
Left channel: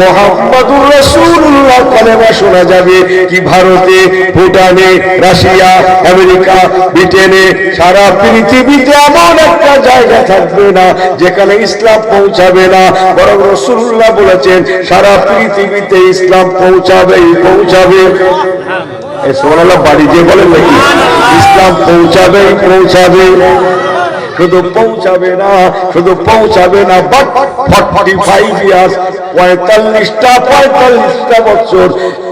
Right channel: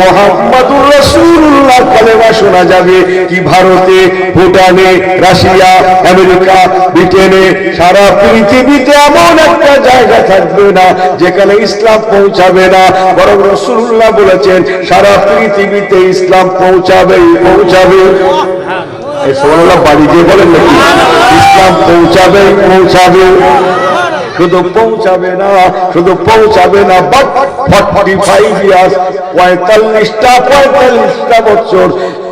মুহাম্মাদুর রাসূলুল্লাহ কালেমা শোনা যাবে। কি ভারতে, ভুটানে, রাশিয়া, আমেরিকা, ব্রিটেনে, সারা পৃথিবীতে এমন একটা জায়গা থাকবে না যেখানে ইসলাম পৌঁছাবে না। বরং রাসূলুল্লাহ বলেছেন সারা পৃথিবীতে ইসলাম পৌঁছাবেই পৌঁছাবে। এই সুবহানাল্লাহ বাড়ি যে বলেন নাকি? ইসলাম পৌঁছাবেই পৌঁছাবে। শুধু পৌঁছাবে না, শুধু পৌঁছাবে না, বাট 45 ইয়ার্স, 45টা বছর,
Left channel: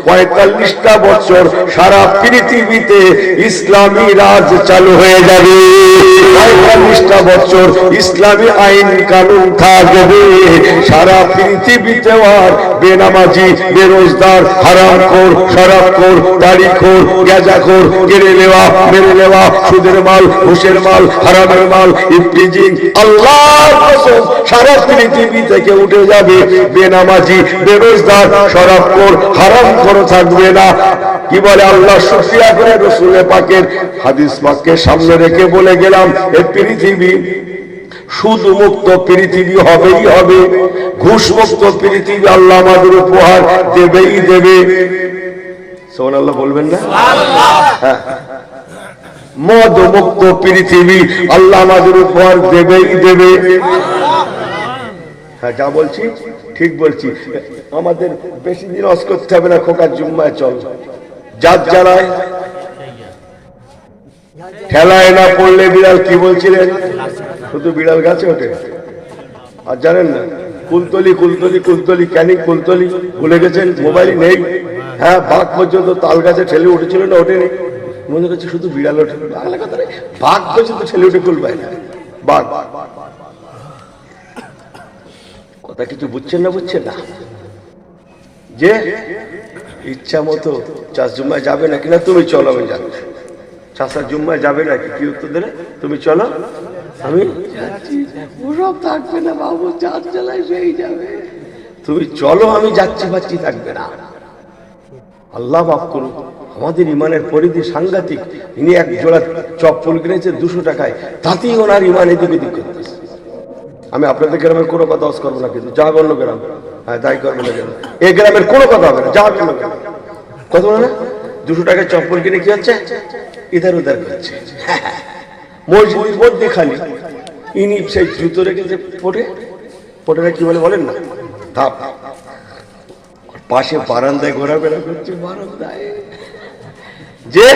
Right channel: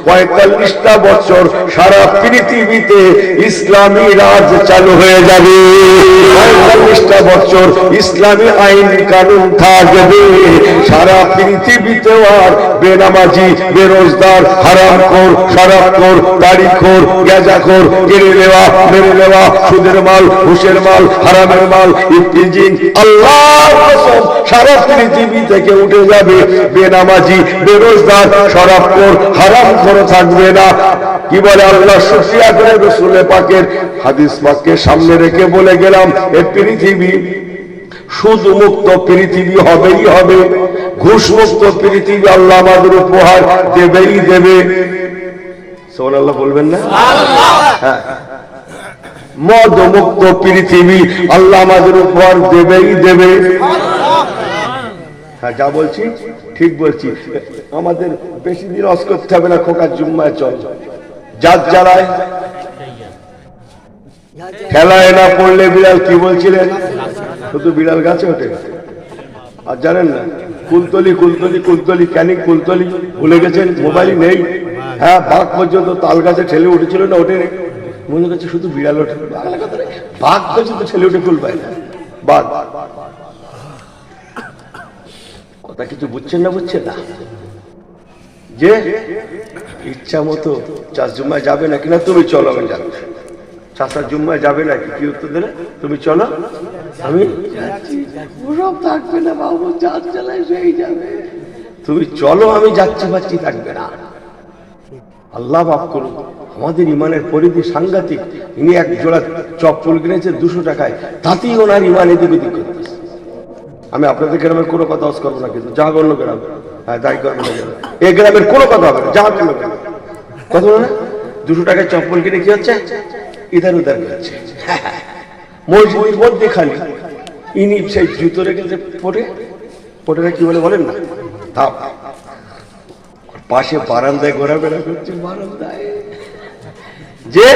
45টা বছর সারা পৃথিবীতে ইসলামী রাজ চালু হয়ে যাবে। 45টা বছর ইসলামী আইন কানুন থাকবে সারা পৃথিবীতে। আর বেনামাজি, বেরোজগার, হারামখোর, শরাবখোর, দাড়িখোর, গাঁজাখোর, কেড়ে নেওয়া, মেরে নেওয়া, সুদের মাল, ঘুষের মাল, হারামের মাল, ইফতিজিং, আল্লাহর কসম সারা পৃথিবী থেকে উঠে যাবে। বেনামাজি, বেরোজগার, শরাবখোর, হারামখোর থাকবে না। কি বলে আল্লাহ? শুকরিয়া করে রাসূল পাকের হাদিস পাককে সামনে রেখে বলে গেলাম, এই পৃথিবী সুদ মুক্ত পৃথিবী হবেই হবে, ঘুষ মুক্ত পৃথিবী আল্লাহ আমাদের উপহার দেবেই দেবে। সুবহানাল্লাহ বলবেন না? হ্যাঁ, মদ মুক্ত পৃথিবী আল্লাহ আমাদের উপহার দেবেই দেবে। হ্যাঁ, যা বলছি ঠিক বলছি। আমাদের বেশি দিন ওয়াজ করতে হবে না, খোকার জুম্মায় চল। জাত জ্বালায় খেলায় না পড়লে বিড়াল, কি বলছিলেন? শুধু বিড়াল গাছে ওঠে। আর জানেন না কুলতলি কুলতলি কুলতলি ক্যানিক কুলতলি ভুলে গেছেন, মোবাইল নেই। হ্যাঁ, বাঘ পর্যন্ত তাল গাছে ঠেলে উঠেছিল না, ওঠে নেই। মনে করছে শুধু বিড়াল ওঠে, বাংলা কথা নেই, বাঘ পর্যন্ত ঠেলে উঠে কুল পায় না। বাঘ কথা কিছু বুঝছেন না, বুঝছেন না যে ইচ্ছা মতো চাষ জুম্মায় যাবে না কিনা, তুমি চলো আমি যাবো। চাষার জুম্মায় যাবে নাকি, কি উত্তর দিলে? তুমি চলো আমি যাচ্ছি। ওসব থাকবে না বাবু, চাষ চালাই হয়ে যাবে। তুমি চলো আমি যাচ্ছি পাচ্ছি থাকবে না। আল্লাহ মাফ করুন, আমাদের ইমানের পরিধি সাংঘাতিক। ইনি এক জোড়া চপ্পল কিনেছে 200 টাকায়, তাতেই ওনার ইমান এদিকে দিক করতেছে। আমি আপনাদের গ্রামের কোনো কথা অস করবো না, কিন্তু যা বললো গ্রাম, হ্যাঁ তাই করবো না। এই গ্রামের কোনো কথা হবে না, যা বললো গ্রাম। কত না 200 টাকায় চপ্পল কিনে কি হচ্ছে, ইধার উধার করছে। মসজিদের মধ্যে খালি ইনি সেই জুতো রেখেছে পটে কি বলে বলেন না, ধাপ। পাশে বারান্দায় ঘোরাফেরা করছে, বারান্দায় যে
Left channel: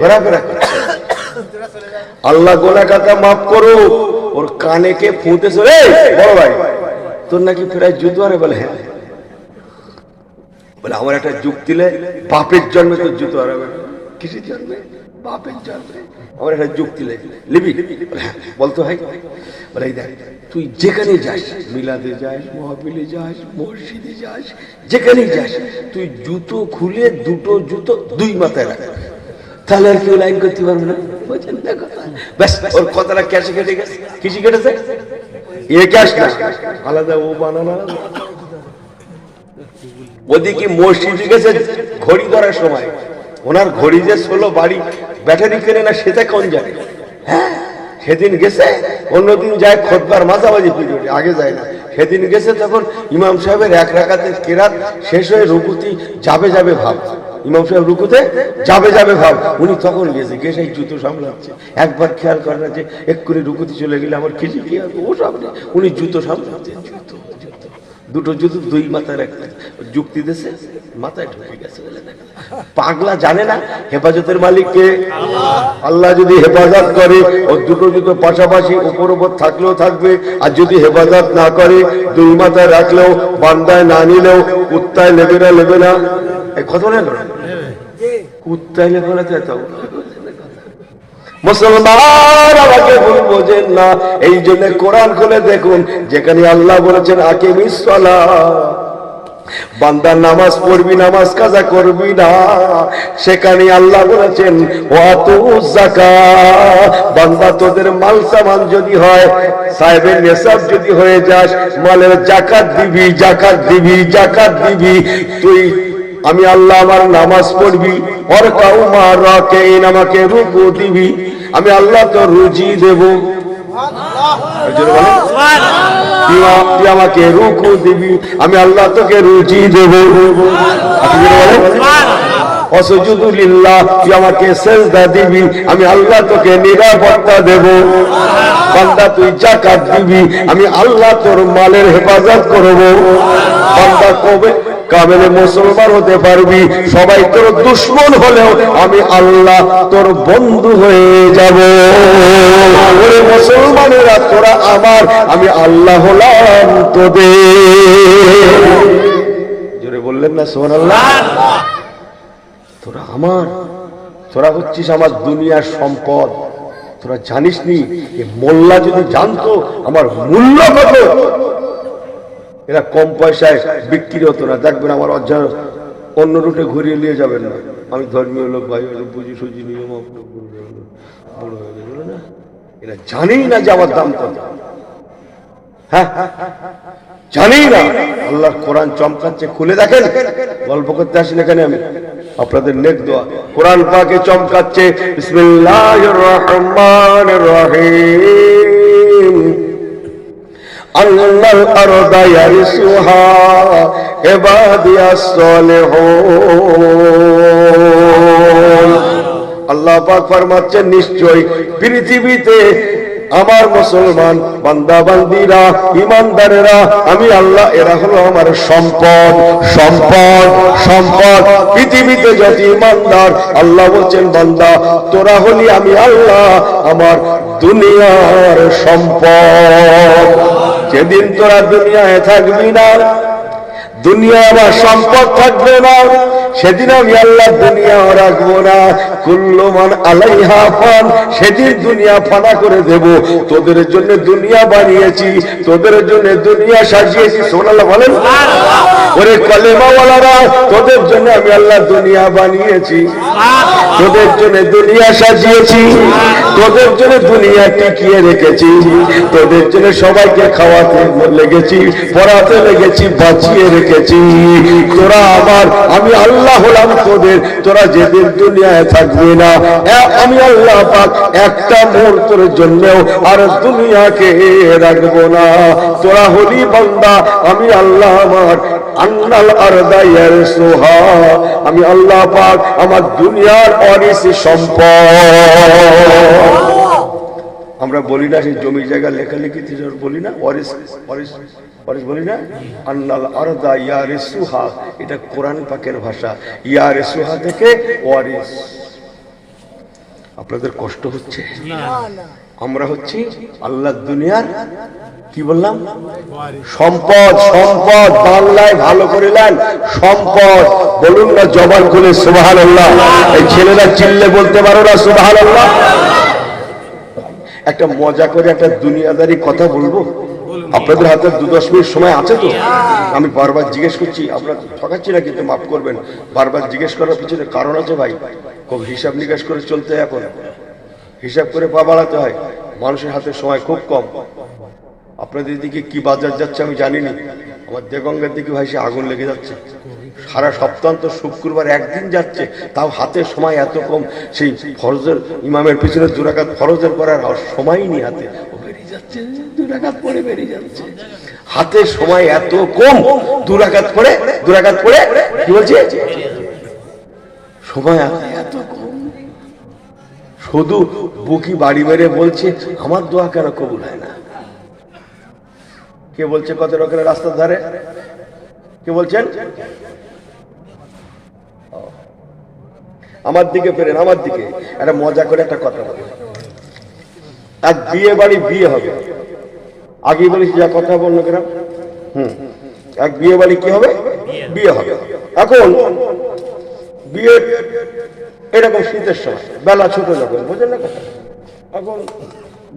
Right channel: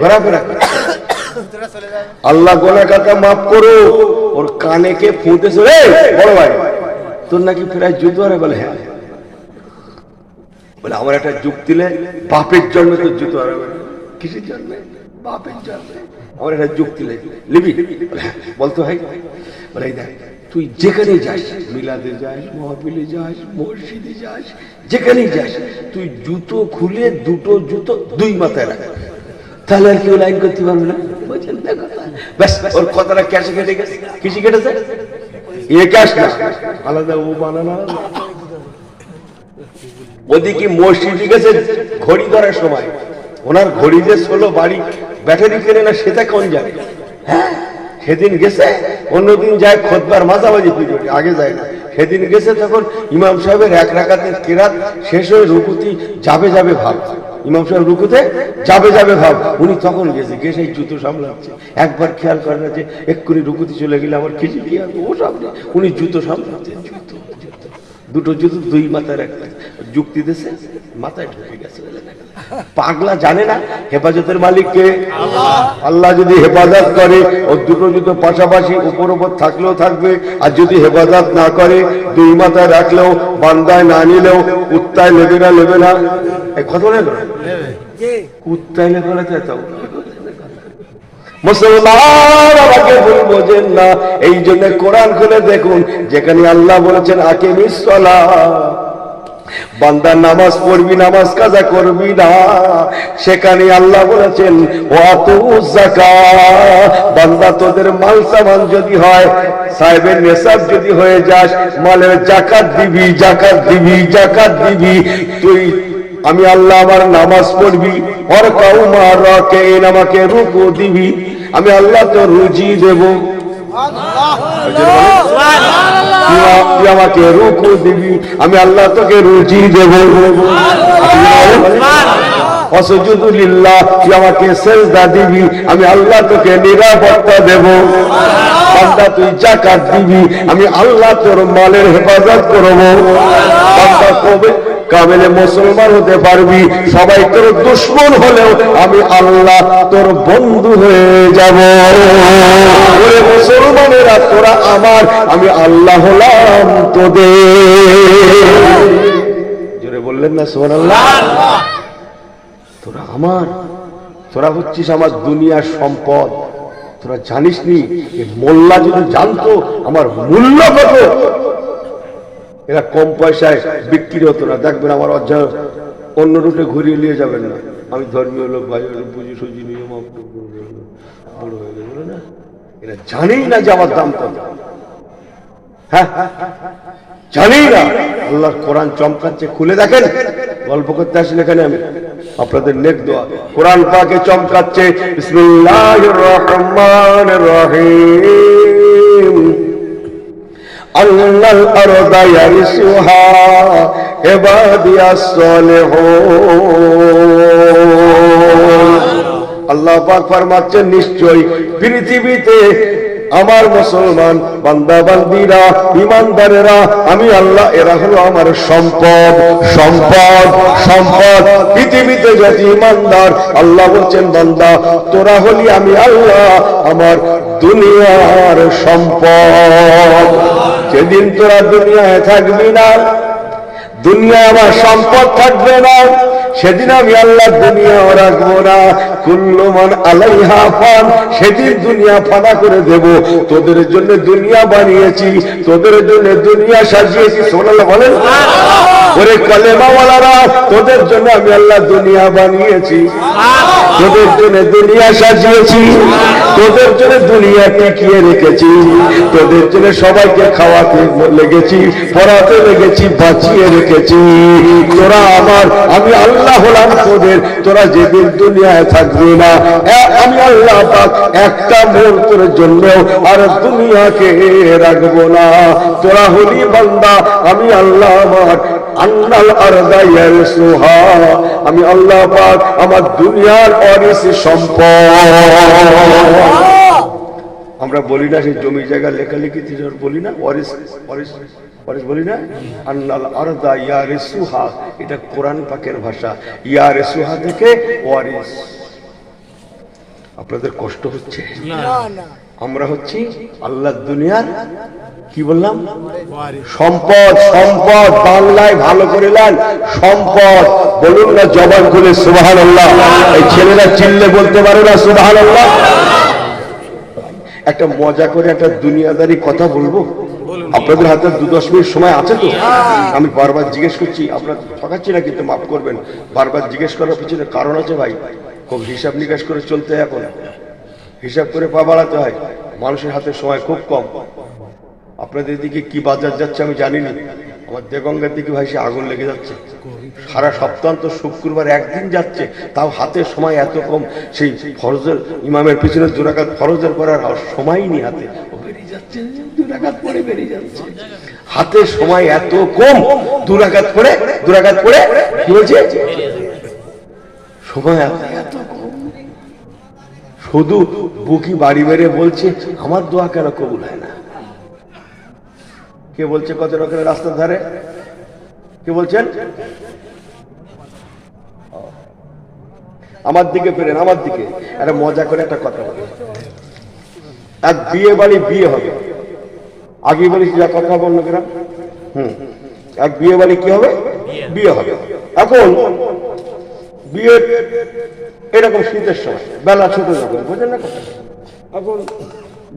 ঘোরাফেরা করছে। আল্লাহ গোনা কথা মাফ করো। ওর কানে কে ফুটেছে, বড় ভাই তোর নাকি প্রায় জুতো আরে? বলে হ্যাঁ। বলে আমার একটা যুগ দিলে, বাপের জন্মে তোর জুতো হারাবে। কিসের জন্মে? বাপের জন্মে। আমার একটা যুগ দিলে লিবি? বলতো ভাই। বলে এই দেখ, তুই যেখানে যাস, মিলাদে যাস, মহফিলে যাস, মসজিদে যাস, যেখানেই যাস, তুই জুতো খুলে দুটো জুতো 2 মাথায় রাখ, তাহলে আর কেউ লাইন করতে পারবে না। বুঝছেন না কথা? ব্যাস, ওর কথাটা ক্যাশে কেটে গেছে। কিসে কেটেছে? এ ক্যাশ না, আলাদা ও বানানো। ওদিকে মসজিদে গেছে ঘড়ি ধরার সময়, ওনার ঘড়ি যে 16 বাড়ি ব্যাটারি কেনে না, সেটা কোন জানে? হ্যাঁ, সেদিন গেছে। অন্যদিন যায় খোদবার মাঝামাঝি পিরিয়ডে, আগে যায় না। সেদিন গেছে যখন ইমাম সাহেবের 1 রাকাতের কেরাত শেষ হয়ে রুকুতি যাবে ভাব, ইমাম সাহেব রুকুতে যাবে ভাব, উনি তখন গেছে, গেছে জুতো সামলাচ্ছে। একবার খেয়াল করে না যে এক্ষুনি রুকুতি চলে গেলে আমার খিচি কি হবে, ও সামনে উনি জুতো সামলাচ্ছে। দুটো জুতো 2 মাথায় রাখতে যুক্তি দিয়েছে, মাথায় ঢুকে গেছে। পাগলা জানে না হেফাজতের মালিক কে? আল্লাহ যদি হেফাজত করে, ও দুটো জুতো পাশাপাশি উপর থাকলেও থাকবে, আর যদি হেফাজত না করে, 2 মাথায় রাখলেও, বান্দায় না নিলেও, কুত্তায় নেবে না। এই কথা না কুত্তায় নেবে না। মুসলমান আমাকে ভুল বোঝেন না। এই জন্য কোরআন খুলে দেখুন, যেখানে আল্লাহ বলেছেন আকিমিস সালাহ, বান্দা নামাজ পড়বি, নামাজ কাজা করবি না, সেখানে আল্লাহ বলেছেন ওয়াতুজ যাকাত, বান্দা তোদের মাল সামান যদি হয়, সাহেবের নেশাব যদি হয়ে যাস, মালের যাকাত দিবি। তুই আমি আল্লাহ আমার নামাজ পড়বি, আমাকে রুকু দিবি, আমি আল্লাহ তো রুজি দেব। তুই আমাকে রুকু দিবি, আমি আল্লাহ তোকে রুজি দেব। ওয়াসজুদু লিল্লাহ, তুই আমাকে সিজদা দিবি, আমি আল্লাহ তোকে নিরাপত্তা দেব। বান্দা তুই যাকাত দিবি, আমি আল্লাহ তোর মালের হেফাজত করব। বান্দা কবে কামেলে মুসলমান হতে পারবি? সবাই তোর দুশ্মন হলেও আমি আল্লাহ তোর বন্ধু হয়ে যাব। মুসলমানেরা তোরা আমার, আমি আল্লাহ হলাম তোদের। জোরে বললেন না সুবহানাল্লাহ? তোরা আমার, তোরা হচ্ছিস আমার দুনিয়ার সম্পদ। তোরা জানিস নি, মোল্লা যদি জানতো আমার মূল্য কত, এরা কম পয়সায় বিক্রি হতো না। দেখবেন আমার অন্য রুটে ঘুরিয়ে নিয়ে যাবেন না। আমি ধর্মীয় লোক, ভাই বুঝি সুজি নিয়ে বড় হয়ে যাবে বলে না, এরা জানেই না যে আমার দাম কত। হ্যাঁ, জানেই না। আল্লাহর কোরআন চমকাচ্ছে, খুলে দেখেন। গল্প করতে আসি না এখানে, আমি আপনাদের নেক দোয়া। কোরআন পাকে চমকাচ্ছে। বিসমিল্লাহির রহমানির রহিম। আল্লাহর আরদা ইয়ারিসুহা ইবাদিয়াস সালিহুন। আল্লাহ পাক ফরমাচ্ছেন, নিশ্চয়ই পৃথিবীতে আমার মুসলমান বান্দা বান্দীরা, ইমানদারেরা, আমি আল্লাহ, এরা হলো আমার সম্পদ। পৃথিবীতে যত ইমানদার, আল্লাহ বলছেন বান্দা তোরা হলি আমি আল্লাহ আমার দুনিয়ার সম্পদ। যেদিন তোরা দুনিয়ায় থাকবি না, দুনিয়া আমার সম্পদ থাকবে না, সেদিন আমি আল্লাহ দুনিয়া রাখবো না। কুল্লু মান আলাইহা ফান, সেদিন দুনিয়া ফানা করে দেব। তোদের জন্য দুনিয়া বানিয়েছি, তোদের জন্য দুনিয়া সাজিয়েছি। সুবহানাল্লাহ বলেন। ওরে কালেমাওয়ালারা, তোদের জন্য আমি আল্লাহ দুনিয়া বানিয়েছি, তোদের জন্য দুনিয়া সাজিয়েছি, তোদের জন্য দুনিয়া টিকিয়ে রেখেছি, তোদের জন্য সবাইকে খাওয়াতে লেগেছি, পড়াতে লেগেছি, বাঁচিয়ে রেখেছি। তোরা আমার, আমি আল্লাহ হলাম তোদের। তোরা যেদিন দুনিয়ায় থাকবে না, আমি আল্লাহ পাক একটা মুহূর্তের জন্য আর দুনিয়াকে রাখবো না। তোরা হলি বান্দা, আমি আল্লাহ আমার আন্নাল আরদা ইয়ারসুহা, আমি আল্লাহ পাক আমার দুনিয়ার ওয়ারিস সম্পদ। আমরা বলি না সেই জমি জায়গা লেখালেখি বলি না ওয়ারিস, ওয়ারিস ওয়ারিস বলি না। আন্নাল আরদা ইয়ারসুহা, এটা কোরআন পাকের ভাষা। ইয়ারসুহা থেকে ওয়ারিস। আপনাদের কষ্ট হচ্ছে? আমরা হচ্ছি আল্লাহ দুনিয়ার কি বললাম সম্পদ। সম্পদ বাংলায় ভালো করে নেন, সম্পদ বলুন না জবান খুলে সুবহানাল্লাহ। এই ছেলেরা চিল্লে বলতে পারো না সুবহানাল্লাহ? একটা মজা করে একটা দুনিয়াদারি কথা বলবো, আপনাদের হাতে 2-10 মিনিট সময় আছে তো? আমি বারবার জিজ্ঞেস করছি, আপনার ঠকাচ্ছি না কিন্তু মাফ করবেন। বারবার জিজ্ঞেস করার পিছনে কারণ আছে ভাই, খুব হিসাব নিকাশ করে চলতে হয়। এখন হিসাব করে পা বাড়াতে হয়, মানুষের হাতে সময় খুব কম। আপনাদের দিকে কি বাজার যাচ্ছে আমি জানি না, আমার দেগঙ্গার দিকে ভাই সে আগুন লেগে যাচ্ছে। সারা সপ্তাহান্ত শুক্রবার একদিন যাচ্ছে, তাও হাতে সময় এত কম। সেই ফরজের ইমামের পিছনে 2 রাকাত ফরজের করার সময়ই নেই হাতে, বেরিয়ে যাচ্ছে 2 রাকাত পরে বেরিয়ে যাচ্ছে। হাতে সময় এত কম, 2 রাকাত পরে কি বলছে সময় এত কম। শুধু বুকি বাড়ি বেড়ে বলছে আমার দোয়া কেন কবুল হয় না। কে বলছে? কত রকমের রাস্তার ধারে কে বলছেন? আমার দিকে ফেরেন, আমার দিকে। একটা মজা করে একটা কথা বলি, এক বিয়ে বাড়ি বিয়ে হবে, আগে বলিস যা কথা বলল কেন। এক বিয়ে বাড়ি কি হবে? বিয়ে হবে। এখন বিয়ে এরকম শীতের সময়, বেলা ছোট যখন, বোঝেন না কথা। এখন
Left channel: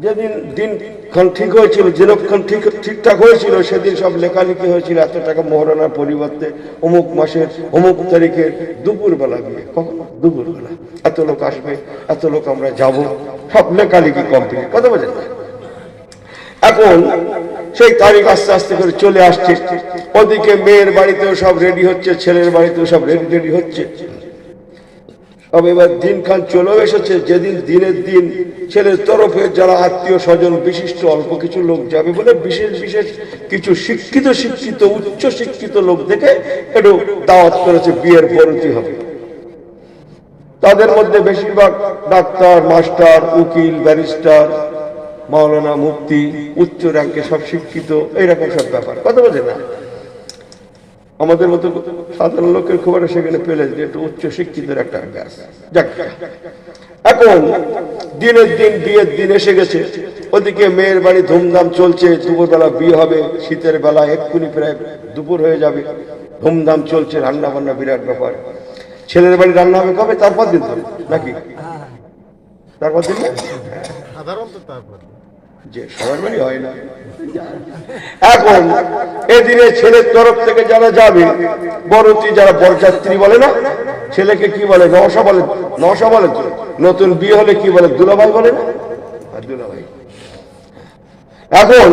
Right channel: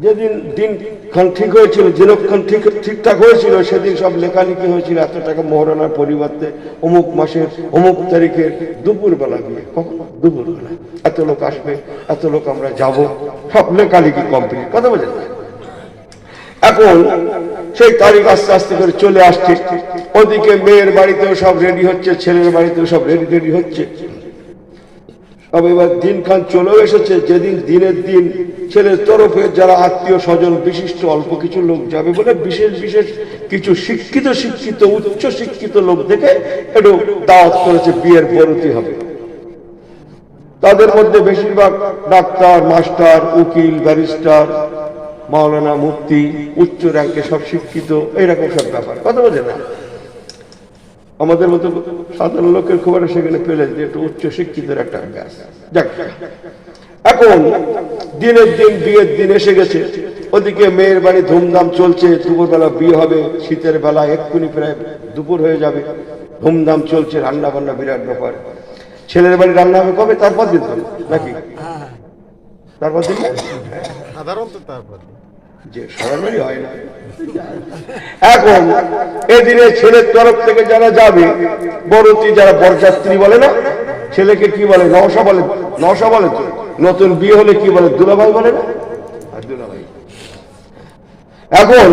যেদিন দিনক্ষণ ঠিক হয়েছিল, যেরকম ঠিকঠাক হয়েছিল, সেদিন সব লেখালেখি হয়েছিল এত টাকা মোহরানার পরিবর্তে অমুক মাসের অমুক তারিখের দুপুরবেলা বিয়ে। কখন? দুপুরবেলা। এত লোক আসবে, এত লোক আমরা যাব, সব লেখালেখি কমপ্লিট। কথা বোঝেন না? এখন সেই তারিখ আস্তে আস্তে করে চলে আসছে। ওদিকে মেয়ের বাড়িতেও সব রেডি হচ্ছে, ছেলের বাড়িতেও সব রেডি হচ্ছে। তবে এবার দিনখান চলেও এসেছে, যেদিন দিনের দিন ছেলের তরফে যারা আত্মীয় স্বজন বিশিষ্ট অল্প কিছু লোক যাবে বলে বিশেষ কিছু শিক্ষিত উচ্চ শিক্ষিত লোক দেখে একটু দাওয়াত করেছে, বিয়ের পরতি হবে। তাদের মধ্যে বেশিরভাগ ডাক্তার, মাস্টার, উকিল, ব্যারিস্টার, মাওলানা, মুফতি, উচ্চ র্যাঙ্কে সব শিক্ষিত, এইরকম সব ব্যাপার। কথা বোঝে না? আমাদের মতো সাধারণ লোকের খবর সেখানে পেলে যে একটু উচ্চ শিক্ষিতের একটা ব্যাস। এখন দিনের দিন বিয়ের দিন এসে গেছে, ওদিকে মেয়ের বাড়ি ধুমধাম চলছে। দুপুরবেলা বিয়ে হবে, শীতের বেলা এক্ষুনি প্রায় দুপুর হয়ে যাবে, ধুমধাম চলছে, রান্না বান্না বিরাট ব্যাপার। ছেলের বাড়ি রান্না হবে কবে? তারপর দিন তো নাকি? তারপর দিন সাধারণত তারপর যে সরাসরি হয় না। এখন এদিনে ছেলের তরফ থেকে যারা যাবে, বরতি যারা বরযাত্রী বলে না, ছেলেকে কি বলে? নওশা বলে। নওশা বলে তো। নতুন বিয়ে হলে কি বলে? দুলাভাই বলে না? দুলাভাই। এখন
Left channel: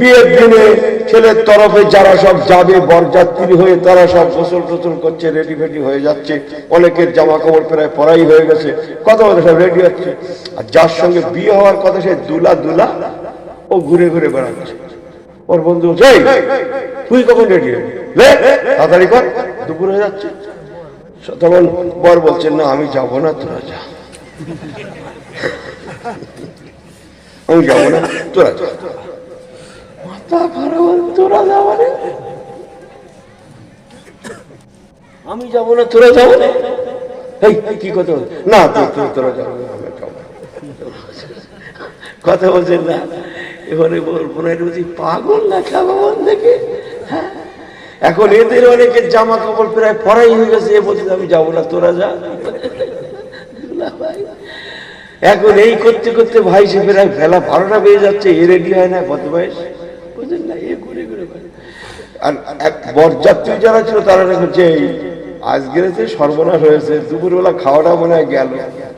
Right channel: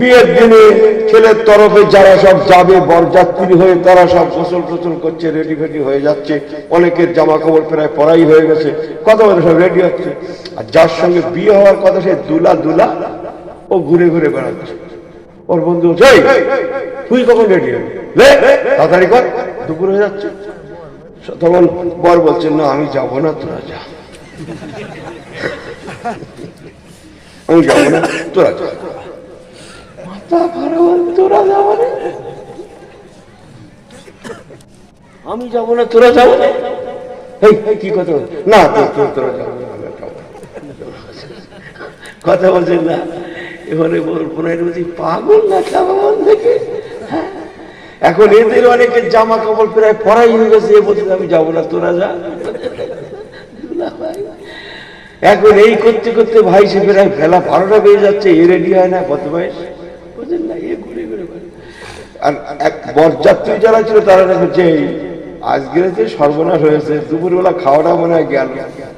বিয়ের দিনে ছেলের তরফে যারা সব যাবে বরযাত্রী হয়ে, তারা সব গোসল করছে, রেডি ফেডি হয়ে যাচ্ছে। অনেকের জামা কাপড় প্রায় পরাই হয়ে গেছে, কথা বলে সব রেডি হচ্ছে। আর যার সঙ্গে বিয়ে হওয়ার কথা, সে দুলা ও ঘুরে বেড়াচ্ছে। ওর বন্ধু বলছে, তুই কখন রেডি হবে? তাড়াতাড়ি কর, দুপুর হয়ে যাচ্ছে। তখন বর বলছেন, না আমি যাবো না, তোরা যা। আমি যাবো না, তোরা যা। আমি যাবো না, তোরা যাবো না। কি কথা বল? না তোরা যাবো, কথা বলছেন না। এবারে কল্পনায় বলছি পাগল না খাবো দেখে। এখন এদের অনেকের জামা কাপড় প্রায় পরাই হয়ে গেছে, এ বলছে আমি যাবো না, তোরা যা। এখন এই করতে করতে ভাই সে প্রায় বেলা 12টা বেজে যাচ্ছে, এ রেডি হয় না, বদমাইশ বুঝলেন না, এ ঘুরে ঘুরে। আর বরযাত্রী যারা ছিল তারা দেখছে আজকের যে সর্বনাশ হয়েছে, দুপুরবেলা খাওয়াটা মনে হয় গেল,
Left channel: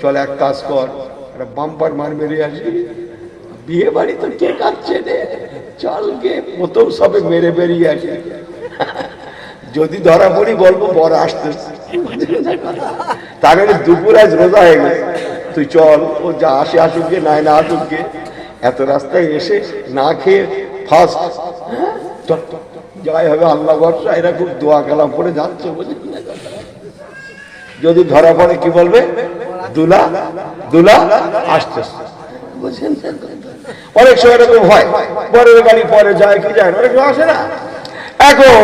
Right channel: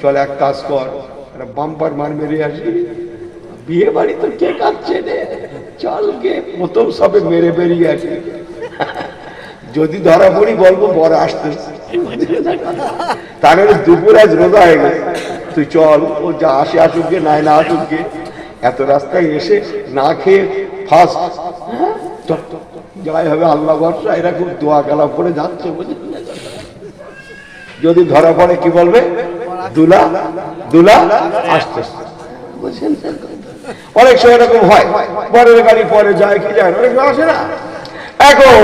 চল এক কাজ কর, একটা বাম্পার মার মেরে আসি, বিয়ে বাড়ি তো কে কাটছে রে, চল গে প্রথম সবে মেরে বেরিয়ে আসি, যদি ধরা পড়ি বলবো বর আসতে। তাহলে দুপুর আজ রোজা হয়ে গেছে, তুই চল, ও যা আসে আসুক গে, নাই না আসুক গে, এত রাস্তায় এসে না খেয়ে ফার্স্ট যাই হবে আল্লাহ ভরসা, এরা খুব দোয়া কালাম করে যাচ্ছে, বুঝলেন না। যদি ধরা পড়ে কি বলবে, দুলা দুলা আসতে, বুঝলেন। অনেক সময় এরকম হয়, পরের গাড়ি পরে যায় কি যায়, অনেক সময় আসে না। এখন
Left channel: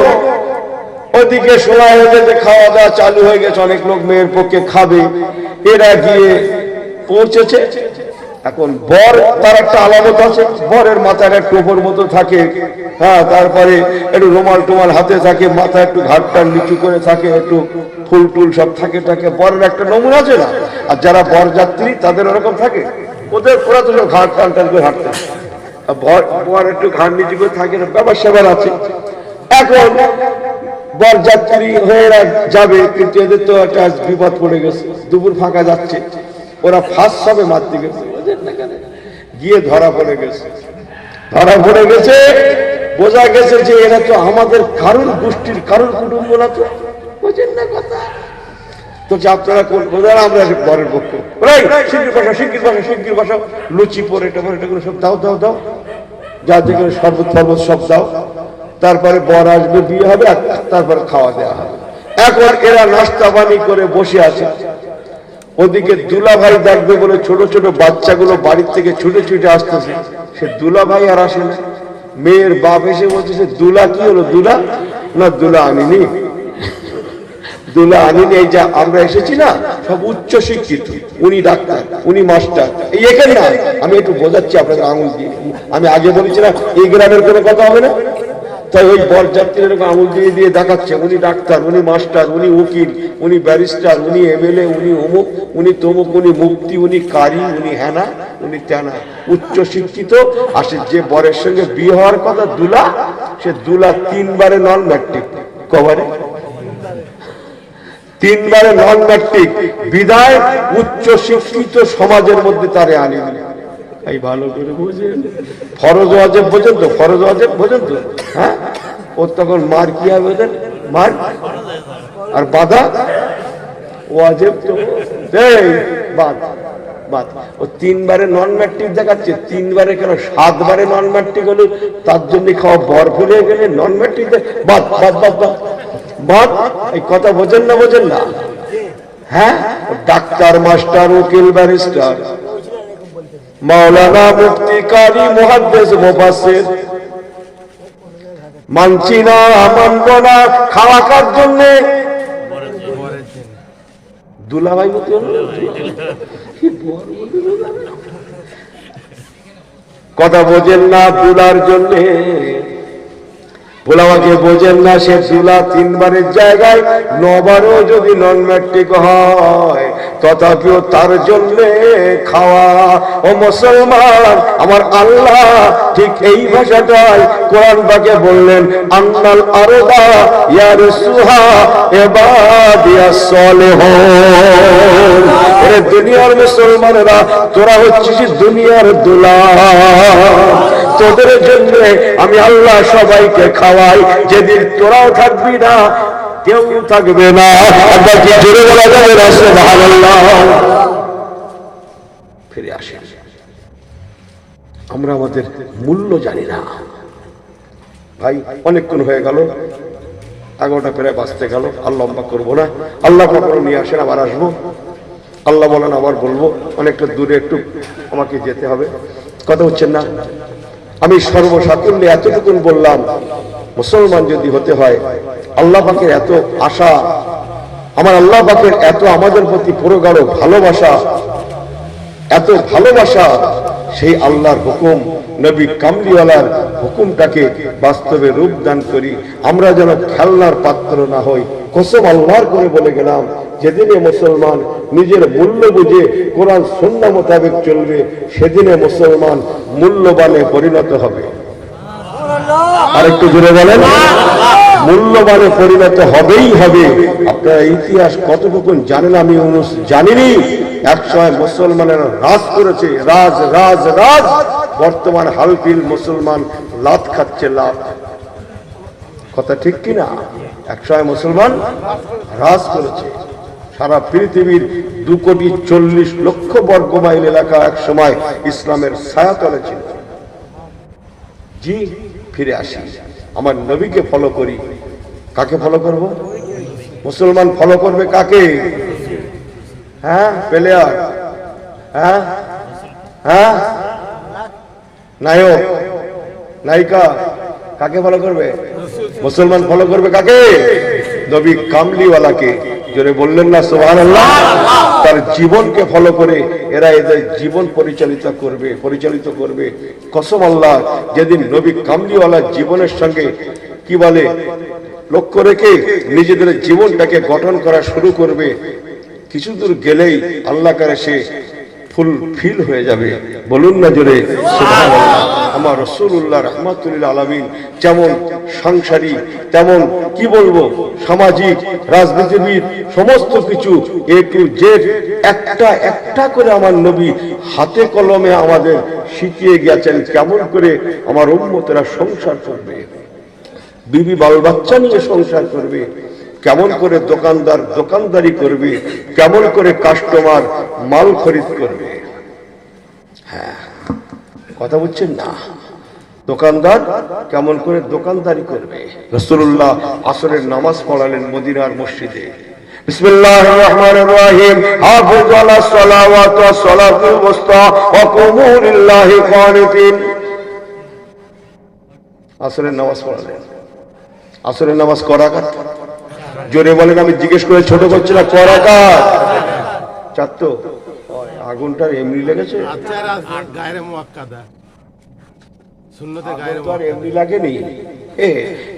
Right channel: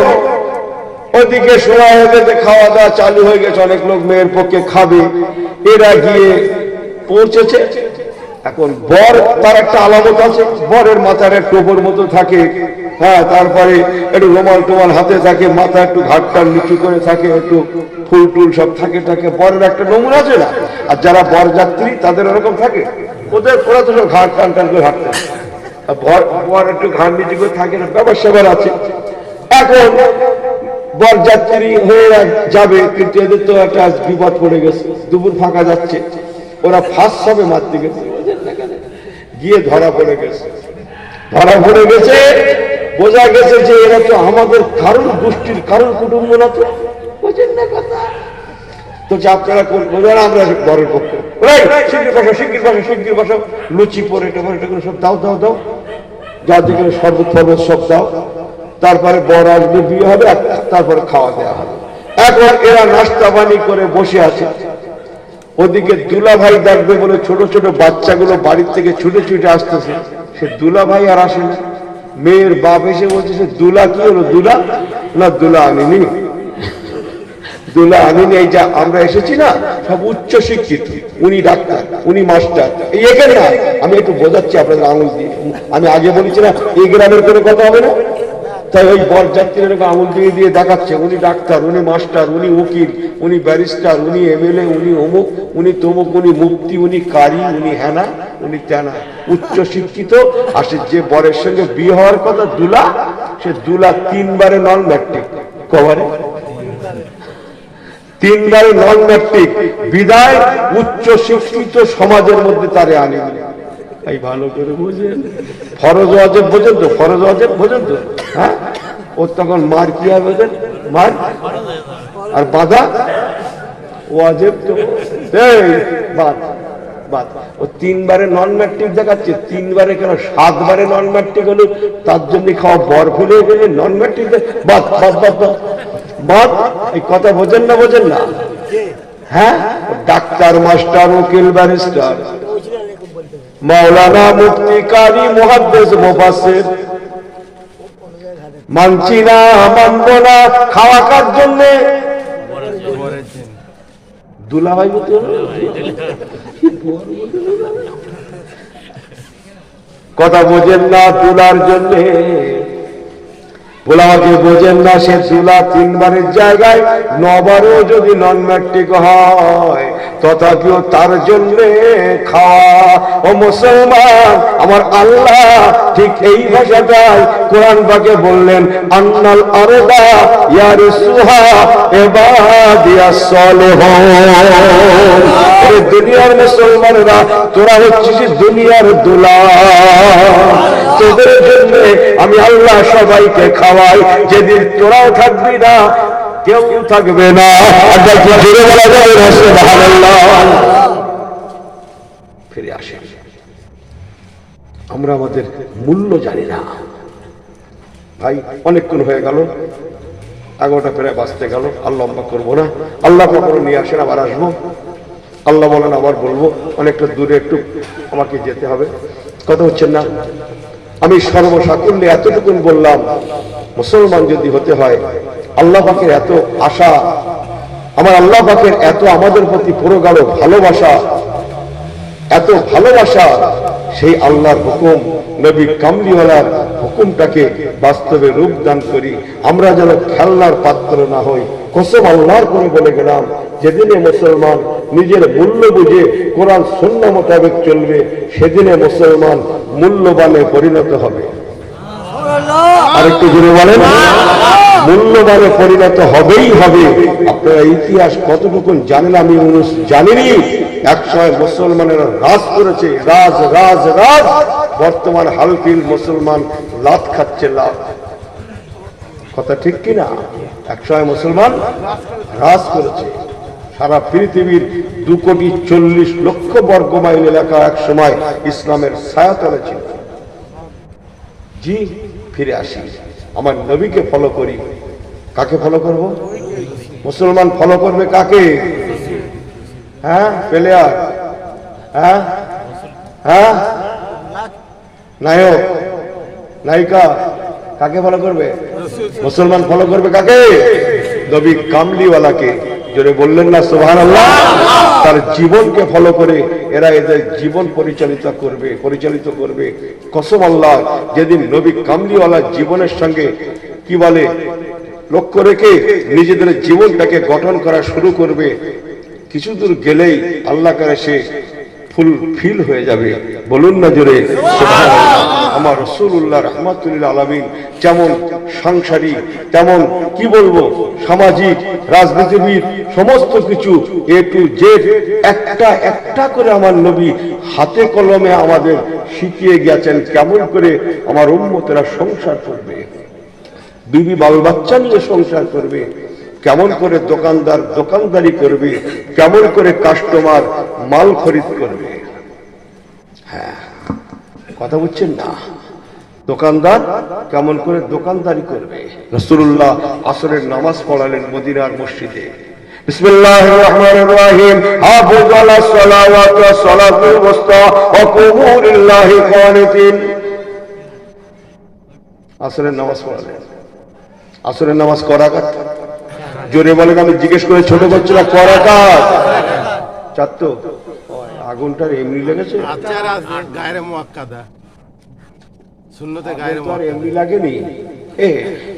ওদিকে সময় হয়ে গেছে, খাওয়া দাওয়া চালু হয়ে গেছে, অনেক লোক মেয়ের পক্ষে খাবে, এরা গিয়ে পৌঁছেছে। এখন বর তার একটা আলামত আছে, বরের মাথায় একটা টোপর মতো থাকে, হ্যাঁ, তারপরে একটু রুমাল টুমাল হাতে থাকে, মাথা একটু ঘাটটা নিচু করে থাকে, একটু ফুল টুল সব থাকে, বরের একটা নমুনা আছে না। আর যারা বরযাত্রী তাদের ওরকম থাকে, ওদের পুরা তো ঘাট টান টান করে হাঁটতে, বর একটু ঘাট নিচু করে থাকে, ব্যাপার সেবার আছে। এখন বরযাত্রী হয়ে যাবে, কিন্তু এদের তো একটা বিপদ পড়ে গেছে, দুপুর ফাঁকা যাচ্ছে, ওরা ফার্স্ট সবে মারতে গেছে, গিয়ে ধরা পড়ে গেছে। ধরা পড়ে গেছে, বোঝা গেছে যে এরা তো আমাদের কারণ গোষ্ঠীর কারণ কুটুম্ব না, তো বুঝেন না কথা। তো আপনারা করবেন, আমরা বরের পক্ষে শিগগির বসা, লুচি পরে এটা করে সব দাও দাও দাও, যা যেখানে শরবত ফরবত সব দাও, তারপরে বর আসবে, বিয়ে হবে, তারপরে খাওয়া দেওয়া হবে। এখন এরা নাস্তা পানি করে বসে আছে, ওদিকে দুলাভাই দেখবে বলে ছোট ছোট বাচ্চাগুলো বাড়ির থেকে ছুটে ছুটে আসতেছে, সে দুলাভাই আর আসে না। মেয়ের বাপ এসে বলছে, সে দুলা কি হলো, দুলা না, দুলা আনিনি, দুলা আনিনি, এই যা আমরা এসেছি না সব উচ্চ শিক্ষিত, উনি ডাক্তার, উনি মাস্টার, এই এখানে না, আমি একটু বোঝাচ্ছি আপনাদের আঙুল দিয়ে, আমি আগে বলেছি না এই গ্রামের কোনো কথা হবে না, তাই ওই বরযাত্রীর আঙুল দিয়ে দিয়ে দেখাচ্ছে, উনি ডাক্তার, উনি মাস্টার, উনি উকিল, উনি ব্যারিস্টার, উনি এমএলএ, উনি অমুক, উনি তমুক, উনি মুক্তি, উনি কারি, উনি হেনা, উনি তেনা, উচ্চ শিক্ষিত। আর যে বরের সঙ্গে বিয়ে হওয়ার কথা দুলা, সে দুলা 3 বারে নন ম্যাট্রিক, কবারে 3 বারে নন ম্যাট্রিক, বিদায় উচ্চ শিক্ষিত সমাজের মধ্যে তারে আনিনি। এই ভালো করে বুঝেন, ফরজ ওয়াজিব বোঝেন তো, ফরজ ওয়াজিব বোঝেন তো, হ্যাঁ, ওর তখন মার কি হবে, মার আর বাধা ওয়াজিব তো, বাদ বাদ। ও 3 বারে নন ম্যাট্রিক দেখাচ্ছে, 3 বারে কেন 7 বারে নন ম্যাট্রিক হলো, তার জন্য খাওয়া বর ফেলে গেলে নন ম্যাট্রিক বাদ বাদ বাদ বাদ বাদ। এই কথা বোঝেন না, বোঝেন না, হ্যাঁ, ডাক্তার, মাস্টার, উকিল, ব্যারিস্টার, মাওলানা, মুফতি, কারি, মুহাদ্দিস, মুফাসসির, মানছি না, মানব না, খাওয়া কার জন্য দুলাভাই মতো কথা বোঝেন না, দুলার জন্য পোলাওয়াকে বোঝেন না, সে দুলা 3 বারের জায়গায় 9 বারও যদি নন ম্যাট্রিক হয়, তথাপিও তার জন্য খাওয়া। ও মুসলমান, আমার আল্লাহ ঠিক এই ভাষাটাই কোরআন পাকে বললেন, আন্নাল আরদা ইয়ারসুহা ইবাদিয়াস সালিহুন। এ দুনিয়ার মুসলমানেরা, তোরা হচ্ছিস দুনিয়ার দুলা, তোদের জন্য আমি আল্লাহ সবাইকে খাওয়াই, যেদিন তোরাও থাকবি না কেউ থাকবে না। ফিরে আসে, আমরা আমাদের মূল্য জানি না ভাই। অনেকক্ষণ হয়ে গেল, 11টা প্রায় বাজতে গেল, আর লম্বা করবো না। আল্লাহ করে নিয়ে আসেন, আবার আসবো, আল্লাহ বলেন আবার বলবো। অনেকটা দূরে একটু আমাকে যেতে হবে, কথা হচ্ছেন না। আমি সর্বসাকুল্যে এতটুকুন বললাম, মুসলমান যদি হতে হয়, আল্লাহ পাকের এত আশা, আমার আল্লাহ পাকের এত আমাদের প্রতি পুরোগাঢ় ভালোবাসা, এত ভালোবাসা, সেই আল্লাহর হুকুম, নবী কামলিওয়ালার হুকুমটাকে বাস্তবে রূপ দান করি। আমরা যেন খেলনার পাত্র না হই। কসম আল্লাহর করে বলে গেলাম, যেদিনে মুসলমান নিজের মূল্য বুঝে কোরআন সুন্নাহ মোতাবেক চলবে, সেদিনে মুসলমান মূল্যবানে পরিণত হবে। আরেকটু জোরে বলেন, মূল্যবানে পরিণত হবেই হবে। আপনারা ইতিহাস কতটুকু জানেন আমি জানিনি। একসময় মুসলমানেরা রাজ করেছে, রাজ রাজ রাজ। বর্তমান হালফিল মুসলমান লাত খাচ্ছে, লাত। কথা ঠিক কিনা? একসময় মুসলমান রাজ করেছে সারা পৃথিবীর 2,40,00,000 বর্গ মাইল এলাকা এক সময় ইসলামের ছায়াতলে ছিল। জি, ফিরে আসি, আমার নবীকে ফলো করি। কাকে ফলো করব? মুসলমান ফলো করবে কাকে? হ্যাঁ, প্লেয়ার, হ্যাঁ হ্যাঁ, নায়ক নায়িকা, কাকে ফলো করবে? মুসলমান ফলো করবে কাকে? নবী কামলিওয়ালাকে। জোরে বললেন না সুবহানাল্লাহ? তার জীবনকে ফলো করে এরা এদের জীবন পরিচালিত করবে। কসম আল্লাহ, যেদিন নবী কামলিওয়ালা জীবনের সঙ্গে কি বলে লক্ষ্য রেখে নিজেদের জীবনটাকে গঠন করা শুরু করবে, কিছু দূর গেলেই আল্লাহ করে সে ফুলফিল হয়ে যাবে। বলুন না জোরে সুবহানাল্লাহ। আমার রাসূলুল্লাহ রাহমাতুল লিল আলামিন যেমন সাংসারিক, তেমন কি বলবো সামাজিক, রাজনীতিবিদ, সমস্ত কিছু এ টু জেড একটা একটা করে আমার নবী হাতে কলমে আমাদের শিখিয়ে গেছেন কেমন করে আমার উম্মতেরা সংসার করবে, বিবি বাল বাচ্চা নিয়ে সংসার করবে, কেমন করে দোকানদার দোকানদারি করবে, কেমন করে কাস্টমার মাল খরিদ করবে। হ্যাঁ, কথা বলছেন না? দোকানদার কেমন করে দোকানদারি করবে। রাসূলুল্লাহ আসরের নামাজ পড়ালেন মদিনার মসজিদে। বিসমিল্লাহির রহমানির রহিম। হাফিজু আলাস সালাওয়াতি ওয়াস সালাতুল মুস্তা ওয়া কুমু লিল্লাহি কানিতিন। আসরের নামাজ পড়ালেন। আসরের নামাজ কয় রাকাত? জোরে বলেন, আমি জিজ্ঞেস করে ছোট করছি না, কয় রাকাত? 4 তো। আগুনটা এমনি লেগেছে, গায়রে মুআক্কাদা, সুন্নতে গায়রে মুআক্কাদা এমনি লাগেনি।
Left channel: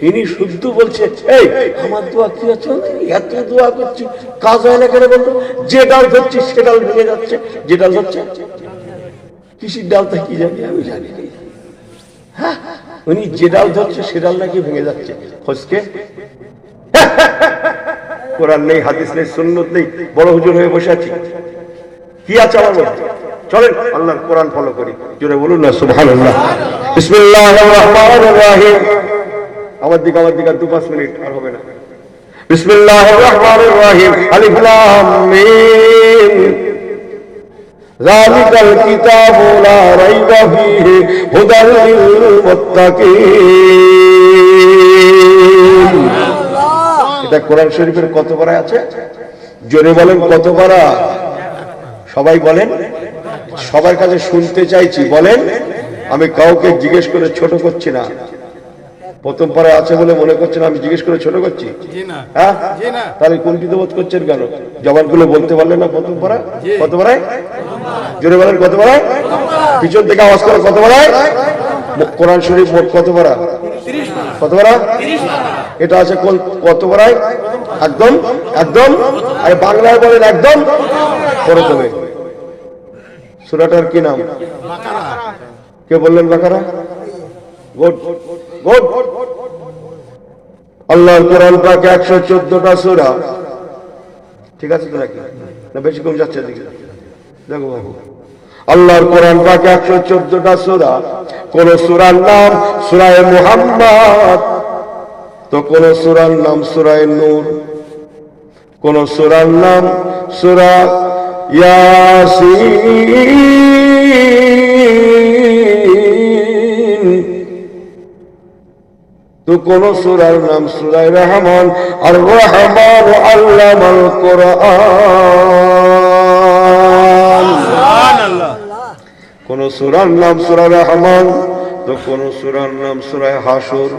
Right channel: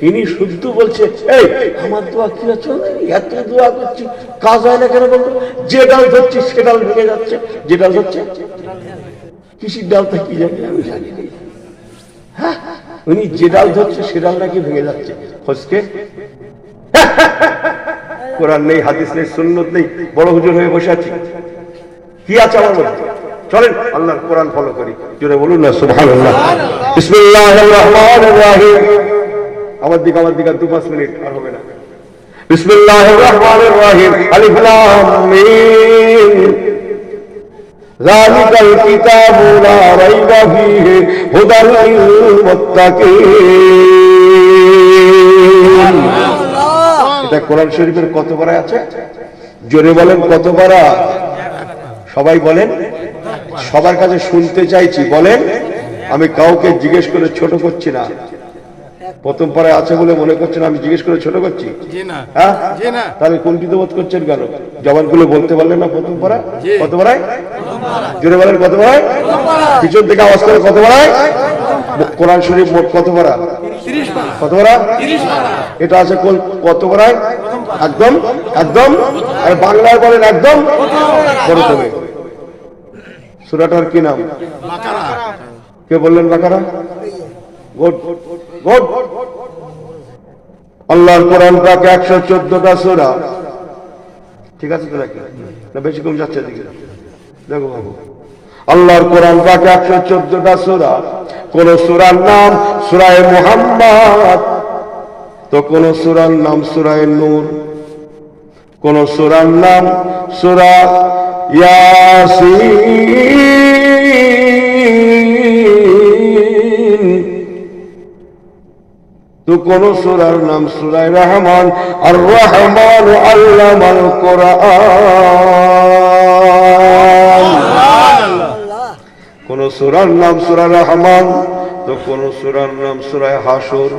ইনি শুদ্ধ বলছে, এই আমার দোয়া কি আছে? এত দোয়া করছি, কাজ হয় না কেন বলতো? যে ডাল ধরছি সে ডাল ভেঙে যাচ্ছে। যে ডাল ধরছে, কৃষির ডালটা কি জানি, আমি জানি না। হ্যাঁ, উনি যে ডাল ধরছে সে ডাল নাকি ভেঙে যাচ্ছে। ফসকে কোরআন নেই, হাদিস নেই, সুন্নত নেই, বড় হুজুর হয়ে বসে আছি। কি আছে আমার মধ্যে? চলেন আল্লাহর কোরআন ফলো করি। জোরে বলুন না সুবহানাল্লাহ। বিসমিল্লাহির রহমানির রহিম। আমার দিকে 2-5 মিনিট আর হবে না। বিসমিল্লাহির রহমানির রহিম। আলিফ লাম মিম। যালিকাল কিতাবু লা রাইবা ফীহি হুদাল লিল মুত্তাকিন। এটা কোরআন শরীফের কত পারা আছে? জোরে বলেন কত পারা? সবাই বলেন, সবার কাছে শুনতে চাইছি, বলেন। আমি কাউকে জিজ্ঞেস করে ছোট করছি না। প্রথম পারা আছে বলে মনে করছেন আমি জিজ্ঞেস করে ছোট করছি? হ্যাঁ, তাহলে কুণ্ঠিত বোধ করছেন কেন? জবানগুলো বলতে পারলেন না? প্রথম পারা কত পারায়? জোরে বলেন কত পারায়? পিছন থেকে আওয়াজ করে কত পারায়? কোরআন শরীফ মোট কত পারা? কত পারা? এটা আছে কত পারায়? একদম একদম। আর বাংলায় বলেন একদম। প্রথমে সূরাটার কি নাম? বাকারা। কে বললেন বাকারা? Good good. আল্লাহর কোরআন পাক 114টা সূরা। ঠিক আছে তো নাকি? না বেশি কম যাচ্ছে? দেখো বাবু, আল্লাহর কোরআন পাক 114টা সূরা। কোন সূরার নাম সূরা মুহাম্মদ, তো কোন সূরার নাম সূরা নূর, কোন সূরার নাম সূরা ইয়াসিন, তো কোন সূরার নাম সূরা রহমান। আর রহমান আল্লামাল কোরআন। কোন সূরার নাম সূরা রহমান, তো কোন সূরার নাম সূরা হাসর,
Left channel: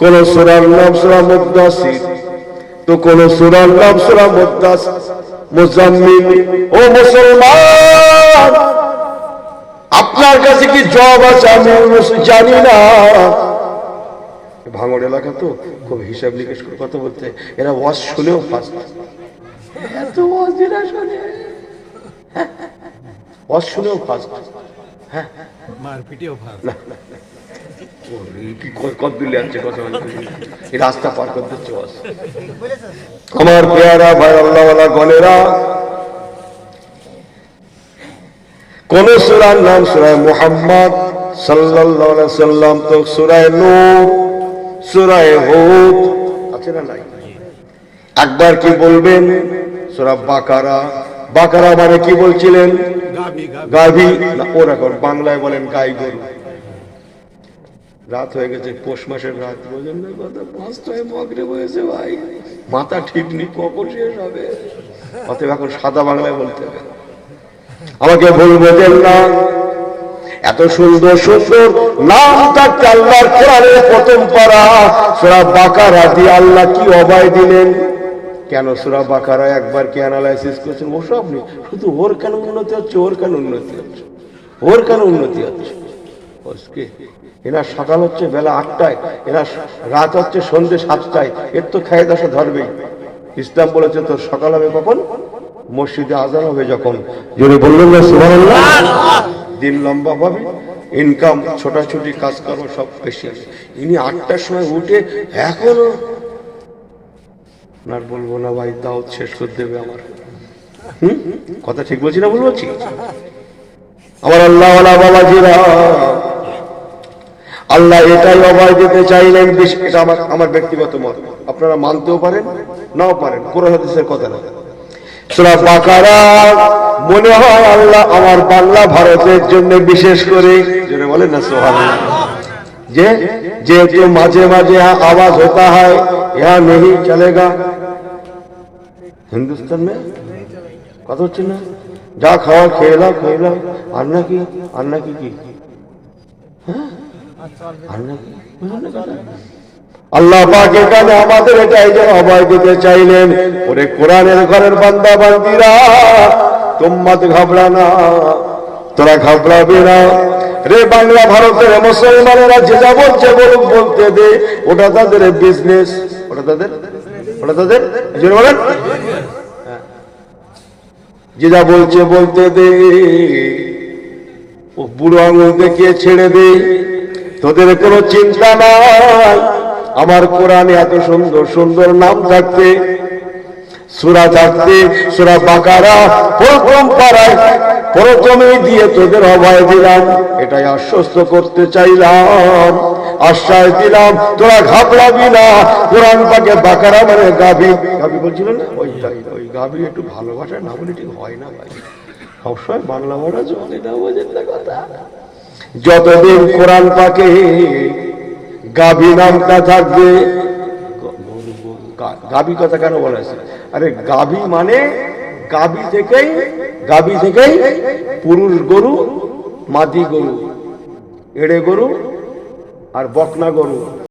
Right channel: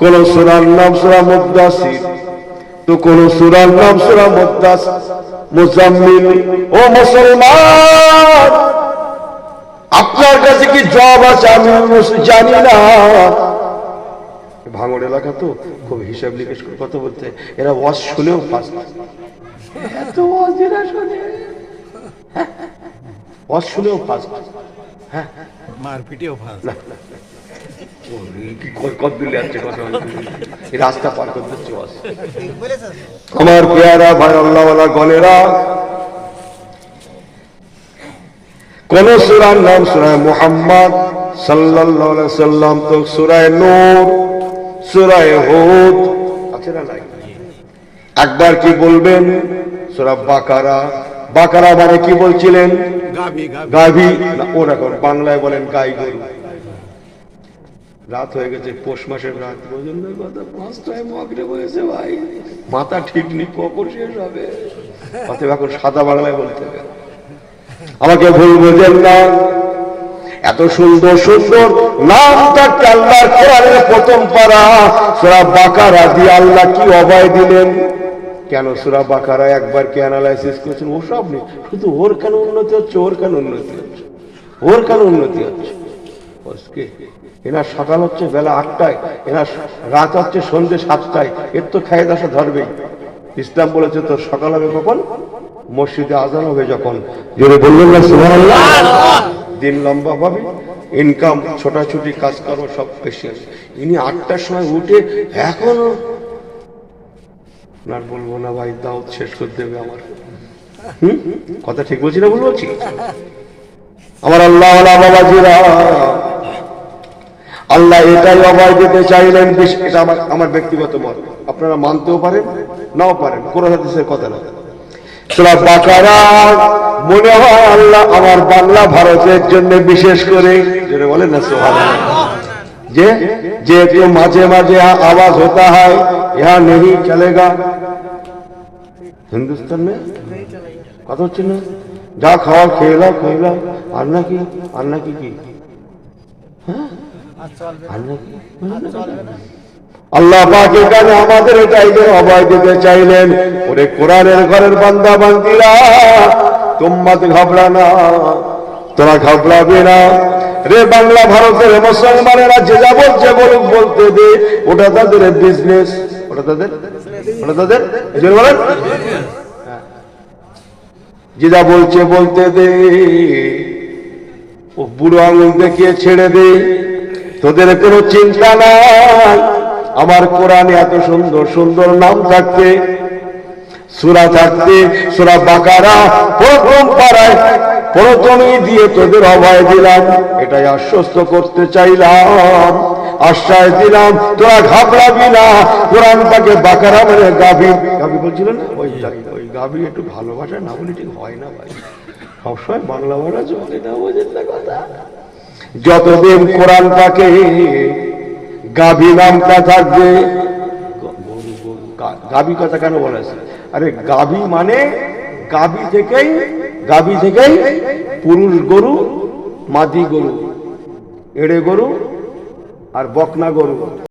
কোন সূরার নাম সূরা মুদ্দাসির, তো কোন সূরার নাম সূরা মুজাম্মিল। ও মুসলমান, আপনার কাছে কি জব আছে আমি জানি না। ভাঙড় এলাকা তো খুব হিসাব নিকেশ করে কথা বলতে, এরা ওয়াজ শুনেও ফার্স্ট, এত ওয়াজ এরা শোনে, ওয়াজ শুনেও ফার্স্ট। হ্যাঁ, মারপিটেও ফাঁস। কত দূর যাচ্ছে কথা, এই রাস্তা পার করতে হচ্ছে ওয়াজ। আমার পেয়ারা ভাই আল্লাহওয়ালা গণেরা, কোন সূরার নাম সূরা মুহাম্মদ সাল্লাল্লাহু আলাইহি সাল্লাম, তো সূরা নূর, সূরা হুদ আছে না নাই? একবার কি বলবেন সূরা বাকারা, বাকারা মানে কি বলছিলেন? গাভী গাভী গাভী না, ওরকম বাংলায় বলেন গাই গরু। রাত হয়ে গেছে, পৌষ মাসের রাত, রোজনের কথা 5টায় মগরিব হয়েছে ভাই, মাথা ঠিক নেই কখন শেষ হবে। অতএব এখন সাদা বাংলায় বলতে হবে। আমাকে ভুল বোঝেন না, এত সুন্দর সুন্দর নাম থাকতে আল্লাহর কোরআনের প্রথম পারা সূরা বাকারা দিয়ে আল্লাহ কি অভয় দিলেন? কেন সূরা বাকারা একবার কি অ্যানালাইসিস করেছেন? ওসব নেই, শুধু ওর কেন উন্নতি হচ্ছে, ওর কেন উন্নতি হচ্ছে, ওর কেন উন্নতি হচ্ছে। এরা সকাল হচ্ছে বেলা 8টায়, এরা রাত হচ্ছে সন্ধ্যে 7টায়, এর তো খায় দশা ধরবেই। ইসলাম বলেছে তো সকাল হবে কখন? মসজিদে আজান হবে যখন। জোরে বললেন না সুবহানাল্লাহ? দিন লম্বা হবে, ইনকাম ছোটাছুটি কাজ করবো সব বেশি আছে। ইনি 8টার সময় উঠে এখনো না, বলবো না ভাই, দাওয়াত শেষ করে দেবে আমার। কথা ঠিক বলছি না ভুল বলছি? আমার আল্লাহ বাবাজিরা, আল্লাহ এটাই অভয় দিতে চাইলেন। এটা আমার ব্যক্তিগত মত, আপনারা মানতেও পারেন নাও পারেন, কোরআন হাদিসের কথা না। সূরা বাকারা মনে হয় আল্লাহ আমার বাংলা ভারতের জন্য বিশেষ করে যেটা বলেন না সুবহানাল্লাহ, যে মাঝে মাঝে আওয়াজ होता है यहाँ नहीं चलेगा, হিন্দুস্তান में কথা হচ্ছে না, যা খাওয়া খেয়ে নাও খেয়ে নাও, আর নাকি কি আল্লাহ পাক এখানে আমাদের এটাই যে অভয় দিতে চাইলেন, ওরে কোরআনের ঘরের বান্দা বান্দিরা, তোমরা ঘাবড়ানা, তোরা ঘাবড়াবে না রে। বাংলা ভারতের মুসলমানেরা যে যা বলছে বলুক, বলতে দে, ওটা তাদের বিজনেস, ওটা তাদের বলেন, যে যা বলছে বলতে দে, ও বুড়ো আঙুল দেখিয়ে ছেড়ে দে, তোদের কোনো চিন্তা নাই। আমার কোরআনে এত সুন্দর সুন্দর নাম থাকতে, সূরা থাকতে, সূরা বাকারা প্রথম পারায় প্রথমেই দিয়ে তোদের অভয় দিলাম, এটাই আশ্বস্ত করতে চাইলাম, আশ্বাস দিলাম, তোরা ঘাবড়াবি না। কোরআন পাকে বাকারা মানে গাভী বলছিল না, ওই গাভী একটু ভালোবাসা না বলে ঠিক হয় না ভাই, সবসময় বাংলা বলা চলে না, বোঝেন না কথা। যতদিন কোরআন পাকে গাভী নামটা থাকবে, গাভী কথা কেন বলা আছে? আরে গাভী মানে গাভী থেকেই পুরুষ গরু, মাদি গরু, এড়ে গরু আর বকনা গরু